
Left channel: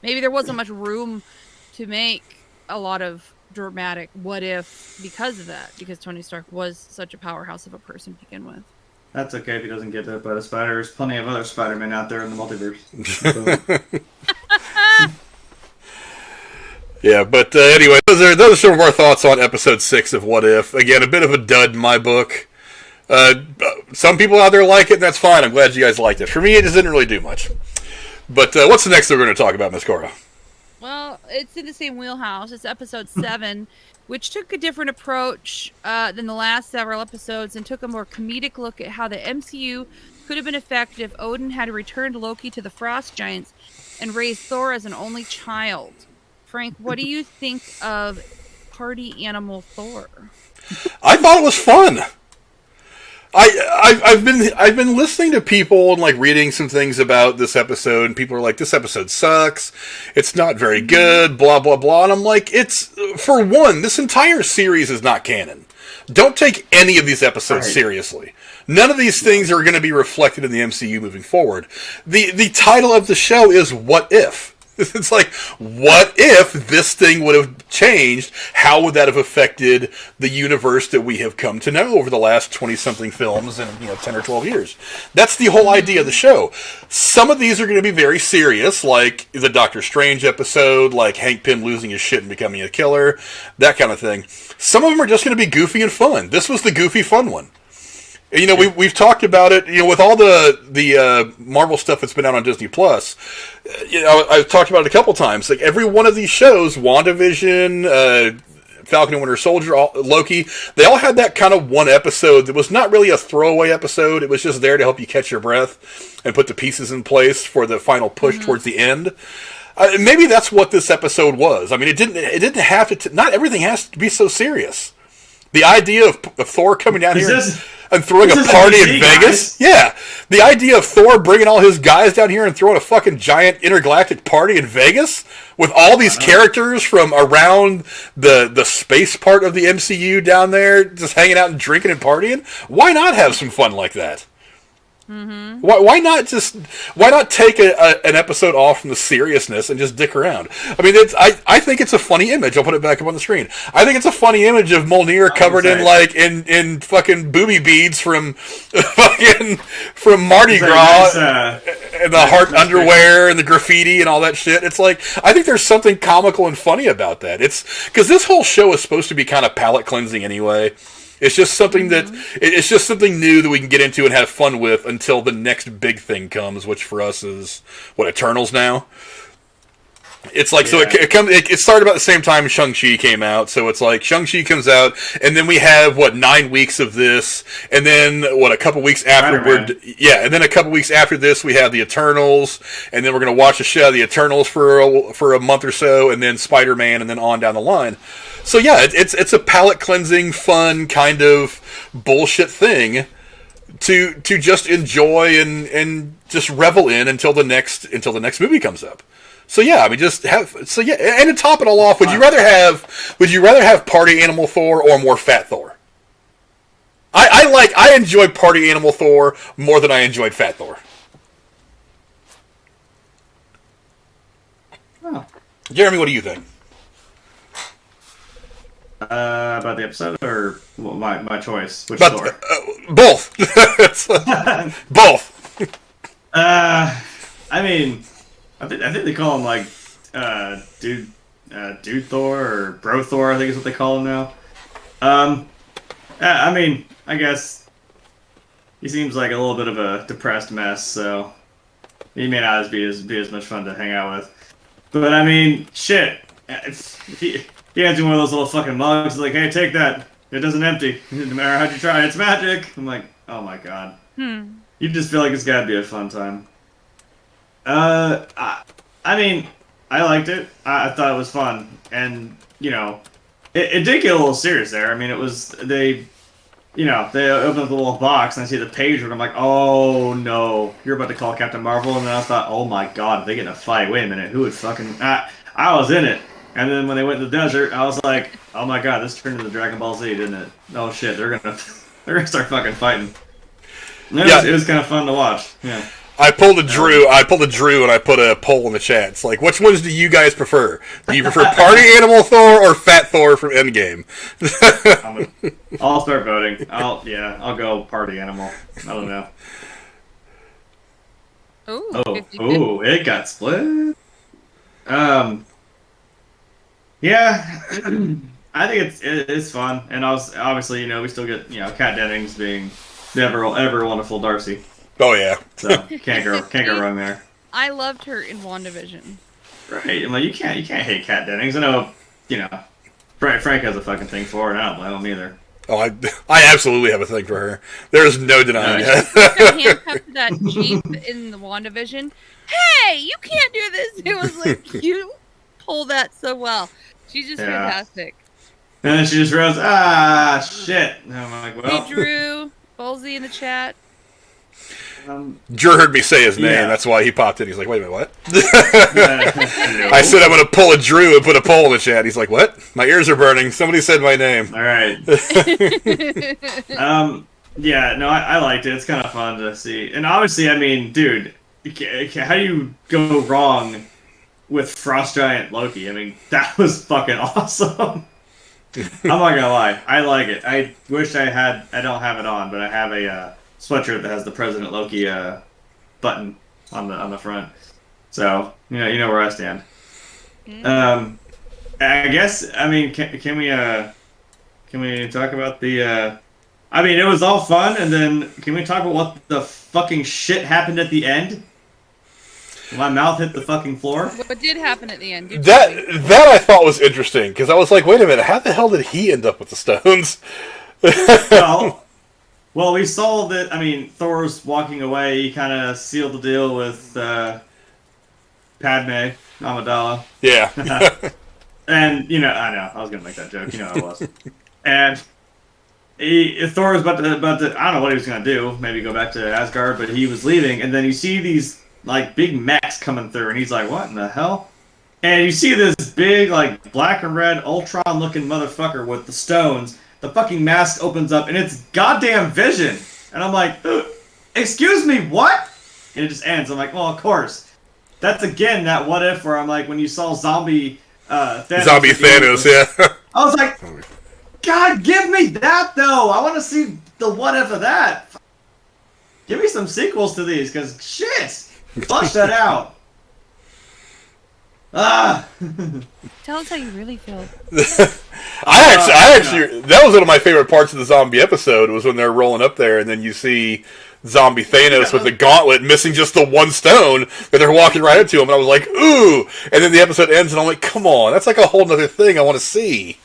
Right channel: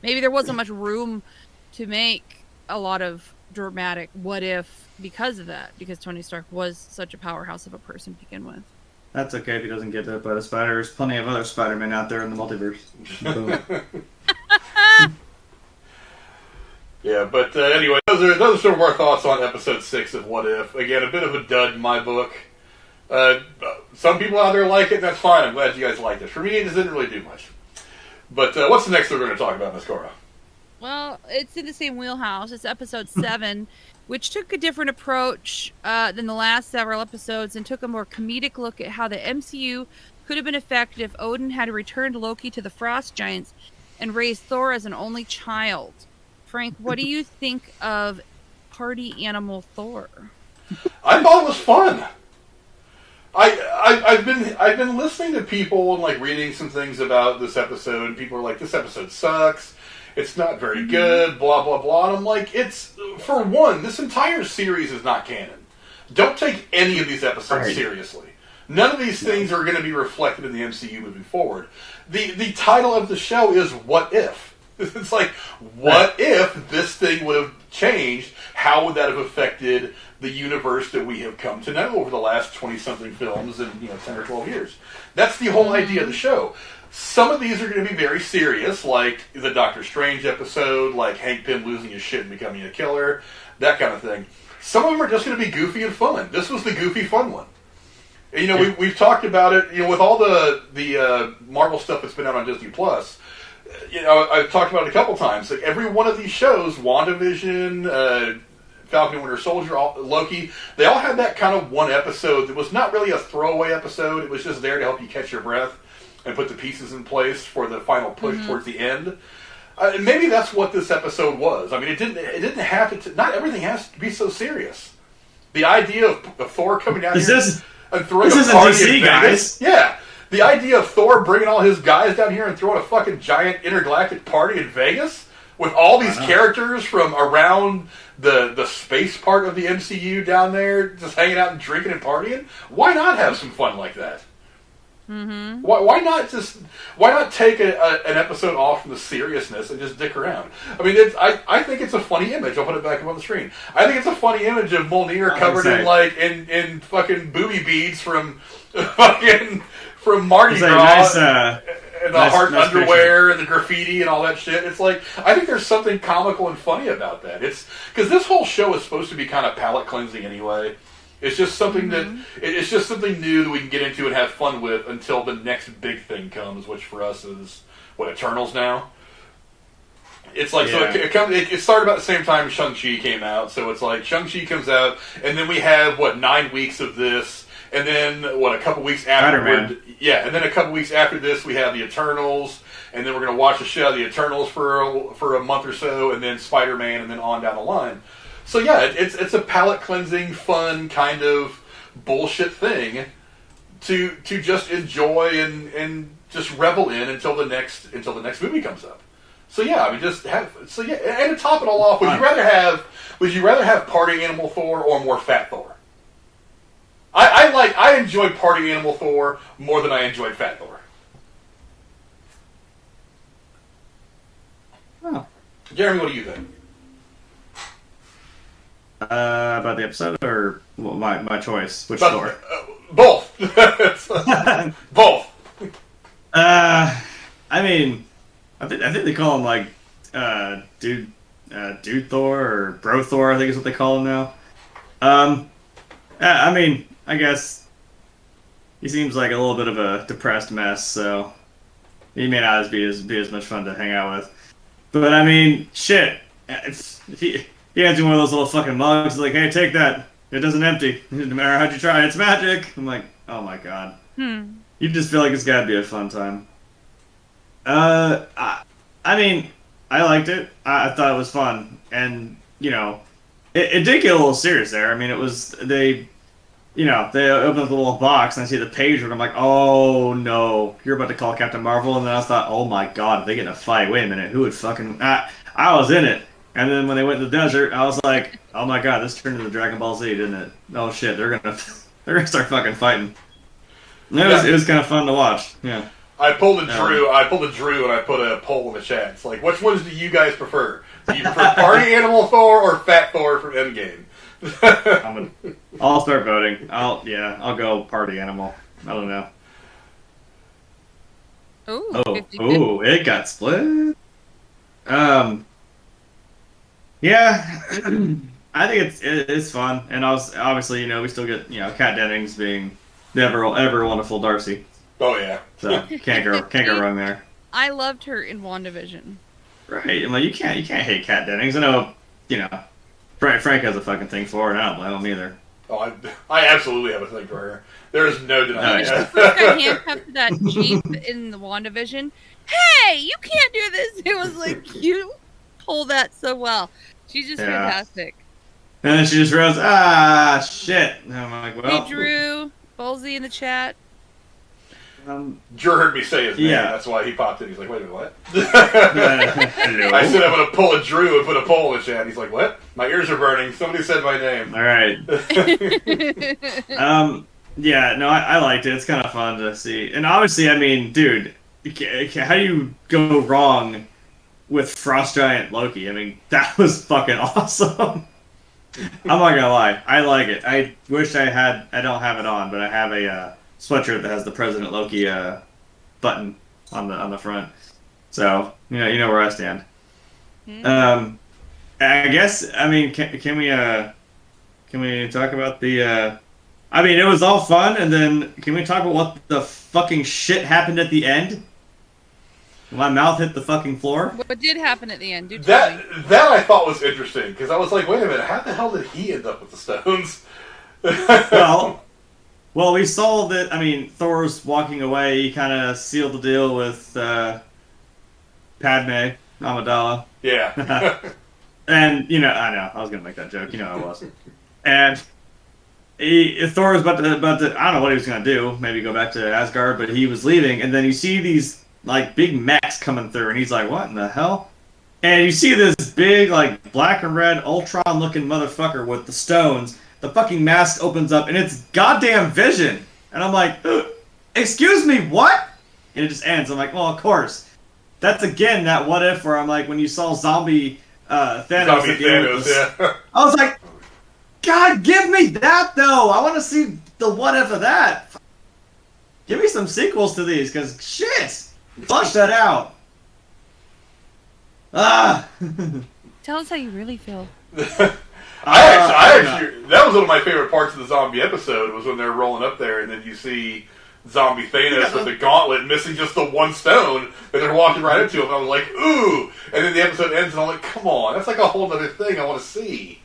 maybe there wasn't much room to make a lot of dramatic what if because of that, because Tony Stark was such a powerhouse of a person to begin with. That's okay if he doesn't get bit by the spider. There's plenty of other Spider-Men out there in the multiverse. Yeah, but anyway, those are some of our thoughts on episode 6 of What If. Again, a bit of a dud in my book. Some people out there like it, and that's fine. I'm glad you guys liked it. For me, it just didn't really do much. But what's the next thing we're going to talk about, Miss Cora? Well, it's in the same wheelhouse. It's episode 7, which took a different approach than the last several episodes and took a more comedic look at how the MCU could have been effective if Odin had returned Loki to the Frost Giants and raised Thor as an only child. Frank, what do you think of Party Animal Thor? I thought it was fun. I've been listening to people and like reading some things about this episode, and people are like, "This episode sucks. It's not very good." Blah blah blah. And I'm like, "It's for one, this entire series is not canon. Don't take any of these episodes seriously. None of these things are going to be reflected in the MCU moving forward. The title of the show is What If. It's like, what if this thing would have changed? How would that have affected the universe that we have come to know over the last 20-something films in 10 or 12 years? That's the whole idea of the show. Some of these are going to be very serious, like the Doctor Strange episode, like Hank Pym losing his shit and becoming a killer, that kind of thing. Some of them are just going to be goofy and fun. This was the goofy, fun one. And, we've talked about it, with all the Marvel stuff that's been out on Disney Plus. I've talked about it a couple times. Like every one of these shows, WandaVision, Falcon and Winter Soldier, Loki, they all had that kind of one episode that was not really a throwaway episode. It was just there to help you catch your breath and put the pieces in place for the final push towards the end. Maybe that's what this episode was. I mean, it didn't have to. Not everything has to be so serious. The idea of Thor coming down here and throwing a party in Vegas. Yeah. The idea of Thor bringing all his guys down here and throwing a fucking giant intergalactic party in Vegas with all these characters from around the space part of the MCU down there just hanging out and drinking and partying. Why not have some fun like that? Mm-hmm. Why not take an episode off from the seriousness and just dick around? I mean, I think it's a funny image. I'll put it back up on the screen. I think it's a funny image of Mjolnir covered in fucking booby beads from Mardi Gras and the heart underwear and the graffiti and all that shit. It's like, I think there's something comical and funny about that. It's because this whole show is supposed to be kind of palate cleansing anyway. It's just something it's just something new that we can get into and have fun with until the next big thing comes, which for us is Eternals now. It's like it started about the same time Shang-Chi came out, so it's like Shang-Chi comes out, and then we have 9 weeks of this, and then a couple weeks afterward, and then a couple weeks after this we have the Eternals, and then we're gonna watch the show the Eternals for a month or so, and then Spider-Man, and then on down the line. So yeah, it's a palate cleansing, fun kind of bullshit thing to just enjoy and just revel in until the next movie comes up. So yeah, I mean, and to top it all off, would you rather have Party Animal Thor or more Fat Thor? I enjoyed Party Animal Thor more than I enjoyed Fat Thor. Oh. Jeremy, what do you think? About the episode or my choice? Which Thor? Both. Both. I mean, I think they call him like dude Thor or Bro Thor. I think is what they call him now. I mean, I guess he seems like a little bit of a depressed mess, so he may not be as much fun to hang out with. But I mean, shit. He hands you one of those little fucking mugs, like, hey, take that. It doesn't empty. No matter how'd you try, it's magic. I'm like, oh my god. You just feel like it's gotta be a fun time. I mean, I liked it. I thought it was fun. And, it did get a little serious there. I mean, it was, they open up the little box and I see the page and I'm like, oh no, you're about to call Captain Marvel. And then I thought, oh my god, they get in a fight. Wait a minute, who would fucking... I was in it. And then when they went to the desert, I was like, "Oh my god, this turned into Dragon Ball Z, didn't it? Oh shit, they're gonna start fucking fighting." It was kind of fun to watch. Yeah. I pulled a Drew, and I put a poll in the chat. It's like, which ones do you guys prefer? Do you prefer Party Animal Thor or Fat Thor from Endgame? I'll start voting. I'll go Party Animal. I don't know. Ooh, it got split. Yeah, I think it's fun, and obviously we still get Kat Dennings being the ever wonderful Darcy. Oh yeah, so can't go wrong there. I loved her in WandaVision. Right, I'm like you can't hate Kat Dennings. I know Frank has a fucking thing for her, and I don't blame him either. Oh, I absolutely have a thing for her. There is no denying it. She got handcuffed to that Jeep in the WandaVision. Hey, you can't do this. It was like you pull that so well. She's just fantastic. And then she just rose, shit. And I'm like, well. Hey, Drew. Ballsy in the chat. Drew heard me say his name. Yeah. That's why he popped in. He's like, wait a minute, what? I said I'm going to pull a Drew and put a poll in the chat. He's like, what? My ears are burning. Somebody said my name. All right. Yeah, no, I liked it. It's kind of fun to see. And obviously, I mean, dude, how do you go wrong with Frost Giant Loki. I mean, that was fucking awesome. I'm not gonna lie, I like it. I wish I don't have it on, but I have a sweatshirt that has the President Loki button on the front. So you know where I stand. I guess I mean can we talk about the? I mean, it was all fun, and then can we talk about what the fucking shit happened at the end? My mouth hit the fucking floor. What did happen at the end? That I thought was interesting because I was like, wait a minute, how the hell did he end up with the stones? Well, we saw that. I mean, Thor's walking away. He kind of sealed the deal with Padme Amidala. Yeah. And I know I was gonna make that joke. I was. And Thor was about to. I don't know what he was gonna do. Maybe go back to Asgard, but he was leaving. And then you see these like big mechs coming through, and he's like, "What in the hell?" And you see this big like black and red Ultron looking motherfucker with the stones. The fucking mask opens up, and it's goddamn Vision. And I'm like, "Excuse me, what?" And it just ends. I'm like, "Well, of course." That's again that what if where I'm like, when you saw zombie Thanos. Zombie Thanos, yeah. I was like, God, give me that though. I want to see the what if of that. Give me some sequels to these, because shit, flush that out. Tell us how you really feel. I actually, that was one of my favorite parts of the zombie episode. Was when they're rolling up there, and then you see zombie Thanos with the gauntlet missing just the one stone, and they're walking right into him, and I was like, ooh! And then the episode ends, and I'm like, come on, that's like a whole other thing I want to see.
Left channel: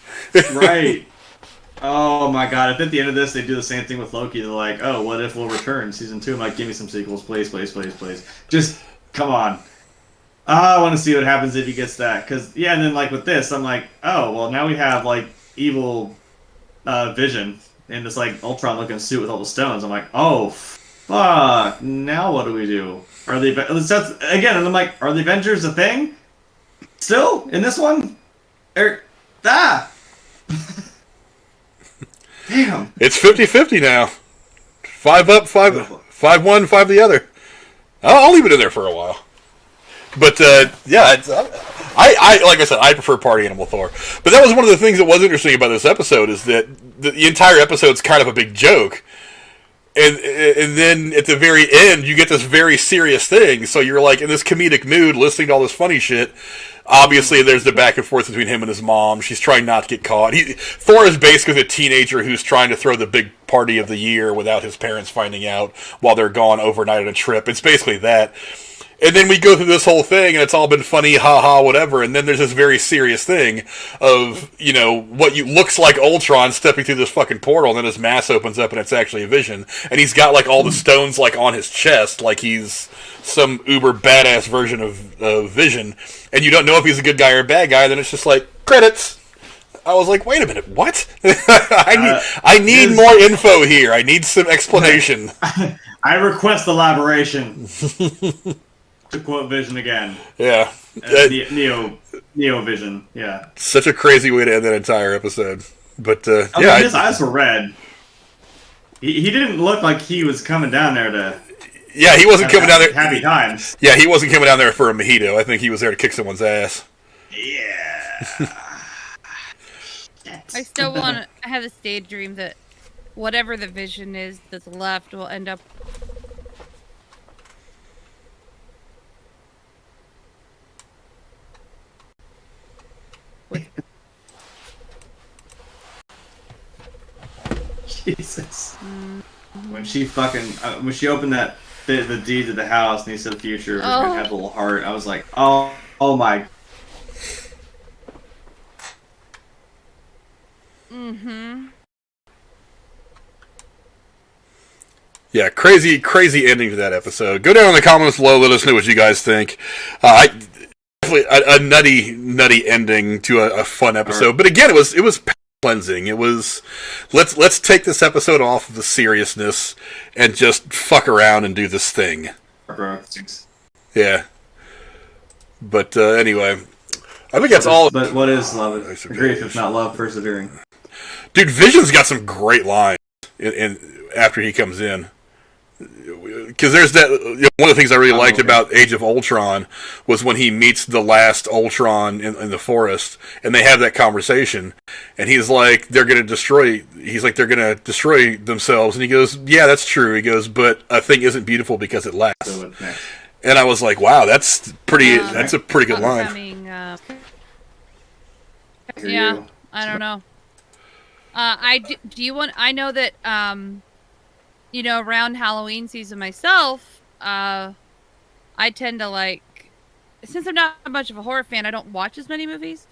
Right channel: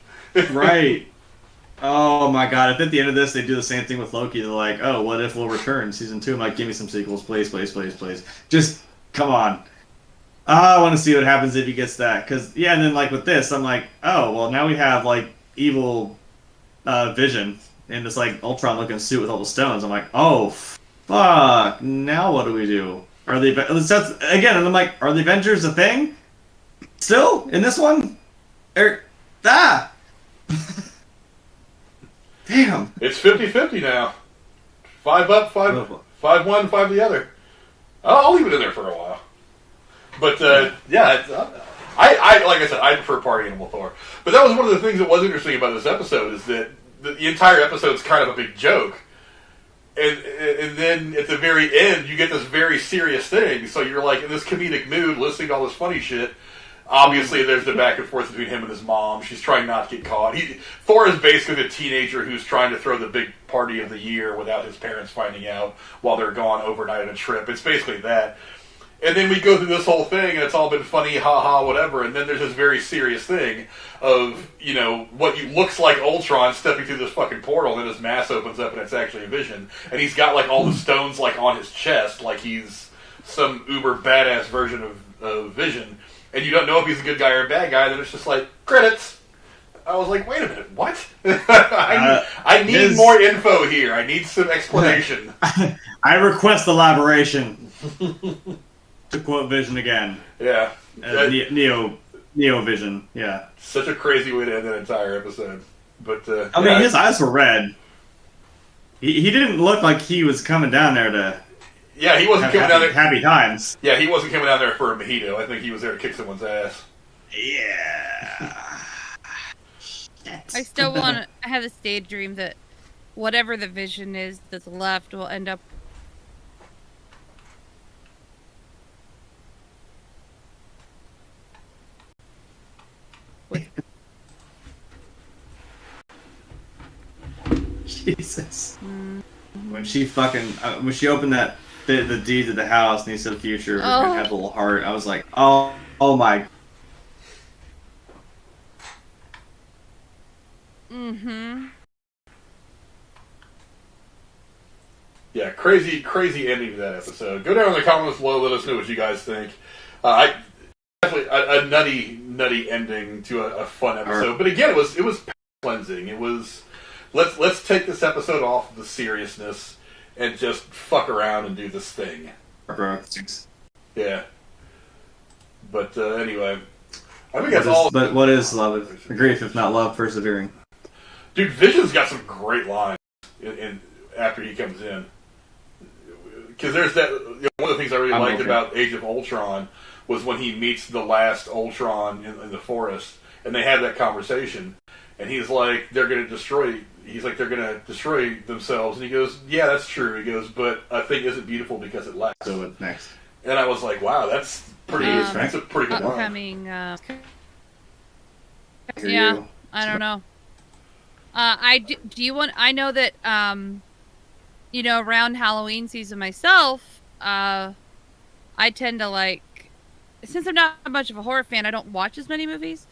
Right. Oh my god, if at the end of this they do the same thing with Loki, they're like, oh, what if we'll return season 2? I'm like, give me some sequels, please, please, please, please. Just, come on. I want to see what happens if he gets that. Because, yeah, and then like with this, I'm like, oh, well now we have like evil Vision in this like Ultron looking suit with all the stones. I'm like, oh, fuck, now what do we do? Are the again, and I'm like, are the Avengers a thing? Still? In this one? Damn. It's 50-50 now. 5 up, 5 one, 5 the other. I'll leave it in there for a while. But, yeah, I like I said, I prefer Party Animal Thor. But that was one of the things that was interesting about this episode, is that the entire episode's kind of a big joke. And then at the very end, you get this very serious thing. So you're like in this comedic mood, listening to all this funny shit. Obviously, there's the back and forth between him and his mom. She's trying not to get caught. Thor is basically a teenager who's trying to throw the big party of the year without his parents finding out while they're gone overnight on a trip. It's basically that. And then we go through this whole thing, and it's all been funny, ha-ha, whatever, and then there's this very serious thing of, what looks like Ultron stepping through this fucking portal, and then his mask opens up, and it's actually a Vision. And he's got, like, all the stones, like, on his chest, like he's some uber badass version of Vision. And you don't know if he's a good guy or a bad guy, then it's just like, credits! I was like, wait a minute, what? I need more info here. I need some explanation. I request elaboration. To quote Vision again. Yeah. Neo Vision, yeah. Such a crazy way to end that entire episode. But, I mean, his eyes were red. He didn't look like he was coming down there to... Yeah, he wasn't coming down there... Happy times. Yeah, he wasn't coming down there for a mojito. I think he was there to kick someone's ass. Yeah. I still want to... I have this daydream that whatever the Vision is that's left will end up... Jesus. When she when she opened the deed to the house and he said the future and had a little heart, I was like, oh my. Yeah, crazy ending to that episode. Go down in the comments below, let us know what you guys think. Definitely a nutty ending to a fun episode. But again, it was cleansing. It was let's take this episode off of the seriousness and just fuck around and do this thing. Yeah. But anyway, I think that's all. But what is love? Grief, if not love, persevering. Dude, Vision's got some great lines in after he comes in. because there's that. One of the things I really liked okay. about Age of Ultron was when he meets the last Ultron in the forest, and they have that conversation, and he's like, they're going to destroy. He's like, they're going to destroy themselves, and he goes, yeah, that's true. He goes, but a thing isn't beautiful because it lasts. So what's next? And I was like, wow, that's pretty. That's a pretty good line. Upcoming, Hear yeah, you. I don't know. Do you want? I know that around Halloween season myself, I tend to like, since I'm not much of a horror fan, I don't watch as many movies.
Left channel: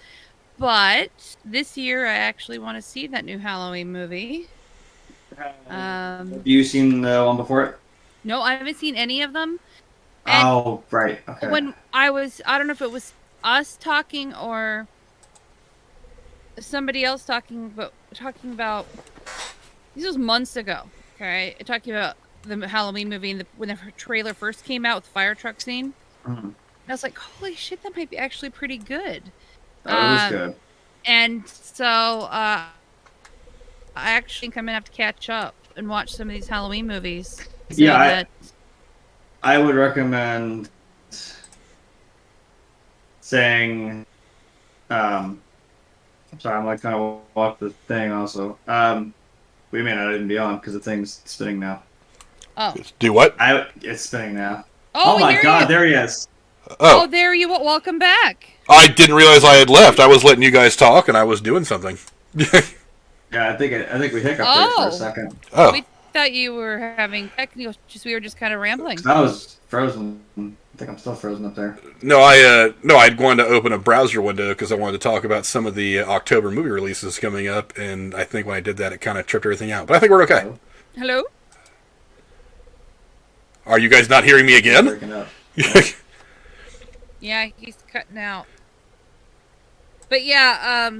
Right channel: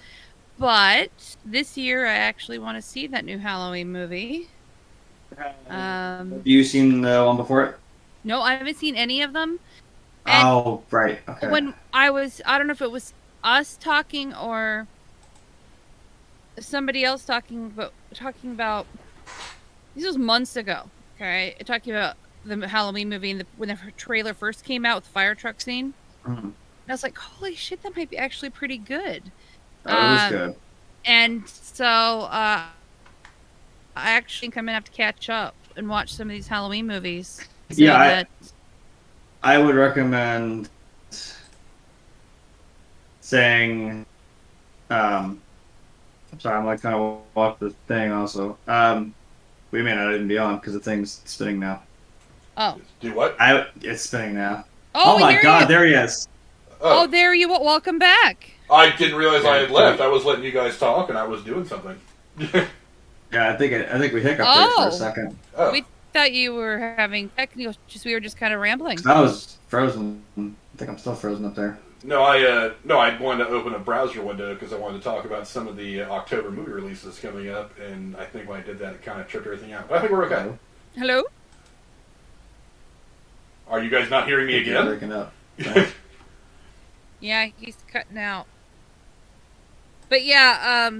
But this year, I actually want to see that new Halloween movie. Have you seen the one before it? No, I haven't seen any of them. And Oh, right. Okay. when I don't know if it was us talking or somebody else talking about this was months ago. Okay, talking about the Halloween movie and when the trailer first came out with the fire truck scene. Mhm. I was like, holy shit, that might be actually pretty good. Oh, it was good. And so I actually think I'm gonna have to catch up and watch some of these Halloween movies. Yeah, I would recommend saying, I'm sorry, I'm like trying to walk the thing also. We may not even be on because the thing's spinning now. Oh. Do what? It's spinning now. Oh my God, you. there he is. Oh, there you are. Welcome back. I didn't realize I had left. I was letting you guys talk, and I was doing something. Yeah, I think we hiccuped there for a second. Oh. We thought you were having technical. We were just kind of rambling. I was frozen. I think I'm still frozen up there. No, I'd wanted to open a browser window because I wanted to talk about some of the October movie releases coming up, and I think when I did that, it kind of tripped everything out. But I think we're okay. Hello? Are you guys not hearing me again? Breaking up. Yeah, he's cutting out. But yeah,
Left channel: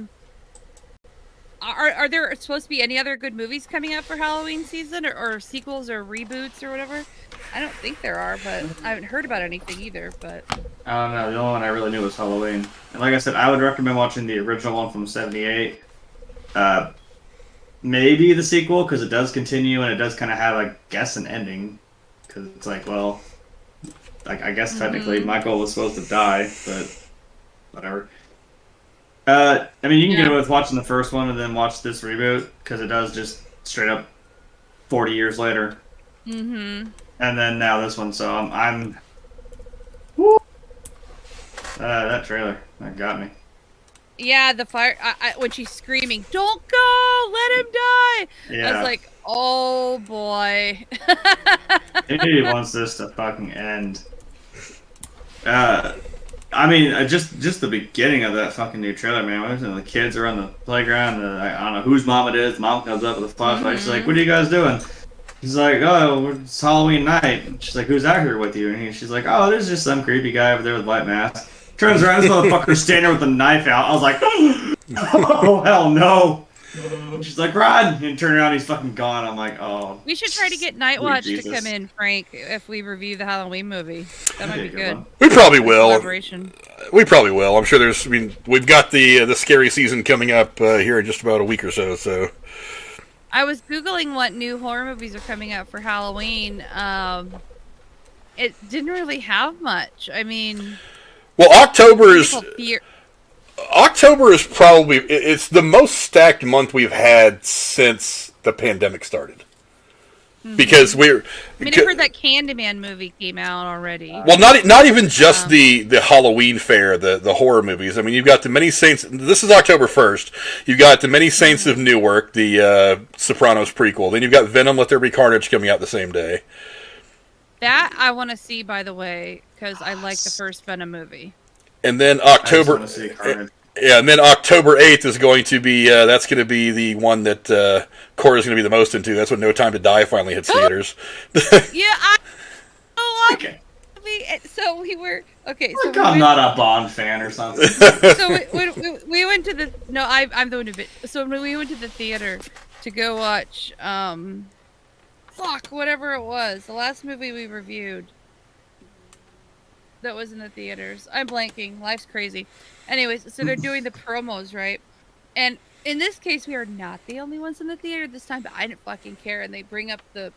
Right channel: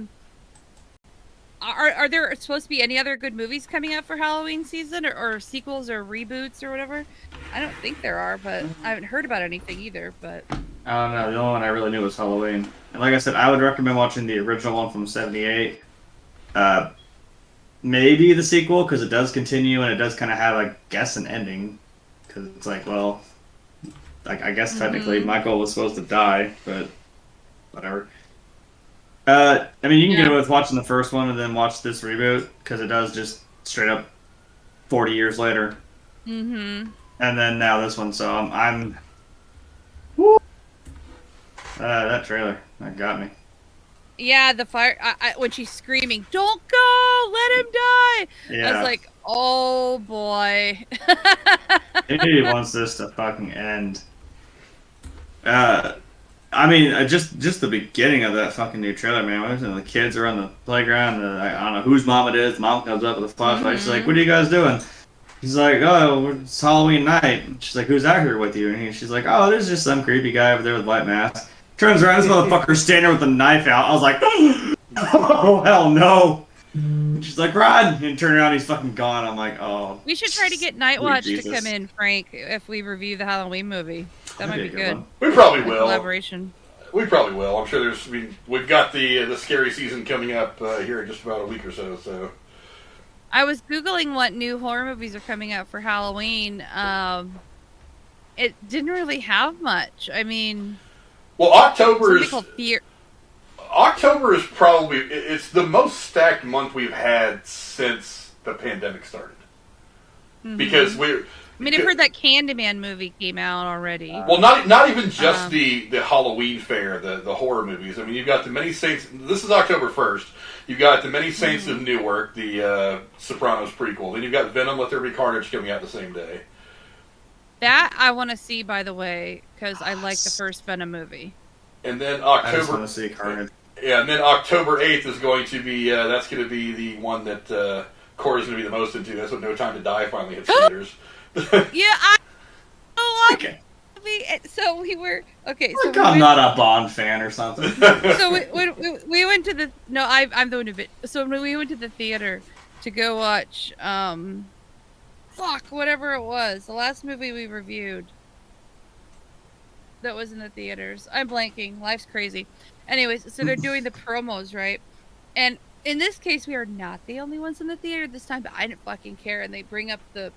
are there supposed to be any other good movies coming out for Halloween season, or sequels or reboots or whatever? I don't think there are, but I haven't heard about anything either. But I don't know. The only one I really knew was Halloween. And like I said, I would recommend watching the original one from '78. Maybe the sequel, because it does continue and it does kind of have, I guess, an ending. Because it's like, well, like I guess technically Michael was supposed to die, but whatever. I mean, you can get away with watching the first one and then watch this reboot, because it does just straight up 40 years later. Mm-hmm. And then now this one, so I'm that trailer, that got me. Yeah, the fire. When she's screaming, "Don't go! Let him die!" Yeah. I was like, "Oh boy." He wants this to fucking end. I mean, just the beginning of that fucking new trailer, man. When the kids are on the playground, I don't know whose mom it is. Mom comes up with a flashlight. She's like, "What are you guys doing?" He's like, "Oh, it's Halloween night." And she's like, "Who's out here with you?" And she's like, "Oh, there's just some creepy guy over there with a white mask." Turns around, this motherfucker's standing there with a knife out. I was like, "Oh, hell no." And she's like, "Run!" And turn around, he's fucking gone. I'm like, "Oh." We should try to get Nightwatch Jesus. to come in, Frank, if we review the Halloween movie. That might be good. We probably will. Collaboration. We probably will. I'm sure there's. I mean, we've got the scary season coming up here in just about a week or so. So. I was Googling what new horror movies are coming out for Halloween. It didn't really have much. I mean, well, October is probably it's the most stacked month we've had since the pandemic started. Mm-hmm. Because I've heard that Candyman movie came out already. Well, not even just the Halloween fair, the horror movies. I mean, you've got the Many Saints. This is October 1st. You've got the Many Saints of Newark, the Sopranos prequel. Then you've got Venom: Let There Be Carnage coming out the same day. That I want to see, by the way, because I like the first Venom movie. And then I just want to see Carnage. Yeah, and then October 8th is going to be that's going to be the one that Cora's going to be the most into. That's when No Time to Die finally hits theaters. Yeah, I love okay. So we were okay. Like so I'm not a Bond fan or something. So we went to the I'm the one who bit. So when we went to the theater to go watch whatever it was, the last movie we reviewed that was in the theaters. I'm blanking. Life's crazy. Anyways, so they're doing the promos, right? And in this case, we are not the only ones in the theater this time, but I didn't fucking care. And they bring up the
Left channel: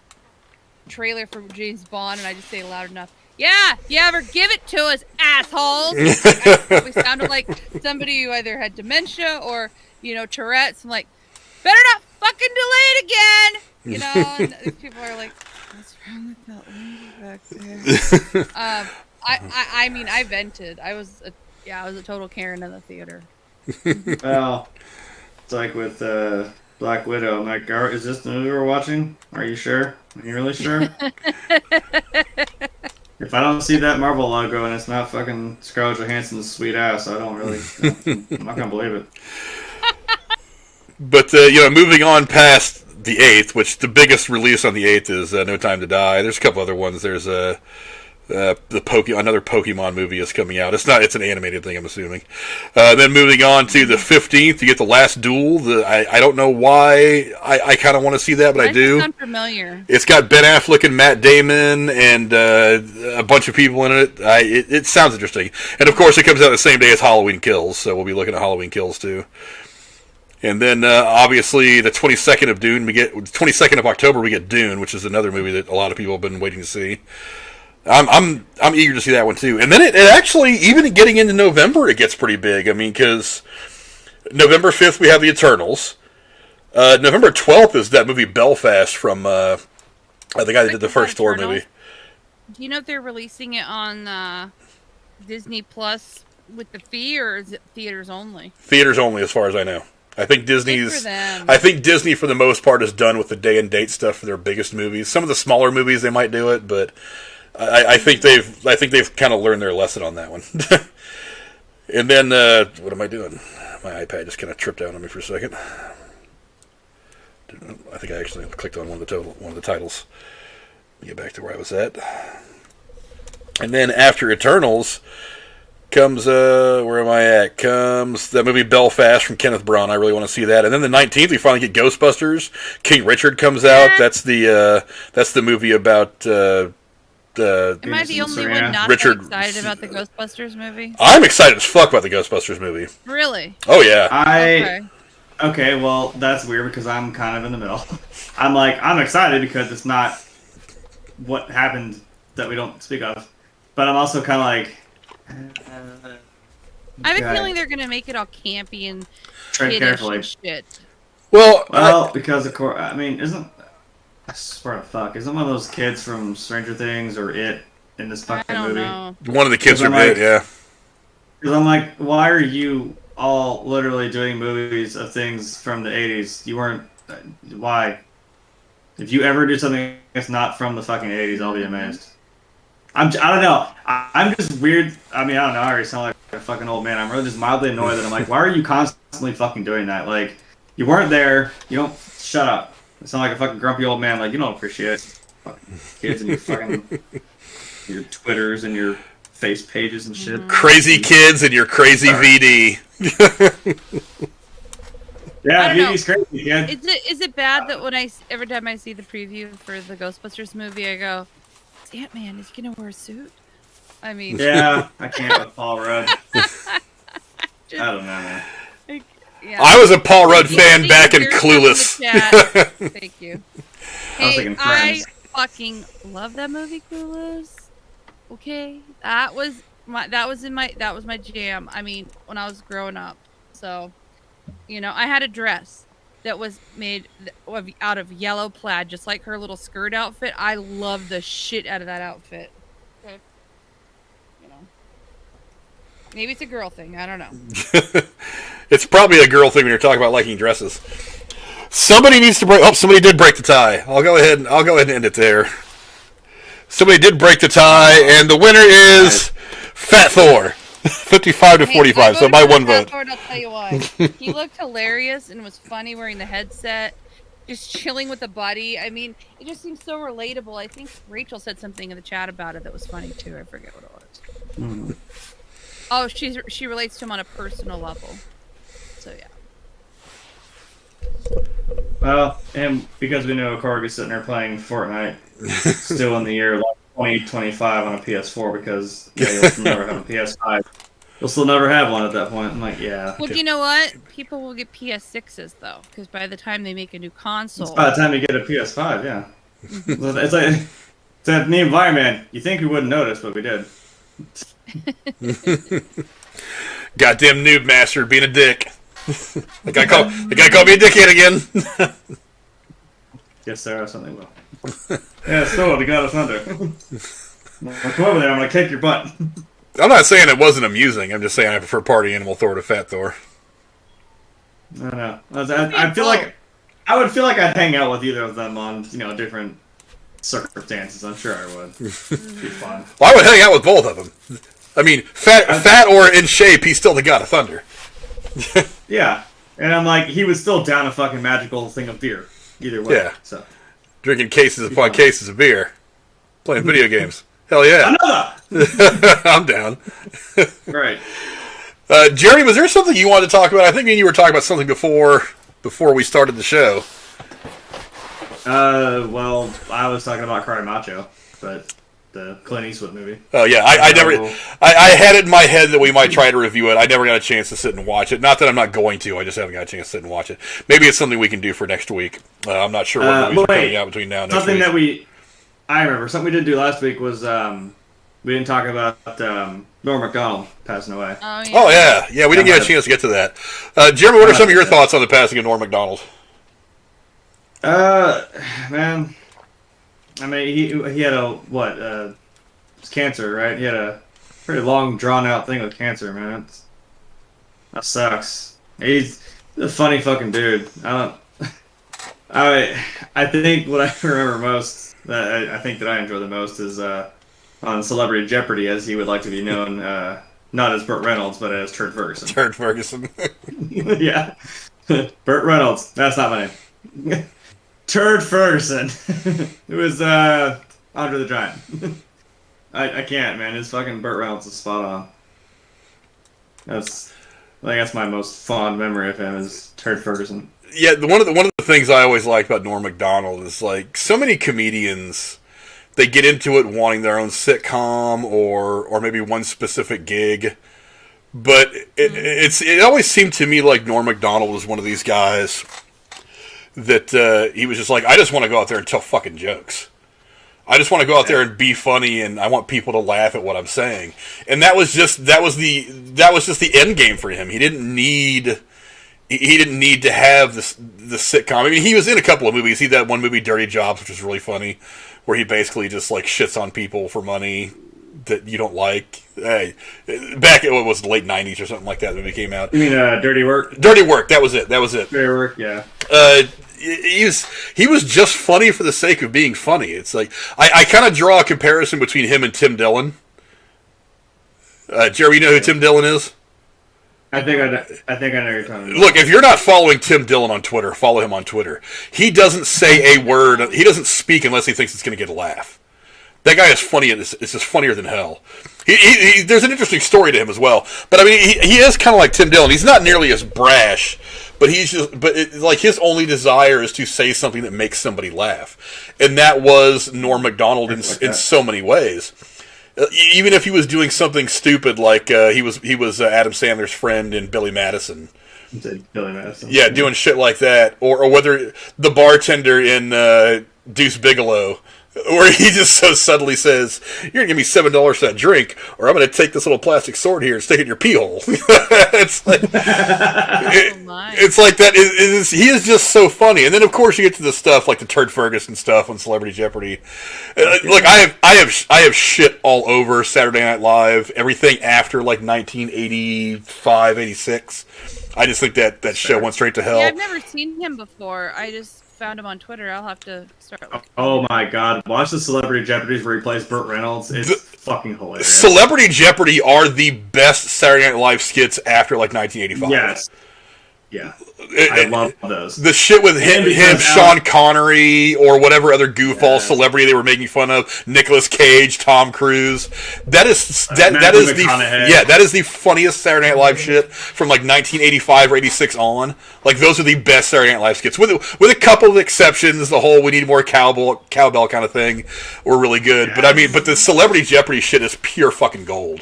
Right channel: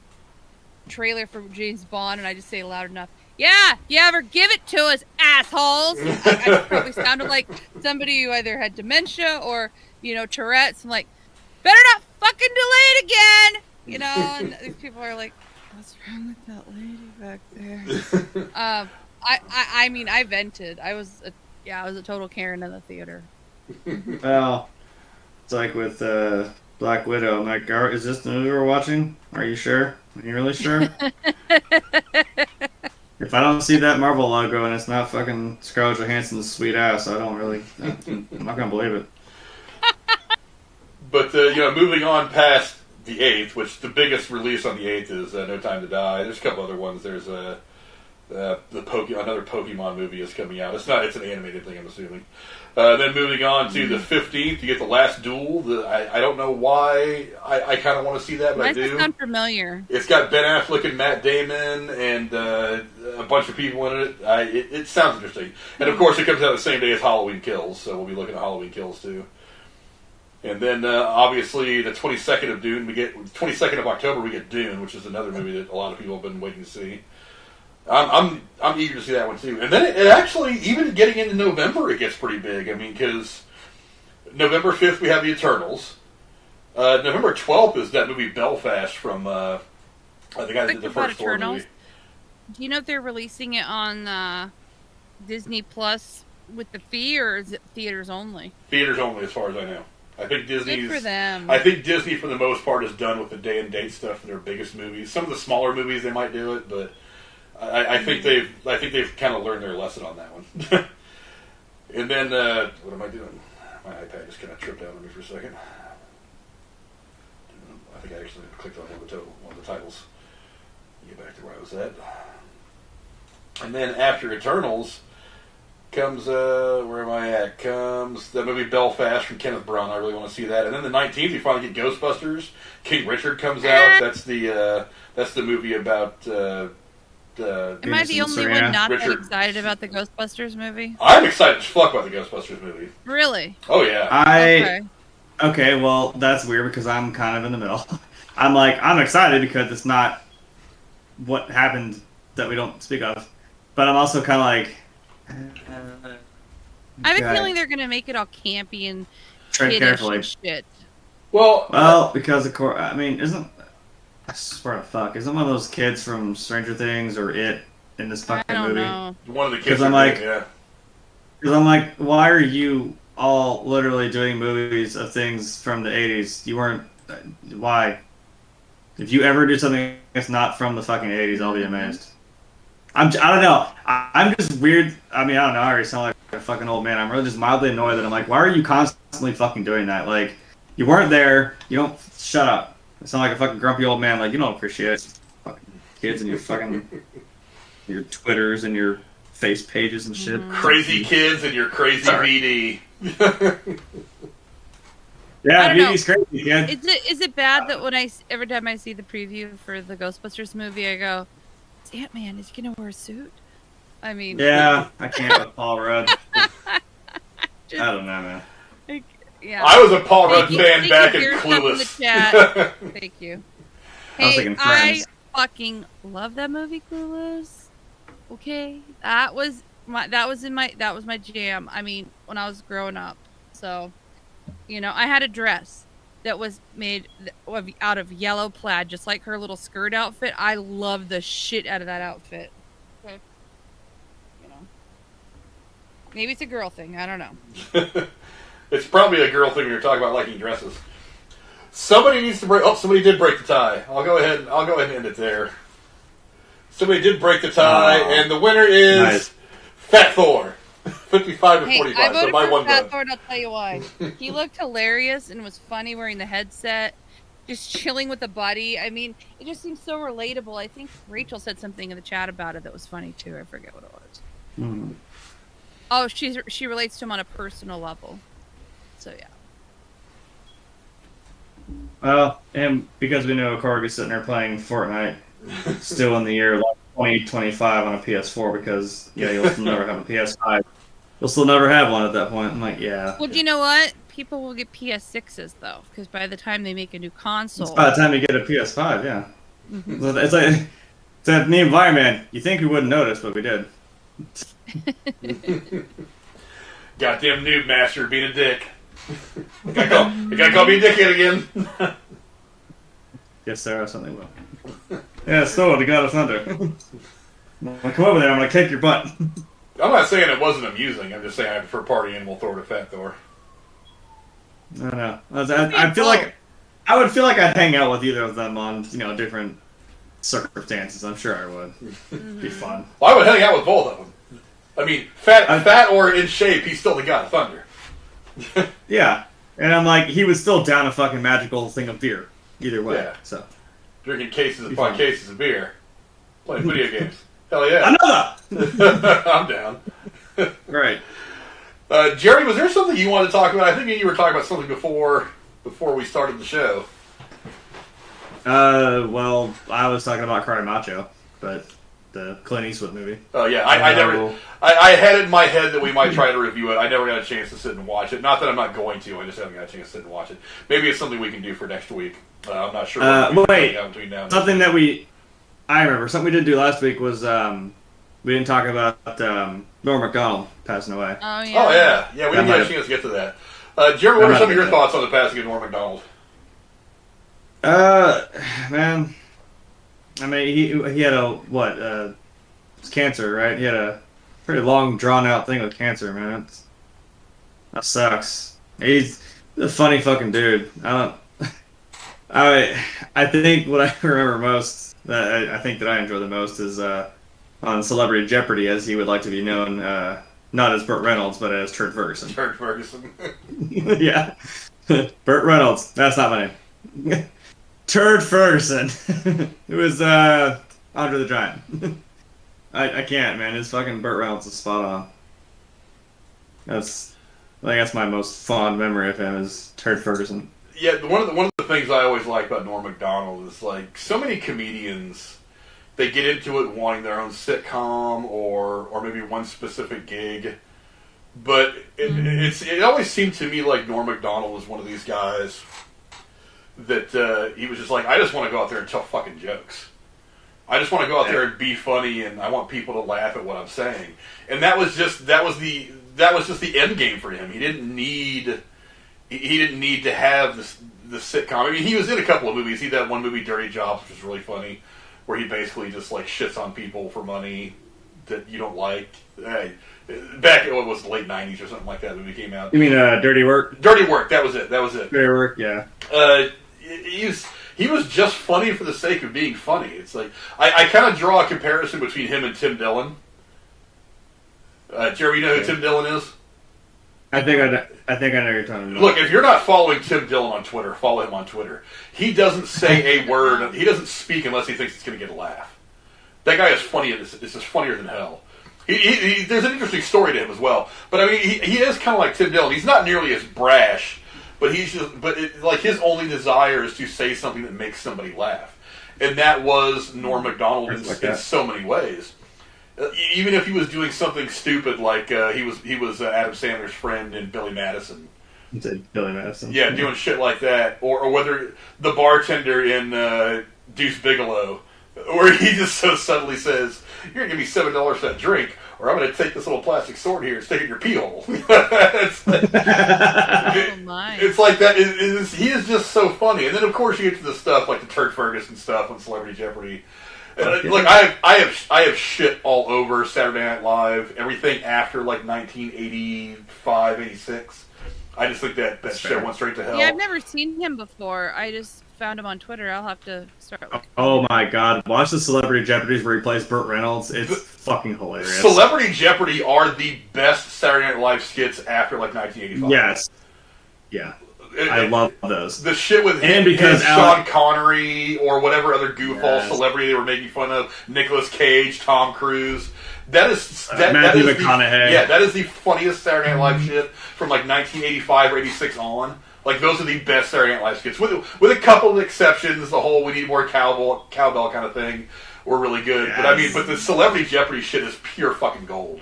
trailer for James Bond, and I just say loud enough, "Yeah, you ever give it to us, assholes?" I probably sounded like somebody who either had dementia or, Tourette's. I'm like, better not fucking delay it again, And these people are like, "What's wrong with that lady back there?" I mean, I vented. I was a total Karen in the theater. Well, it's like with Black Widow. I'm like, is this the movie we're watching? Are you sure? Are you really sure? If I don't see that Marvel logo and it's not fucking Scarlett Johansson's sweet ass, I'm not gonna believe it. But moving on past the 8th, which the biggest release on the 8th is No Time to Die. There's a couple other ones. There's another Pokemon movie is coming out. It's an animated thing, I'm assuming. Then moving on to the 15th, you get The Last Duel. I don't know why I kind of want to see that, but I do. Sound familiar. It's got Ben Affleck and Matt Damon and a bunch of people in it. It sounds interesting. And of course, it comes out the same day as Halloween Kills, so we'll be looking at Halloween Kills too. And then obviously the 22nd of October we get Dune, which is another movie that a lot of people have been waiting to see. I'm eager to see that one too. And then it actually, even getting into November, it gets pretty big. I mean, because November 5th we have The Eternals. November 12th is that movie Belfast from the guy that did the first Thor movie. Do you know if they're releasing it on Disney Plus with the fee, or is it theaters only? Theaters only, as far as I know. I think Disney's. Good for them. I think Disney, for the most part, is done with the day and date stuff for their biggest movies. Some of the smaller movies they might do it, but I think they've kind of learned their lesson on that one. And then what am I doing? My iPad just kind of tripped out on me for a second. I think I actually clicked on one of the titles. Get back to where I was at. And then after Eternals comes where am I at? Comes that movie Belfast from Kenneth Branagh. I really want to see that. And then the 19th we finally get Ghostbusters. King Richard comes out. That's the movie about. Am I the only one not that excited about the Ghostbusters movie? I'm excited as fuck about the Ghostbusters movie. Really? Oh yeah. Okay, well that's weird because I'm kind of in the middle. I'm excited because it's not what happened that we don't speak of, but I'm also kind of like. I have a feeling they're gonna make it all campy and tread carefully. Shit. Well, because of course, I mean, I swear to fuck, isn't one of those kids from Stranger Things or It in this fucking movie? Know. One of the kids are big, yeah. Because I'm like, why are you all literally doing movies of things from the 80s? You weren't. Why? If you ever do something that's not from the fucking 80s, I'll be amazed. I don't know. I'm just weird. I mean, I don't know. I already sound like a fucking old man. I'm really just mildly annoyed that I'm like, why are you constantly fucking doing that? Like, you weren't there. You don't. Shut up. I sound like a fucking grumpy old man. Like, you don't appreciate it. Fucking kids and your fucking your Twitters and your face pages and shit. Crazy kids and your crazy VD. Yeah, VD's crazy, kid. Is it bad that every time I see the preview for the Ghostbusters movie, I go, Ant-Man is gonna wear a suit? I mean, yeah, I can't with Paul Rudd. I don't know, man. Yeah. I was a Paul Rudd fan back in Clueless. Thank you. Hey, I fucking love that movie, Clueless. Okay, that was my jam. I mean, when I was growing up, so I had a dress that was made out of yellow plaid, just like her little skirt outfit. I love the shit out of that outfit. Okay. Maybe it's a girl thing. I don't know. It's probably a girl thing when you're talking about liking dresses. Somebody needs to break. Oh, somebody did break the tie. I'll go ahead and end it there. Somebody did break the tie, and the winner is Fat Thor. 55 to 45, so by one vote. I'll tell you why. He looked hilarious and was funny wearing the headset, just chilling with the buddy. I mean, it just seems so relatable. I think Rachel said something in the chat about it that was funny too. I forget what it was. Mm-hmm. Oh, she relates to him on a personal level. So yeah. Well, and because we know Korg is sitting there playing Fortnite, still in the year 2025 on a PS4, because you'll still never have a PS5. You'll still never have one at that point. I'm like, yeah. Well, you know what? People will get PS6s though, because by the time they make a new console, by the time you get a PS5, yeah. Mm-hmm. It's like Except me and Fireman, you think we wouldn't notice, but we did. Goddamn noob master being a dick. The guy called me a dickhead again. Yes, sir, something will. Yeah, still, the God of Thunder. I'll come over there, I'm gonna kick your butt. I'm not saying it wasn't amusing. I'm just saying I prefer Party Animal Thor to Fat Thor. I don't know. I feel like I would feel like I'd hang out with either of them on different circumstances. I'm sure I would. It'd be fun. Well, I would hang out with both of them. I mean, fat or in shape, he's still the God of Thunder. Yeah, and I'm like, he was still down a fucking magical thing of beer. Either way. Yeah. So drinking cases upon cases of beer, playing video games. Hell yeah. Another. I'm down. Right. Jeremy, was there something you wanted to talk about? I think you were talking about something before we started the show. Well, I was talking about Karate Macho, but the Clint Eastwood movie. Oh yeah, I had it in my head that we might try to review it. I never got a chance to sit and watch it. Not that I'm not going to. I just haven't got a chance to sit and watch it. Maybe it's something we can do for next week. I'm not sure. Wait, between now and something next week. that I remember something we did do last week was we didn't talk about Norm Macdonald passing away. Oh yeah. We didn't get a chance to get to that. Jeremy, what are some of your thoughts on the passing of Norm Macdonald? Man, I mean, he had it's cancer, right? He had a pretty long, drawn out thing with cancer, man. That sucks. He's a funny fucking dude. I think what I remember most, I think that I enjoy the most is on Celebrity Jeopardy, as he would like to be known, not as Burt Reynolds, but as Turd Ferguson. Turd Ferguson. Yeah. Burt Reynolds. That's not my name. Turd Ferguson. It was Andre the Giant. I can't, man. His fucking Burt Reynolds is spot on. I think that's my most fond memory of him is Turd Ferguson. Yeah, one of the things I always like about Norm Macdonald is like so many comedians, they get into it wanting their own sitcom or maybe one specific gig, but it always seemed to me like Norm Macdonald was one of these guys that he was just like, I just want to go out there and tell fucking jokes. I just want to go out there and be funny, and I want people to laugh at what I'm saying. And that was just the end game for him. He didn't need to have the sitcom. I mean, he was in a couple of movies. He did that one movie, Dirty Jobs, which was really funny, where he basically just like shits on people for money that you don't like. Hey, back in what was the late '90s or something like that when it came out. You mean Dirty Work? Dirty Work. That was it. Dirty Work. Yeah. He was just funny for the sake of being funny. It's like I kind of draw a comparison between him and Tim Dillon. Jeremy, you know who Tim Dillon is? I think I know you're talking about. Look, if you're not following Tim Dillon on Twitter, follow him on Twitter. He doesn't say a word. He doesn't speak unless he thinks it's going to get a laugh. That guy is funny. It's just funnier than hell. There's an interesting story to him as well. But I mean, he is kind of like Tim Dillon. He's not nearly as brash. But his only desire is to say something that makes somebody laugh, and that was Norm Macdonald in so many ways. Even if he was doing something stupid, like he was Adam Sandler's friend in Billy Madison. Billy Madison. Yeah, doing shit like that, or whether the bartender in Deuce Bigalow, where he just so subtly says, "You're gonna give me $7 for that drink, or I'm gonna take this little plastic sword here and stick it in your pee hole." It's like, it's like that. He is just so funny. And then of course you get to the stuff like the Turd Ferguson stuff on Celebrity Jeopardy. Look, I have shit all over Saturday Night Live. Everything after like 1985, 86. I just think that show went straight to hell. Yeah, I've never seen him before. I just found him on Twitter. I'll have to start looking. Oh my god, watch the Celebrity Jeopardies where he plays Burt Reynolds. It's fucking hilarious. Celebrity Jeopardy are the best Saturday Night Live skits after like 1985. Yes. Yeah. I love those. The shit with him, Sean Connery, or whatever other goofball celebrity they were making fun of, Nicolas Cage, Tom Cruise. That is the funniest Saturday Night Live shit from like 1985 or 86 on. Like those are the best Saturday Night Live skits, with a couple of exceptions. The whole "we need more cowbell" kind of thing were really good. Yes. But the Celebrity Jeopardy shit is pure fucking gold.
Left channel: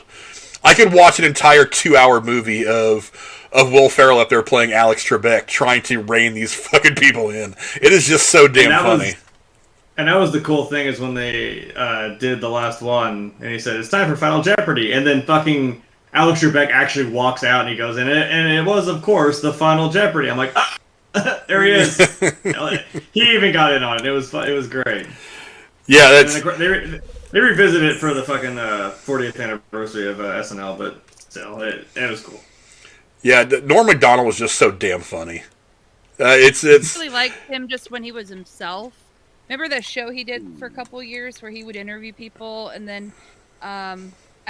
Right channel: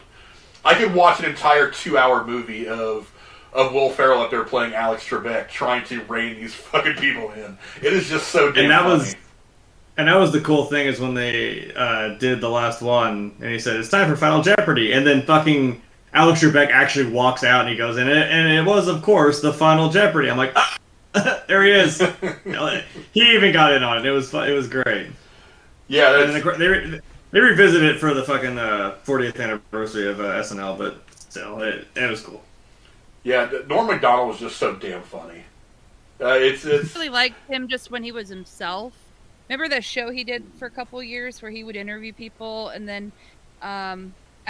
I could watch an entire 2-hour movie of Will Ferrell up there playing Alex Trebek, trying to rein these fucking people in. It is just so damn funny. And that was the cool thing is when they did the last one, and he said, it's time for Final Jeopardy. And then fucking Alex Trebek actually walks out, and he goes, and it was, of course, the Final Jeopardy. I'm like, ah, there he is. He even got in on it. It was great. Yeah, that's... They revisited it for the fucking 40th anniversary of SNL, but still, it was cool. Yeah, Norm Macdonald was just so damn funny. I really liked him just when he was himself. Remember that show he did for a couple of years where he would interview people, and then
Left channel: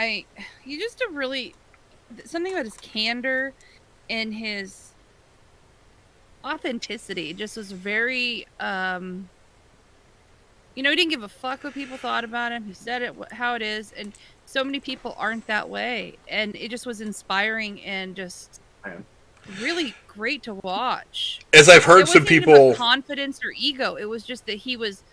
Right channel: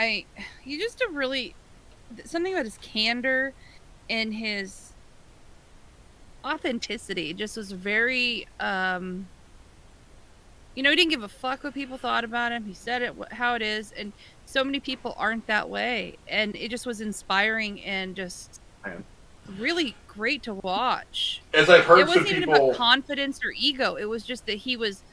he just a really something about his candor and his authenticity just was very he didn't give a fuck what people thought about him. He said it how it is, and so many people aren't that way, and it just was inspiring and just really great to watch. As I've heard some people, even about confidence or ego. It was just that he was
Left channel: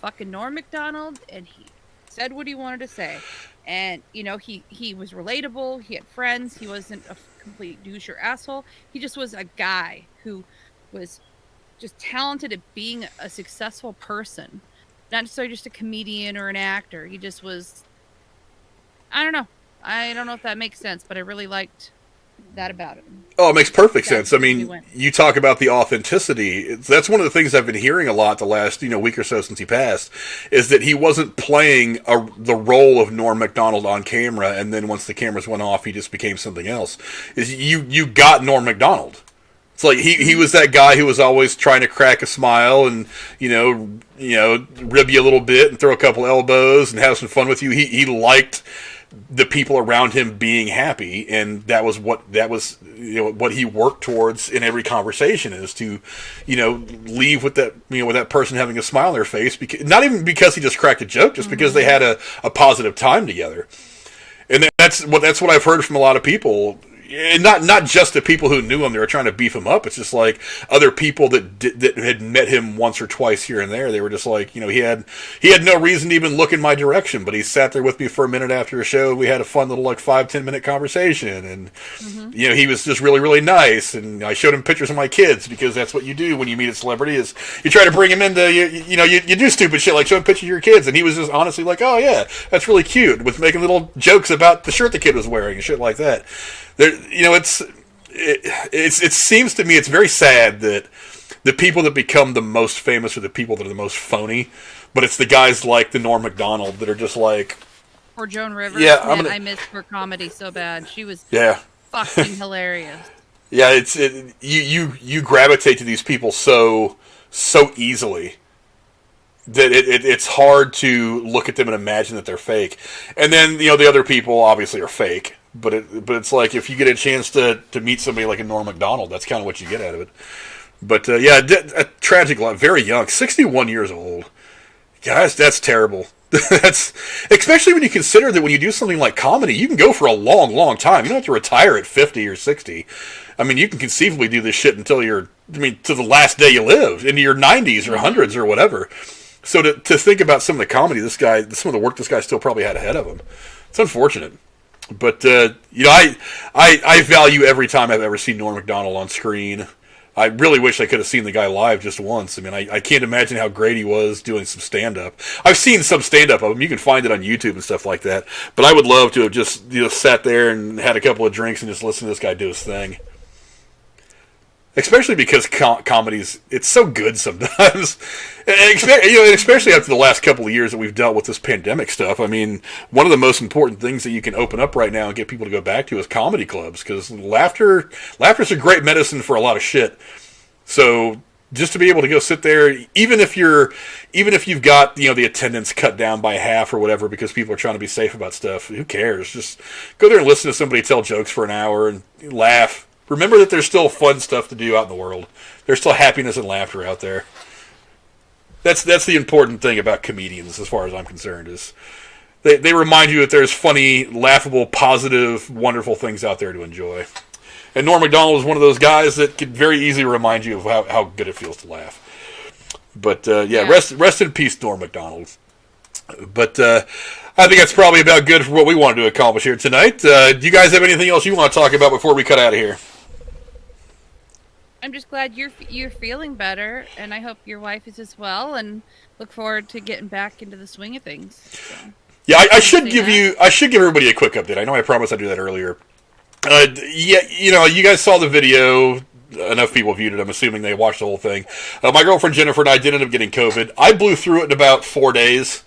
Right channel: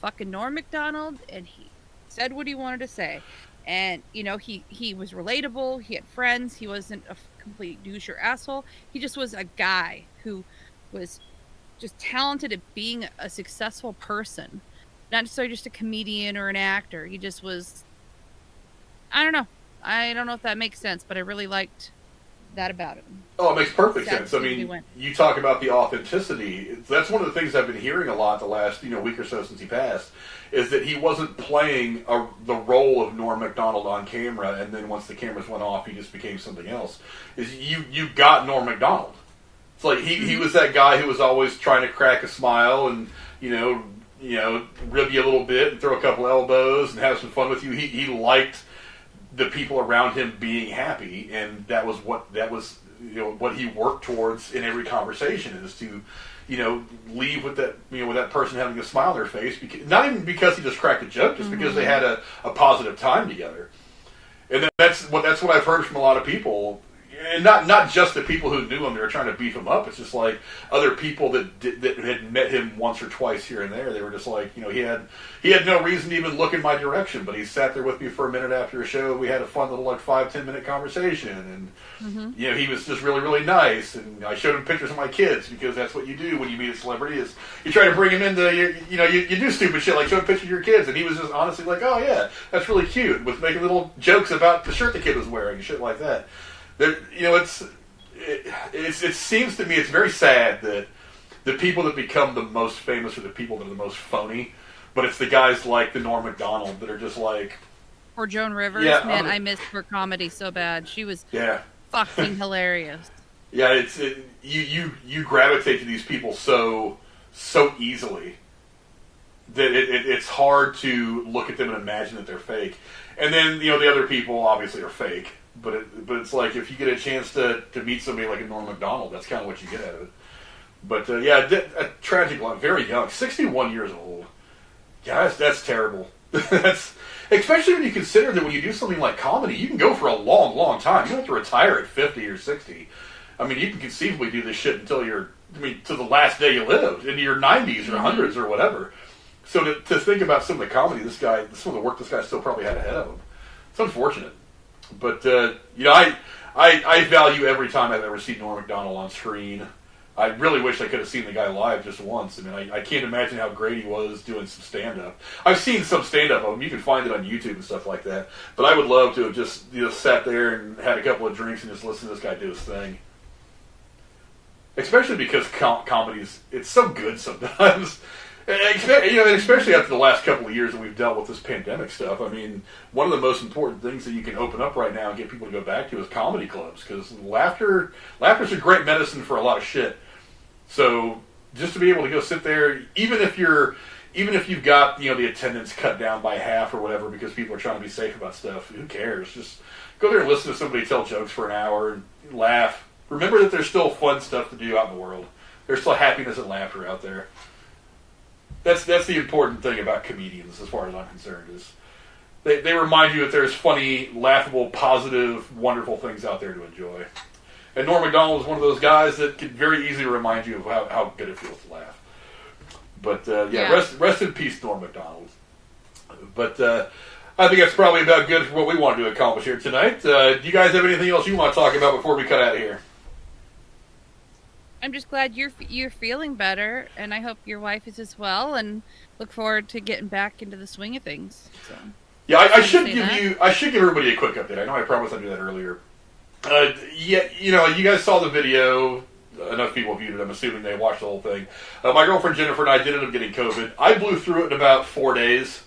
fucking Norm Macdonald, and he said what he wanted to say, and he was relatable. He had friends. He wasn't a complete douche or asshole. He just was a guy who was just talented at being a successful person, not necessarily just a comedian or an actor. He just was. I don't know if that makes sense, but I really liked that about him. Oh, it makes perfect sense. I mean, you talk about the authenticity. That's one of the things I've been hearing a lot the last week or so since he passed, is that he wasn't playing the role of Norm Macdonald on camera, and then once the cameras went off, he just became something else. Is you got Norm Macdonald. It's like he was that guy who was always trying to crack a smile and rib you a little bit and throw a couple elbows and have some fun with you. He liked the people around him being happy, and that was what he worked towards in every conversation, is to leave with that with that person having a smile on their face, not even because he just cracked a joke, just because they had a positive time together. And that's what I've heard from a lot of people. And not just the people who knew him, they were trying to beef him up. It's just like other people that had met him once or twice here and there. They were just like, he had no reason to even look in my direction, but he sat there with me for a minute after a show. We had a fun little 5-10 minute conversation, and he was just really, really nice. And I showed him pictures of my kids, because that's what you do when you meet a celebrity, is you try to bring him into you do stupid shit like showing pictures of your kids, and he was just honestly like, oh yeah, that's really cute, with making little jokes about the shirt the kid was wearing and shit like that. It seems to me it's very sad that the people that become the most famous are the people that are the most phony, but it's the guys like the Norm Macdonald that are just like... Or Joan Rivers. Yeah, I missed her comedy so bad. She was fucking hilarious. Yeah, you gravitate to these people so easily that it's hard to look at them and imagine that they're fake. And then, the other people obviously are fake. But it's like, if you get a chance to meet somebody like a Norm Macdonald, that's kind of what you get out of it. But a tragic life, very young, 61 years old. Guys, that's terrible. That's especially when you consider that when you do something like comedy, you can go for a long, long time. You don't have to retire at 50 or 60. I mean, you can conceivably do this shit until to the last day you live, into your 90s or hundreds or whatever. So to think about some of the comedy some of the work this guy still probably had ahead of him, it's unfortunate. But, I value every time I've ever seen Norm Macdonald on screen. I really wish I could have seen the guy live just once. I mean, I can't imagine how great he was doing some stand-up. I've seen some stand-up of him. You can find it on YouTube and stuff like that. But I would love to have just sat there and had a couple of drinks and just listened to this guy do his thing. Especially because comedies, it's so good sometimes. And especially after the last couple of years that we've dealt with this pandemic stuff. I mean, one of the most important things that you can open up right now and get people to go back to is comedy clubs, because laughter's a great medicine for a lot of shit. So just to be able to go sit there, even if you've got the attendance cut down by half or whatever because people are trying to be safe about stuff, who cares? Just go there and listen to somebody tell jokes for an hour and laugh. Remember that there's still fun stuff to do out in the world. There's still happiness and laughter out there. That's the important thing about comedians, as far as I'm concerned, is they remind you that there's funny, laughable, positive, wonderful things out there to enjoy. And Norm Macdonald is one of those guys that could very easily remind you of how good it feels to laugh. But, rest in peace, Norm Macdonald. But I think that's probably about good for what we wanted to accomplish here tonight. Do you guys have anything else you want to talk about before we cut out of here? I'm just glad you're feeling better, and I hope your wife is as well, and look forward to getting back into the swing of things. So, Yeah, I should I give everybody a quick update. I know I promised I'd do that earlier. Yeah, you guys saw the video. Enough people viewed it. I'm assuming they watched the whole thing. My girlfriend Jennifer and I did end up getting COVID. I blew through it in about 4 days.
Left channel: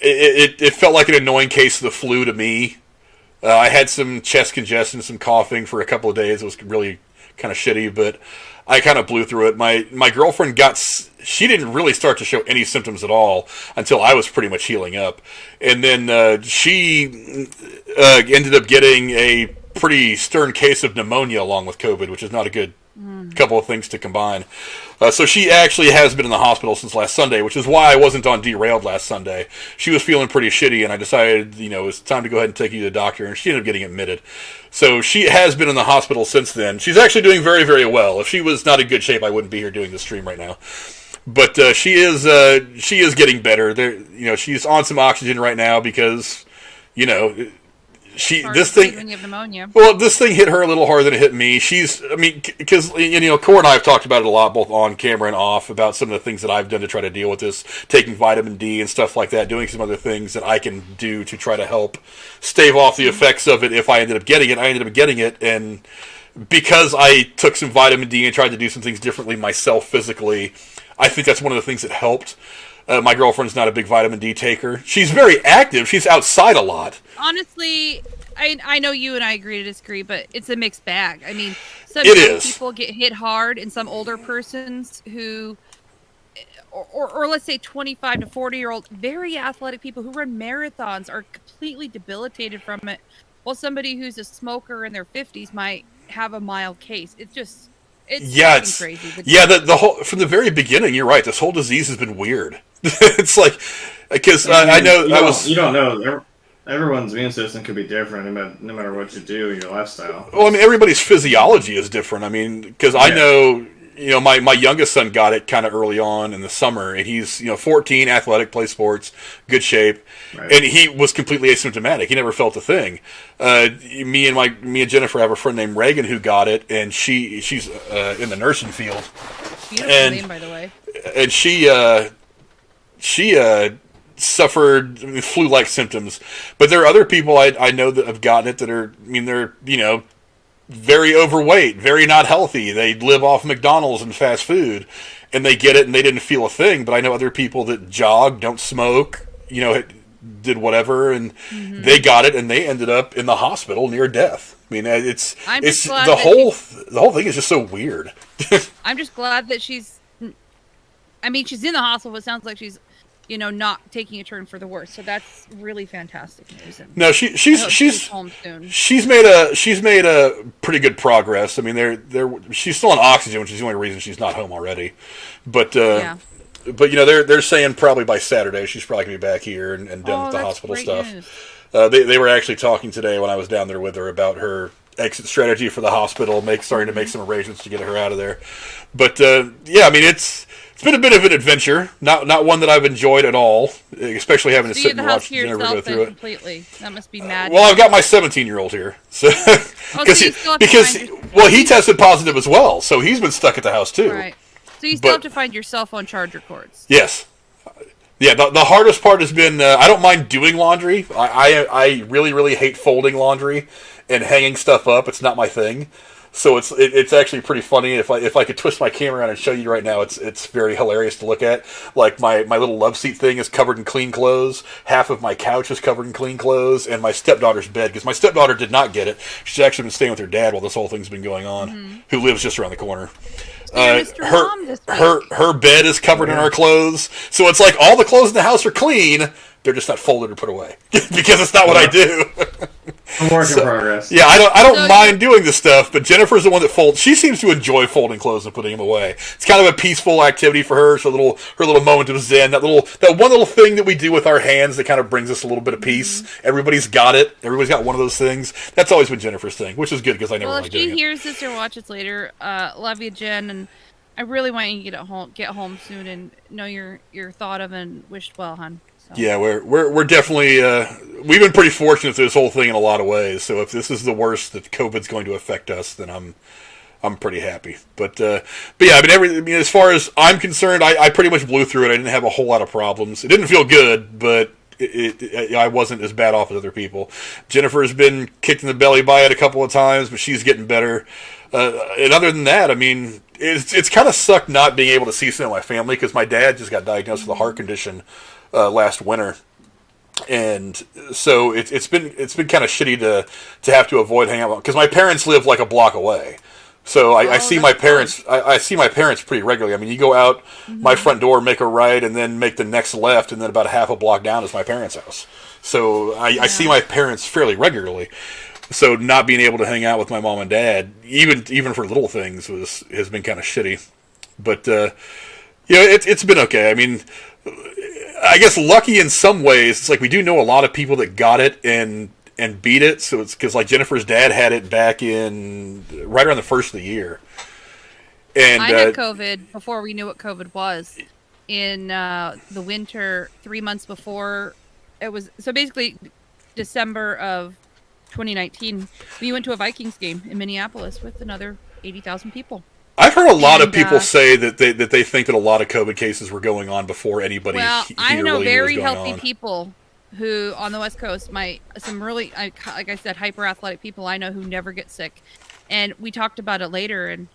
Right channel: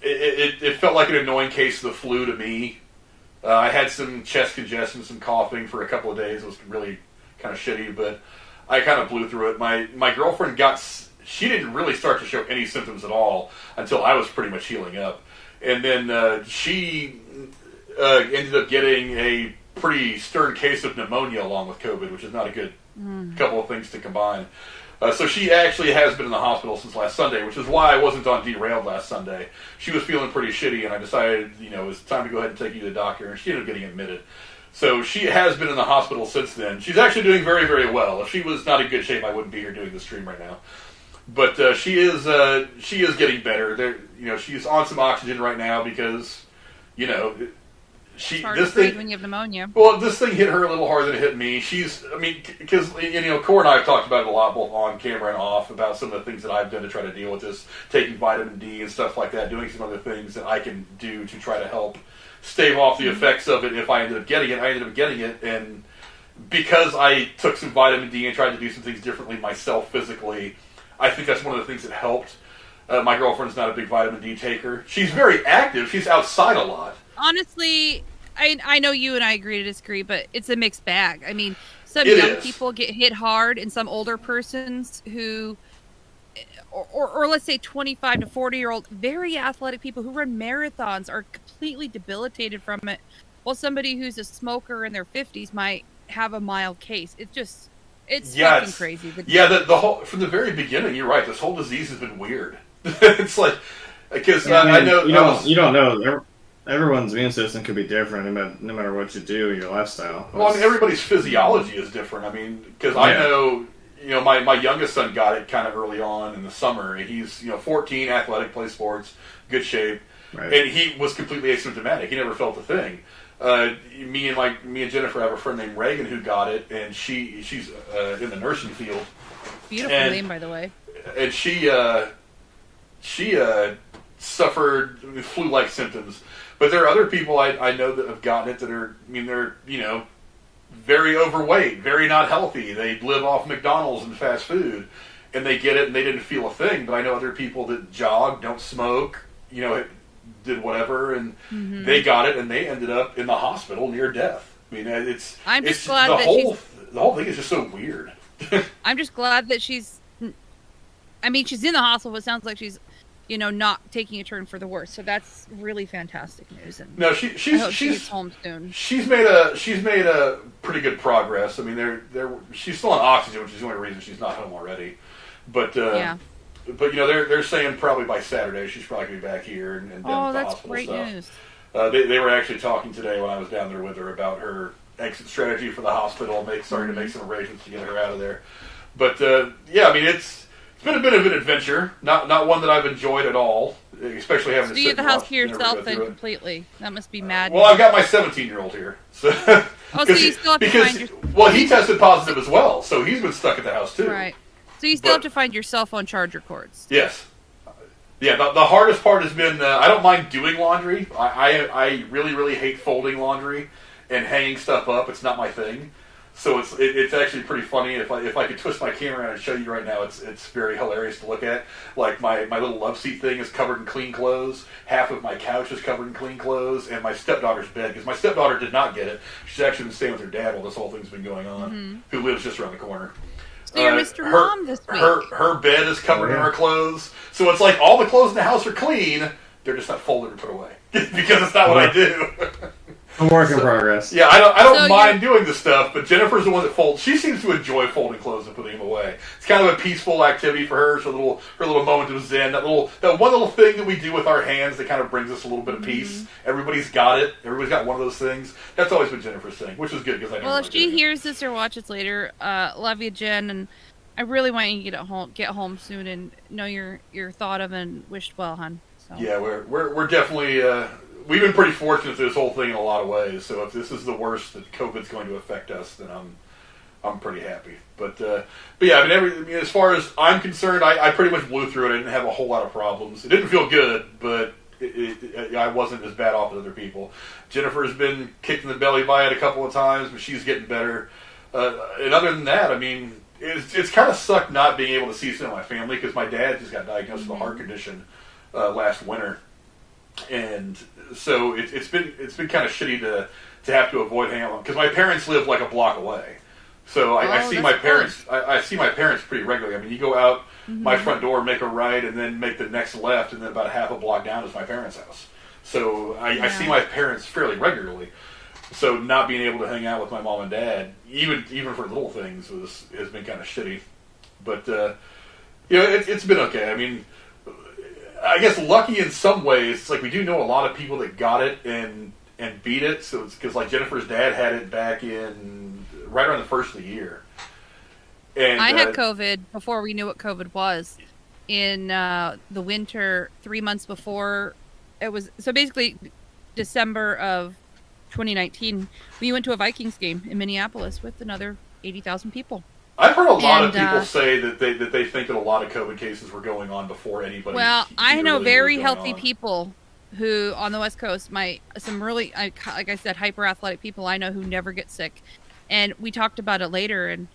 It felt like an annoying case of the flu to me. I had some chest congestion, some coughing for a couple of days. It was really kind of shitty, but I kind of blew through it. My girlfriend she didn't really start to show any symptoms at all until I was pretty much healing up. And then she ended up getting a pretty stern case of pneumonia along with COVID, which is not a good couple of things to combine. So she actually has been in the hospital since last Sunday, which is why I wasn't on Derailed last Sunday. She was feeling pretty shitty, and I decided, it was time to go ahead and take you to the doctor, and she ended up getting admitted. So she has been in the hospital since then. She's actually doing very, very well. If she was not in good shape, I wouldn't be here doing the stream right now. But she is getting better. She's on some oxygen right now because, this thing when you have pneumonia. Well, this thing hit her a little harder than it hit me. Because Cora and I have talked about it a lot, both on camera and off, about some of the things that I've done to try to deal with this, taking vitamin D and stuff like that, doing some other things that I can do to try to help stave off the effects of it. If I ended up getting it, and because I took some vitamin D and tried to do some things differently myself physically, I think that's one of the things that helped. My girlfriend's not a big vitamin D taker. She's very active. She's outside a lot. Honestly, I know you and I agree to disagree, but it's a mixed bag. I mean, some young people get hit hard, and some older persons who, or let's say 25 to 40-year-old, very athletic people who run marathons are completely debilitated from it, while somebody who's a smoker in their 50s might have a mild case. It's fucking crazy. The whole, from the very beginning, you're right. This whole disease has been weird. It's like, because I know you don't know. Everyone's immune system could be different no matter what you do in your lifestyle. Well, I mean, everybody's physiology is different. I mean, because I know, my youngest son got it kind of early on in the summer, and he's 14, athletic, plays sports, good shape, right. And he was completely asymptomatic. He never felt a thing. Me and Jennifer have a friend named Reagan who got it, and she's in the nursing field. Beautiful name, by the way. And she suffered flu-like symptoms, but there are other people I know that have gotten it that are, they're very overweight, very not healthy. They live off McDonald's and fast food, and they get it and they didn't feel a thing. But I know other people that jog, don't smoke, did whatever, and they got it and they ended up in the hospital near death. I mean, I'm just glad the whole thing is just so weird. I'm just glad that she's in the hospital, but it sounds like she's not taking a turn for the worse. So that's really fantastic news. And no, she's home soon. She's made a pretty good progress. I mean, she's still on oxygen, which is the only reason she's not home already. But they're saying probably by Saturday she's probably gonna be back here and done with the hospital stuff. News. They were actually talking today when I was down there with her about her exit strategy for the hospital, starting to make some arrangements to get her out of there. But it's been a bit of an adventure, not one that I've enjoyed at all, especially having to sit in the house to yourself then completely. That must be mad. Well, I've got my 17-year-old here, so so you still have to find he tested positive as well, so he's been stuck at the house too. Right. So you still have to find your cell phone charger cords. Yes. Yeah, the hardest part has been I don't mind doing laundry. I really, really hate folding laundry and hanging stuff up. It's not my thing. So it's actually pretty funny. If I could twist my camera around and show you right now, it's very hilarious to look at. Like my little love seat thing is covered in clean clothes. Half of my couch is covered in clean clothes, and my stepdaughter's bed, because my stepdaughter did not get it. She's actually been staying with her dad while this whole thing's been going on, who lives just around the corner. So you're Mr. Mom this week. Her bed is covered in our clothes, so it's like all the clothes in the house are clean. They're just not folded or put away because it's not what I do. A work in progress. Yeah, I don't mind doing this stuff, but Jennifer's the one that folds. She seems to enjoy folding clothes and putting them away. It's kind of a peaceful activity for her. So her little moment of zen, that one little thing that we do with our hands that kind of brings us a little bit of peace. Everybody's got it. Everybody's got one of those things. That's always been Jennifer's thing, which is good because I never. Well, if she hears this or watches later, love you, Jen, and I really want you to get home soon and know you're thought of and wished well, hon. So. Yeah, we're definitely we've been pretty fortunate through this whole thing in a lot of ways. So if this is the worst that COVID's going to affect us, then I'm I'm pretty happy. But yeah, I mean, as far as I'm concerned, I pretty much blew through it. I didn't have a whole lot of problems. It didn't feel good, but I wasn't as bad off as other people. Jennifer's been kicked in the belly by it a couple of times, but she's getting better. And other than that, I mean, it's kind of sucked not being able to see some of my family because my dad just got diagnosed with a heart condition last winter. And so it's been kind of shitty to have to avoid hanging out because my parents live like a block away. So I see my parents. I see my parents pretty regularly. I mean, you go out my front door, make a right, and then make the next left, and then about a half a block down is my parents' house. So I see my parents fairly regularly. So not being able to hang out with my mom and dad, even for little things, has been kind of shitty. But it's been okay. I mean, I guess lucky in some ways. It's like we do know a lot of people that got it and beat it. So it's because like Jennifer's dad had it back in right around the first of the year. And I had COVID before we knew what COVID was in the winter, 3 months before it was. So basically, December of 2019, we went to a Vikings game in Minneapolis with another 80,000 people. I've heard a lot of people say that they think that a lot of COVID cases were going on before anybody. Well, I know very healthy people who on the West Coast, some really, like I said, hyper athletic people I know who never get sick, and we talked about it later, and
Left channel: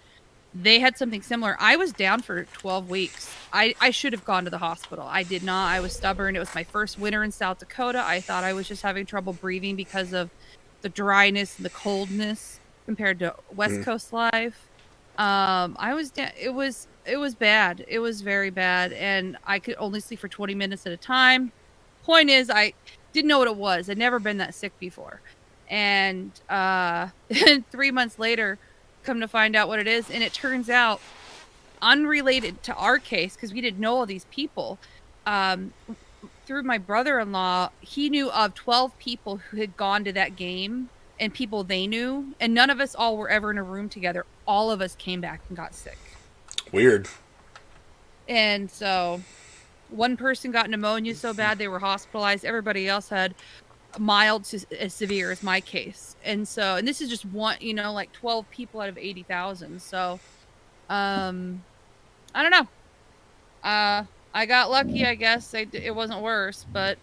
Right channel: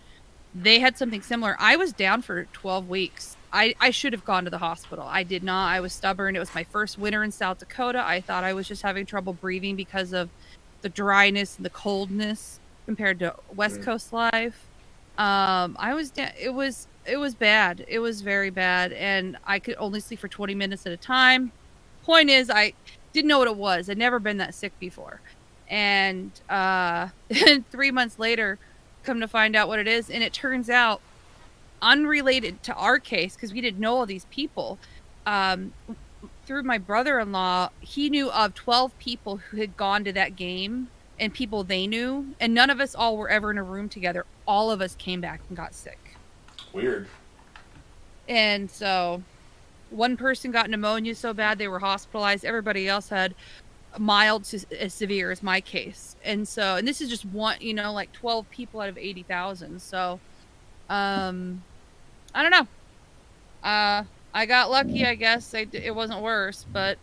they had something similar. I was down for 12 weeks. I should have gone to the hospital. I did not. I was stubborn. It was my first winter in South Dakota. I thought I was just having trouble breathing because of the dryness and the coldness compared to West Coast life. I was down. It was bad. It was very bad, and I could only sleep for 20 minutes at a time. Point is, I didn't know what it was. I'd never been that sick before, and 3 months later, come to find out what it is, and it turns out unrelated to our case because we didn't know all these people. Through my brother-in-law, he knew of 12 people who had gone to that game and people they knew, and none of us all were ever in a room together. All of us came back and got sick. Weird. And so one person got pneumonia so bad they were hospitalized. Everybody else had mild to as severe as my case. And this is just one, like 12 people out of 80,000. So, I don't know. I got lucky, I guess. It wasn't worse, but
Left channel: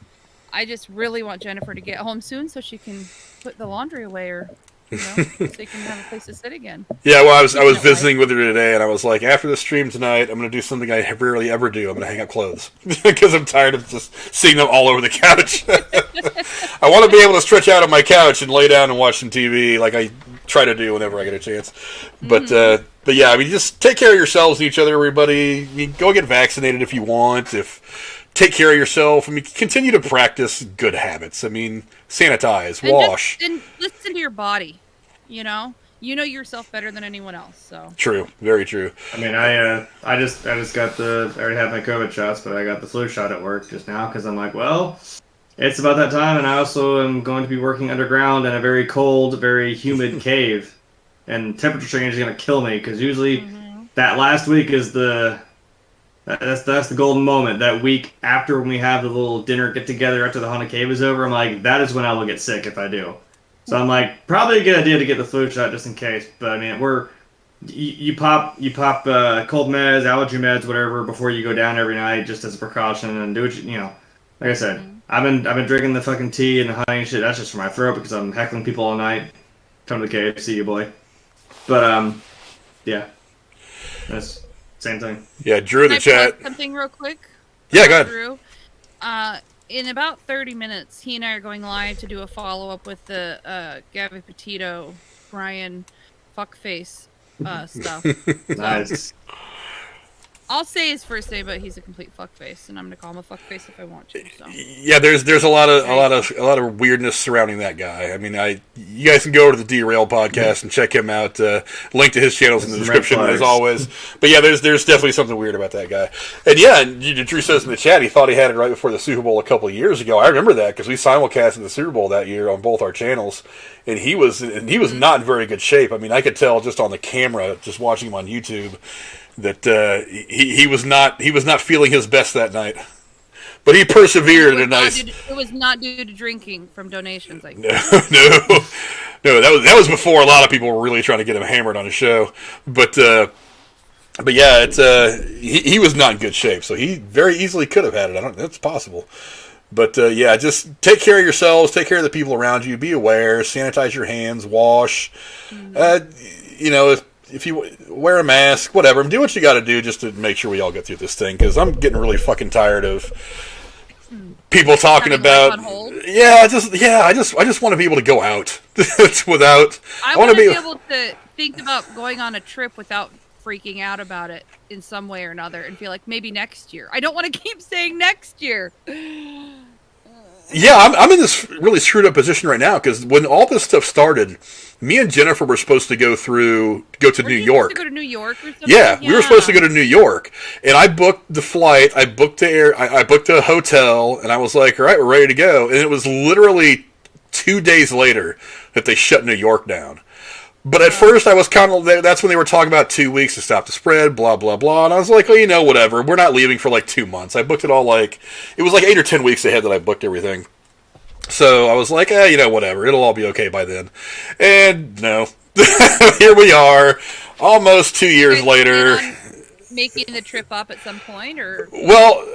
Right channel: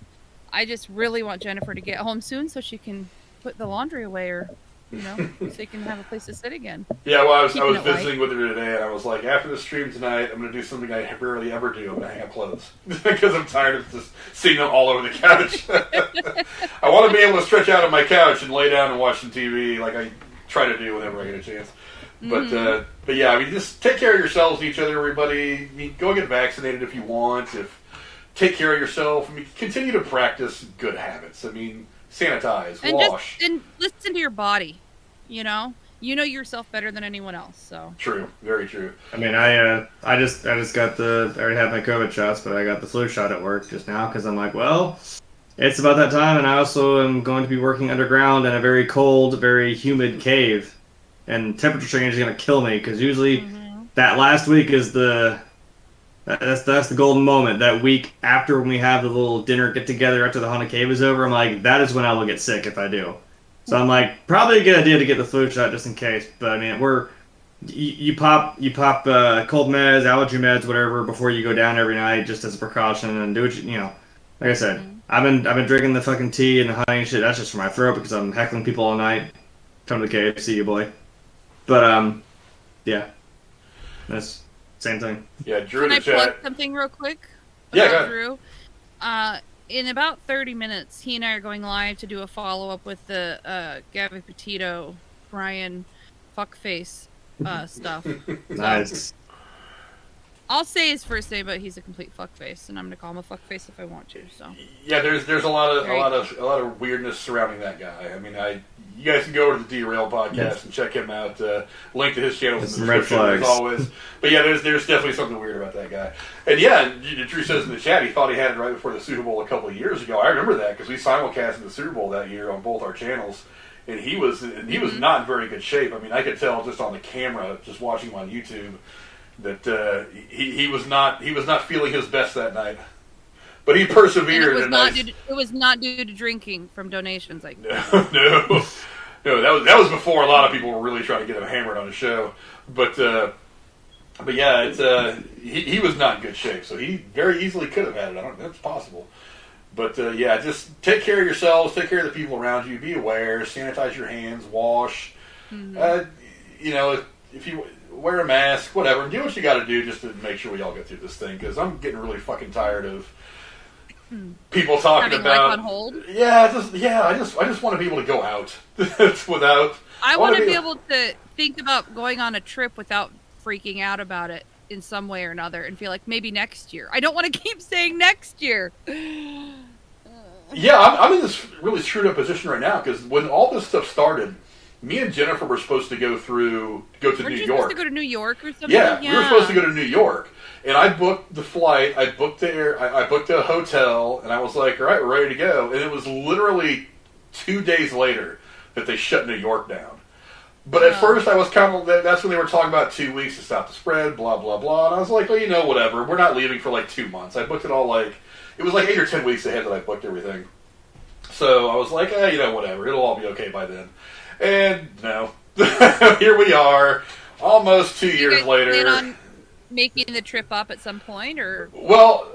I just really want Jennifer to get home soon so she can put the laundry away or, so you can have a place to sit again. Yeah, well, I was visiting with her today, and I was like, after the stream tonight, I'm going to do something I rarely ever do. I'm going to hang up clothes because I'm tired of just seeing them all over the couch. I want to be able to stretch out on my couch and lay down and watch some TV like I try to do whenever I get a chance. But yeah, I mean, just take care of yourselves and each other, everybody. I mean, go get vaccinated if you want. Take care of yourself. I mean, continue to practice good habits. I mean, sanitize, wash. And listen to your body, You know yourself better than anyone else, so. True. Very true. I mean, I just got I already had my COVID shots, but I got the flu shot at work just now because I'm like, well, it's about that time, and I also am going to be working underground in a very cold, very humid cave, and temperature change is going to kill me because usually that last week is that's the golden moment. That week after when we have the little dinner get together after the haunted cave is over, I'm like, that is when I will get sick if I do. So I'm like, probably a good idea to get the flu shot just in case. But I mean, you pop cold meds, allergy meds, whatever before you go down every night just as a precaution and do what like I said, I've been drinking the fucking tea and the honey and shit. That's just for my throat because I'm heckling people all night. Come to the cave, see you, boy. But yeah, that's same thing. Yeah, Drew in the Can I chat. plug something real quick? Yeah, go ahead. Drew. In about 30 minutes, he and I are going live to do a follow-up with the Gabby Petito, Brian fuckface stuff. Nice. I'll say his first name, but he's a complete fuckface, and I'm gonna call him a fuckface if I want to. So yeah, there's a lot of weirdness surrounding that guy. I mean, you guys can go over to the Derail podcast and check him out. Link to his channels in the description as always. But yeah, there's definitely something weird about that guy. And yeah, Drew says in the chat he thought he had it right before the Super Bowl a couple of years ago. I remember that because we simulcasted the Super Bowl that year on both our channels. And he was not in very good shape. I mean, I could tell just on the camera, just watching him on YouTube, that he was not feeling his best that night. But he persevered. It was not due to drinking from donations. No. No, that was before a lot of people were really trying to get him hammered on his show. But yeah, it's he was not in good shape, so he very easily could have had it. That's possible. But yeah, just take care of yourselves, take care of the people around you, be aware, sanitize your hands, wash. You know, if you wear a mask, whatever, do what you got to do just to make sure we all get through this thing. Because I'm getting really fucking tired of people talking Having about. life on hold? I just want to be able to go out without. I want to be able to think about going on a trip without freaking out about it in some way or another, and feel like maybe next year. I don't want to keep saying next year. Yeah, I'm in this really screwed up position right now because when all this stuff started, me and Jennifer were supposed to go to New York. Supposed to go to New York or something? Yeah, we were supposed to go to New York, and I booked the flight. I booked I booked a hotel, and I was like, all right, we're ready to go. And it was literally 2 days later that they shut New York down. But at first, I was kind of that's when they were talking about 2 weeks to stop the spread, blah, blah, blah. And I was like, well, you know, whatever. We're not leaving for like 2 months. I booked it all it was like 8 or 10 weeks ahead that I booked everything. So I was like, you know, whatever. It'll all be okay by then. And no. Here we are, almost 2 years later. On making the trip up at some point, or? Well,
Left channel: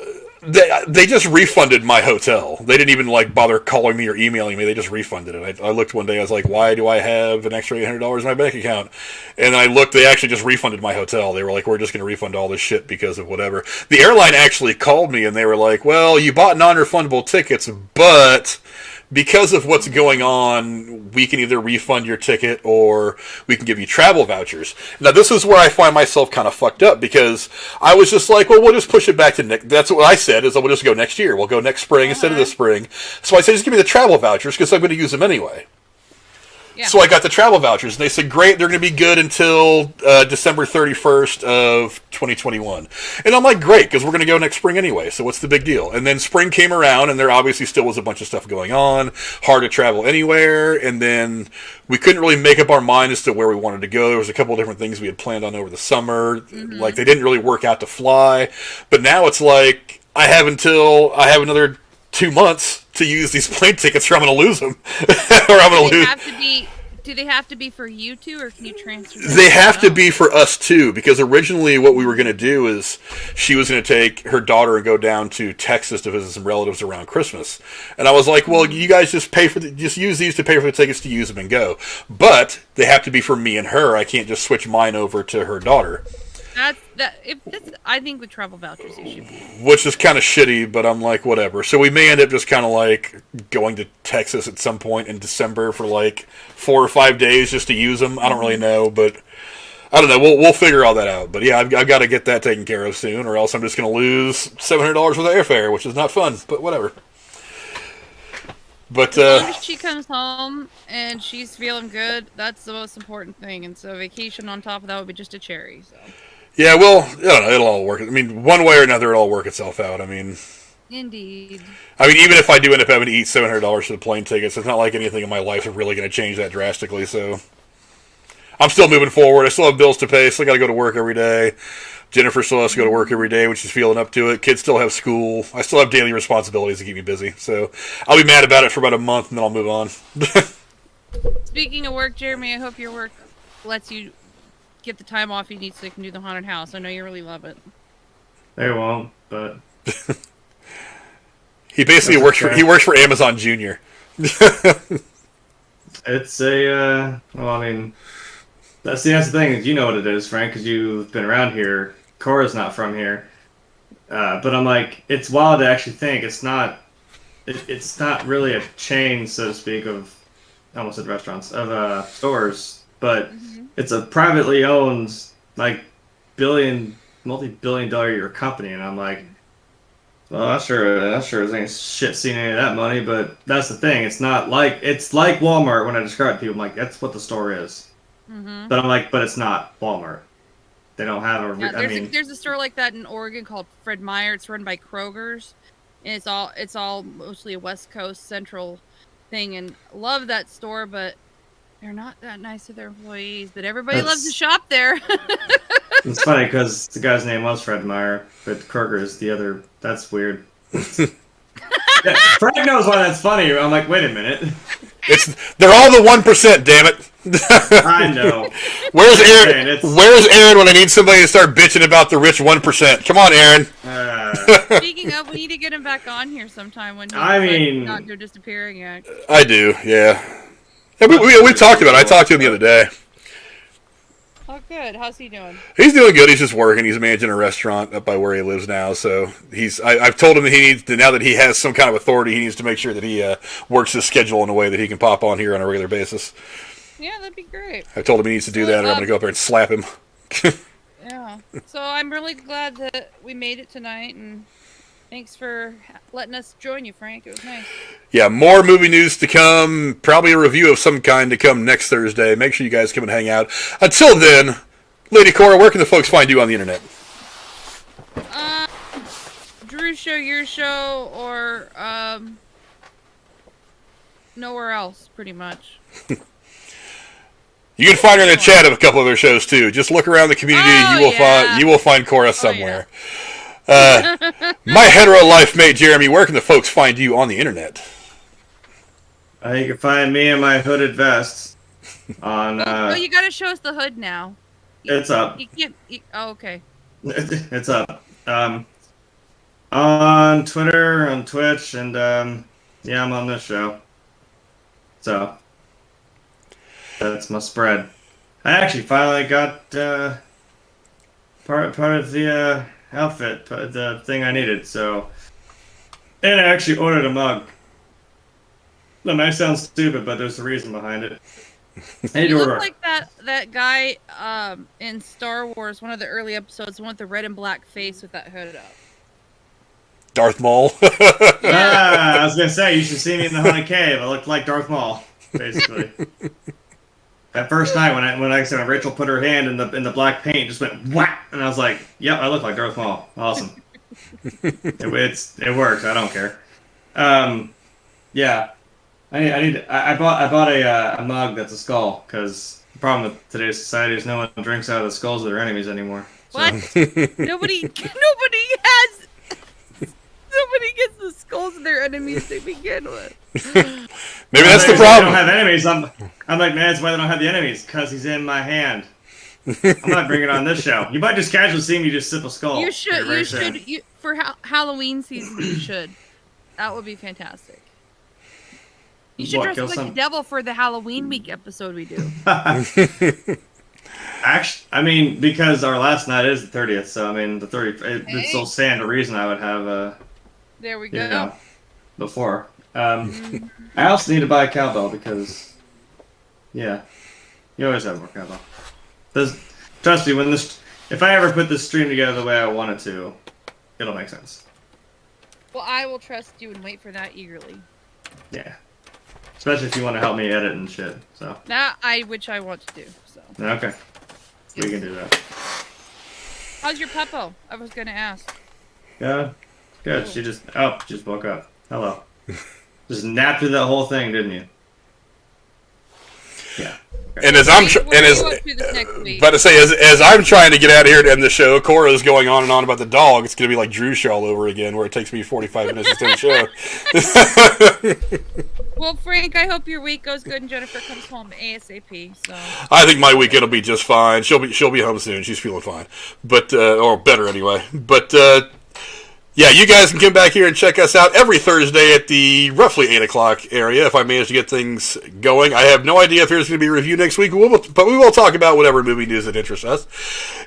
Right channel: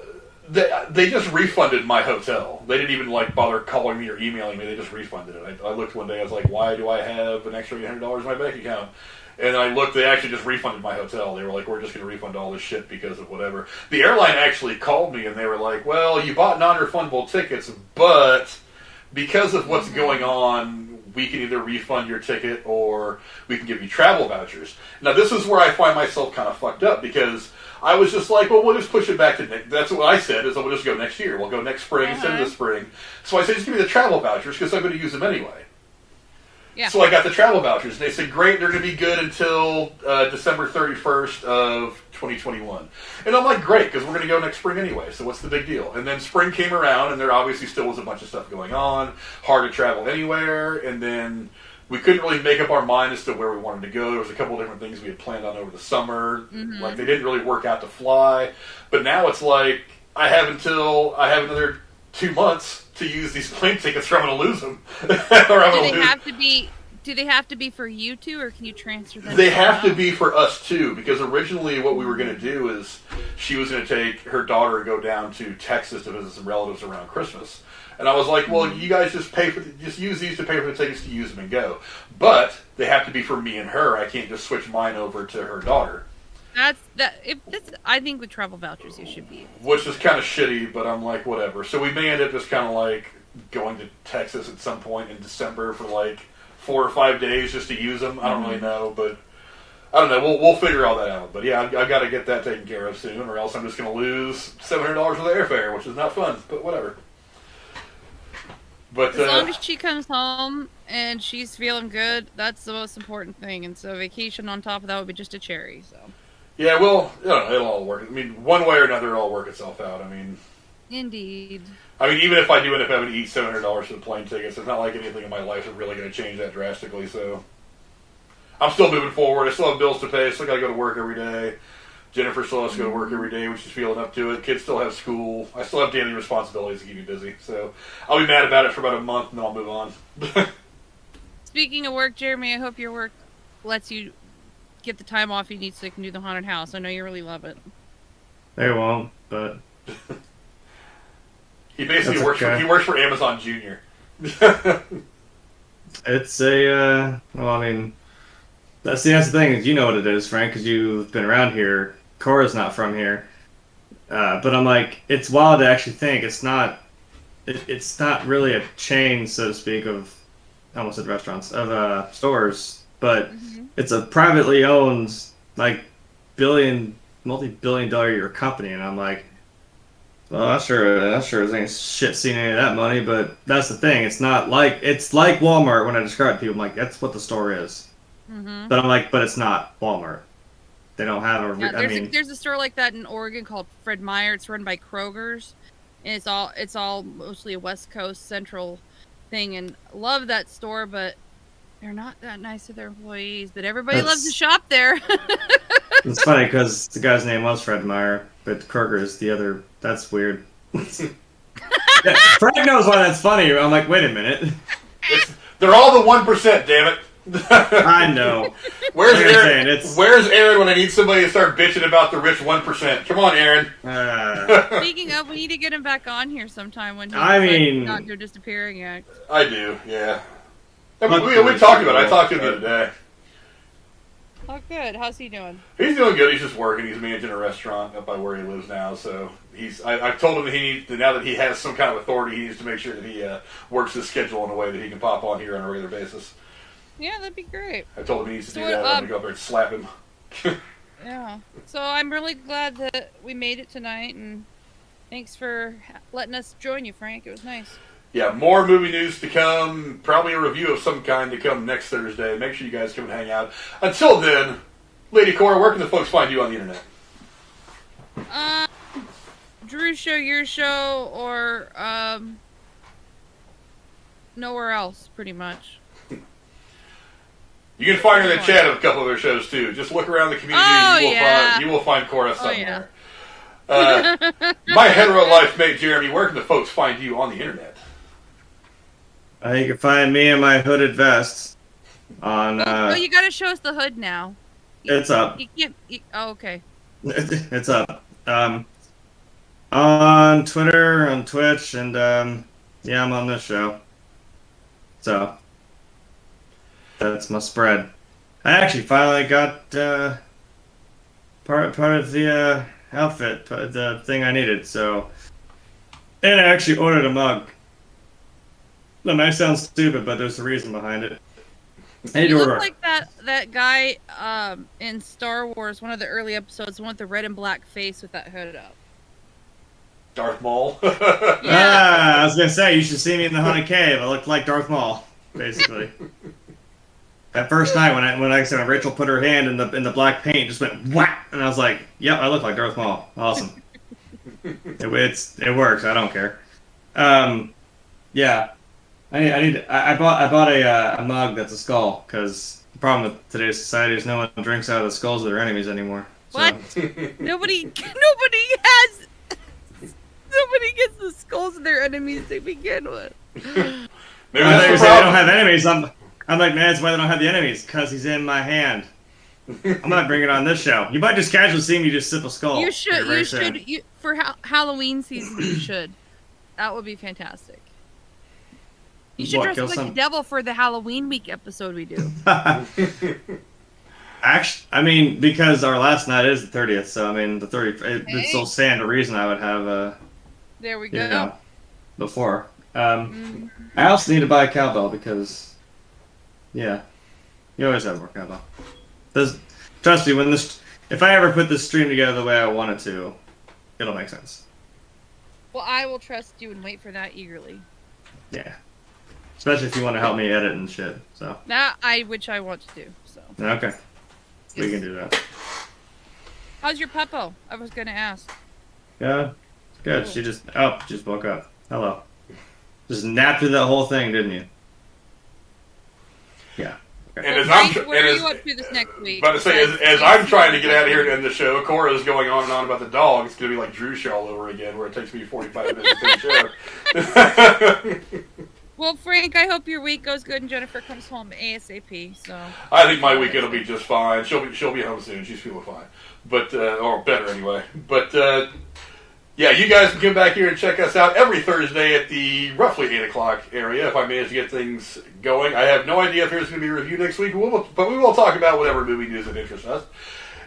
they just refunded my hotel. They didn't even bother calling me or emailing me. They just refunded it. I looked one day. I was like, why do I have an extra $800 in my bank account? And I looked. They actually just refunded my hotel. They were like, we're just going to refund all this shit because of whatever. The airline actually called me and they were like, well, you bought non-refundable tickets, but because of what's going on, we can either refund your ticket or we can give you travel vouchers. Now, this is where I find myself kind of fucked up because I was just like, well, we'll just push it back to next. That's what I said, is we'll just go next year. We'll go next spring instead of this spring. So I said, just give me the travel vouchers because I'm going to use them anyway. Yeah. So I got the travel vouchers, and they said, great, they're going to be good until December 31st of 2021. And I'm like, great, because we're going to go next spring anyway, so what's the big deal? And then spring came around, and there obviously still was a bunch of stuff going on, hard to travel anywhere, and then we couldn't really make up our mind as to where we wanted to go. There was a couple of different things we had planned on over the summer. Like, they didn't really work out to fly. But now it's like, I have another 2 months to use these plane tickets or I'm going to lose them. Or I'm going to lose. Do they have to be for you two, or can you transfer them? They have to be for us too, because originally what we were going to do is she was going to take her daughter and go down to Texas to visit some relatives around Christmas. And I was like, well, you guys just just use these to pay for the tickets to use them and go. But they have to be for me and her. I can't just switch mine over to her daughter. I think with travel vouchers you should be. Which is kind of shitty, but I'm like, whatever. So we may end up just kind of going to Texas at some point in December for 4 or 5 days just to use them. I don't really know, but I don't know. We'll figure all that out. But yeah, I've got to get that taken care of soon, or else I'm just going to lose $700 worth of airfare, which is not fun. But whatever. But as long as she comes home and she's feeling good, that's the most important thing. And so vacation on top of that would be just a cherry. So. Yeah, well, I don't know, it'll all work. I mean, one way or another, it'll all work itself out. I mean, indeed. I mean, even if I do end up having to eat $700 for the plane tickets, it's not like anything in my life is really going to change that drastically. So I'm still moving forward. I still have bills to pay. Still got to go to work every day. Jennifer still has to go to work every day, which is feeling up to it. Kids still have school. I still have daily responsibilities to keep me busy. So I'll be mad about it for about a month, and then I'll move on. Speaking of work, Jeremy, I hope your work lets you get the time off you need so you can do the haunted house. I know you really love it. They won't, but he basically works for Amazon Junior. It's a well, I mean, that's the thing is, you know what it is, Frank, because you've been around here. Cora's not from here, but I'm like, it's wild to actually think it's not really a chain, so to speak, of I almost said restaurants, of stores, but it's a privately owned, multi-billion-dollar a year company, and I'm like, well, not sure ain't shit seeing any of that money, but that's the thing. It's like Walmart when I describe it to people. I'm like, that's what the store is. But I'm like, but it's not Walmart. They don't have a. Yeah, there's a store like that in Oregon called Fred Meyer. It's run by Kroger's, and it's all mostly a West Coast Central thing, and love that store, but they're not that nice to their employees. But everybody loves to shop there. It's funny because the guy's name was Fred Meyer, but Kroger is the other. That's weird. Yeah, Frank knows why that's funny. I'm like, wait a minute. They're all the 1%. Damn it. I know. Where's Aaron? Where's Aaron when I need somebody to start bitching about the rich 1%? Come on, Aaron. Speaking of, we need to get him back on here sometime when he's not your disappearing act. I do, yeah. We talked about it. I talked to him the other day. Oh, good. How's he doing? He's doing good. He's just working. He's managing a restaurant up by where he lives now. So I've told him that he needs to, now that he has some kind of authority, he needs to make sure that he works his schedule in a way that he can pop on here on a regular basis. Yeah, that'd be great. I told him he needs to do that, and I'm going to go up there and slap him. Yeah. So I'm really glad that we made it tonight, and thanks for letting us join you, Frank. It was nice. Yeah, more movie news to come. Probably a review of some kind to come next Thursday. Make sure you guys come and hang out. Until then, Lady Cora, where can the folks find you on the internet? Drew's show, your show, or nowhere else, pretty much. You can find her in the chat of a couple of their shows too. Just look around the community, and you will find Cora somewhere. My hetero life mate Jeremy, where can the folks find you on the internet? You can find me in my hooded vest on. You gotta show us the hood now. It's up. You can't. Okay. It's up. On Twitter, on Twitch, and yeah, I'm on this show. So that's my spread. I actually finally got part of the outfit, the thing I needed. So, and I actually ordered a mug. That might sound stupid, but there's a reason behind it. You look like that guy in Star Wars, one of the early episodes, the one with the red and black face with that hood up. Darth Maul. Yeah. I was gonna say you should see me in the Haunted Cave. I looked like Darth Maul, basically. That first night when I said Rachel put her hand in the black paint, just went whack, and I was like, "Yep, I look like Darth Maul. Awesome." It works. I don't care. Yeah. I bought a mug that's a skull, because the problem with today's society is no one drinks out of the skulls of their enemies anymore. So. What? Nobody gets the skulls of their enemies to begin with. Maybe that's the problem. They don't have enemies. I'm like, man, that's why they don't have the enemies, because he's in my hand. I'm not bringing it on this show. You might just casually see me just sip a skull. You should. For Halloween season, you should. That would be fantastic. You should dress up like the devil for the Halloween week episode we do. Actually, I mean, because our last night is the 30th, so I mean, the 30th, it still stand a reason I would have there we go. Before. I also need to buy a cowbell because, yeah, you always have more cowbell. Trust me, if I ever put this stream together the way I want it to, it'll make sense. Well, I will trust you and wait for that eagerly. Yeah. Especially if you want to help me edit and shit. So. Which I want to do. So. Okay. We can do that. How's your puppo? I was gonna ask. Yeah. Good. She just woke up. Hello. Just napped through that whole thing, didn't you? Yeah. Okay. And as as I'm trying to get out of here to end the show, Cora is going on and on about the dog. It's going to be like Drew show all over again, where it takes me 45 minutes to do the show. Well, Frank, I hope your week goes good and Jennifer comes home ASAP. So I think my weekend will be just fine. She'll be home soon. She's feeling fine, but or better anyway. But yeah, you guys can come back here and check us out every Thursday at the roughly 8 o'clock area if I manage to get things going. I have no idea if there's going to be a review next week, but we will talk about whatever movie news that interests us.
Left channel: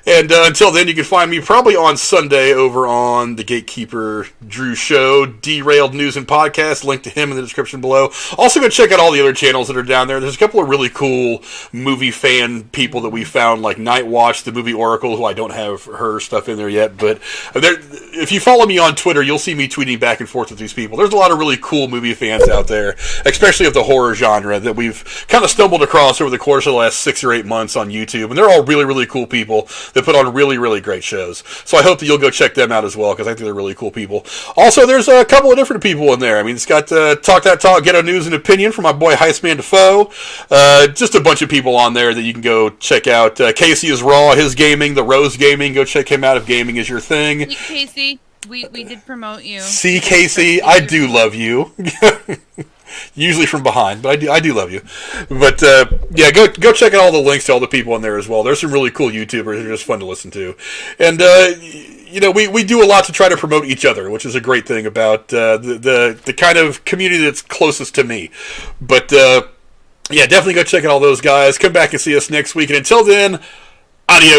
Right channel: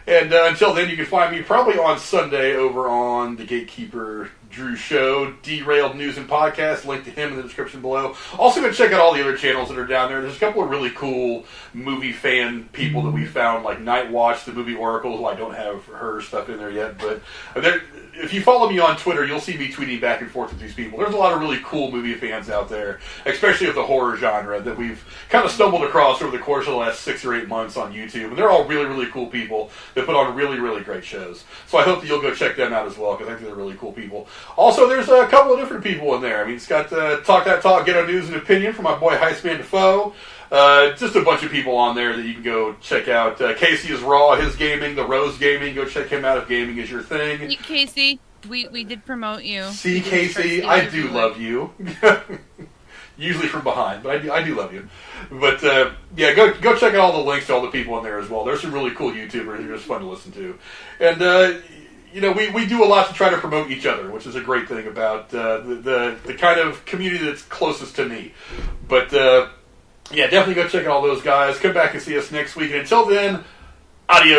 And until then, you can find me probably on Sunday over on the Gatekeeper Drew Show, Derailed News and Podcast. Link to him in the description below. Also, go check out all the other channels that are down there. There's a couple of really cool movie fan people that we found, like Night Watch, the movie Oracle, who I don't have her stuff in there yet. But if you follow me on Twitter, you'll see me tweeting back and forth with these people. There's a lot of really cool movie fans out there, especially of the horror genre, that we've kind of stumbled across over the course of the last 6 or 8 months on YouTube. And they're all really, really cool people that put on really, really great shows. So I hope that you'll go check them out as well, because I think they're really cool people. Also, there's a couple of different people in there. I mean, it's got Talk That Talk, Get a News and Opinion from my boy Heistman Defoe. Just a bunch of people on there that you can go check out. Casey is Raw, his gaming, the Rose Gaming. Go check him out if gaming is your thing. Hey, Casey, we did promote you. See, Casey, I do love you. Usually from behind, but I do love you. But yeah, go check out all the links to all the people in there as well. There's some really cool YouTubers. They're just fun to listen to. And you know, we do a lot to try to promote each other, which is a great thing about the kind of community that's closest to me. But yeah, definitely go check out all those guys. Come back and see us next week. And until then, adios.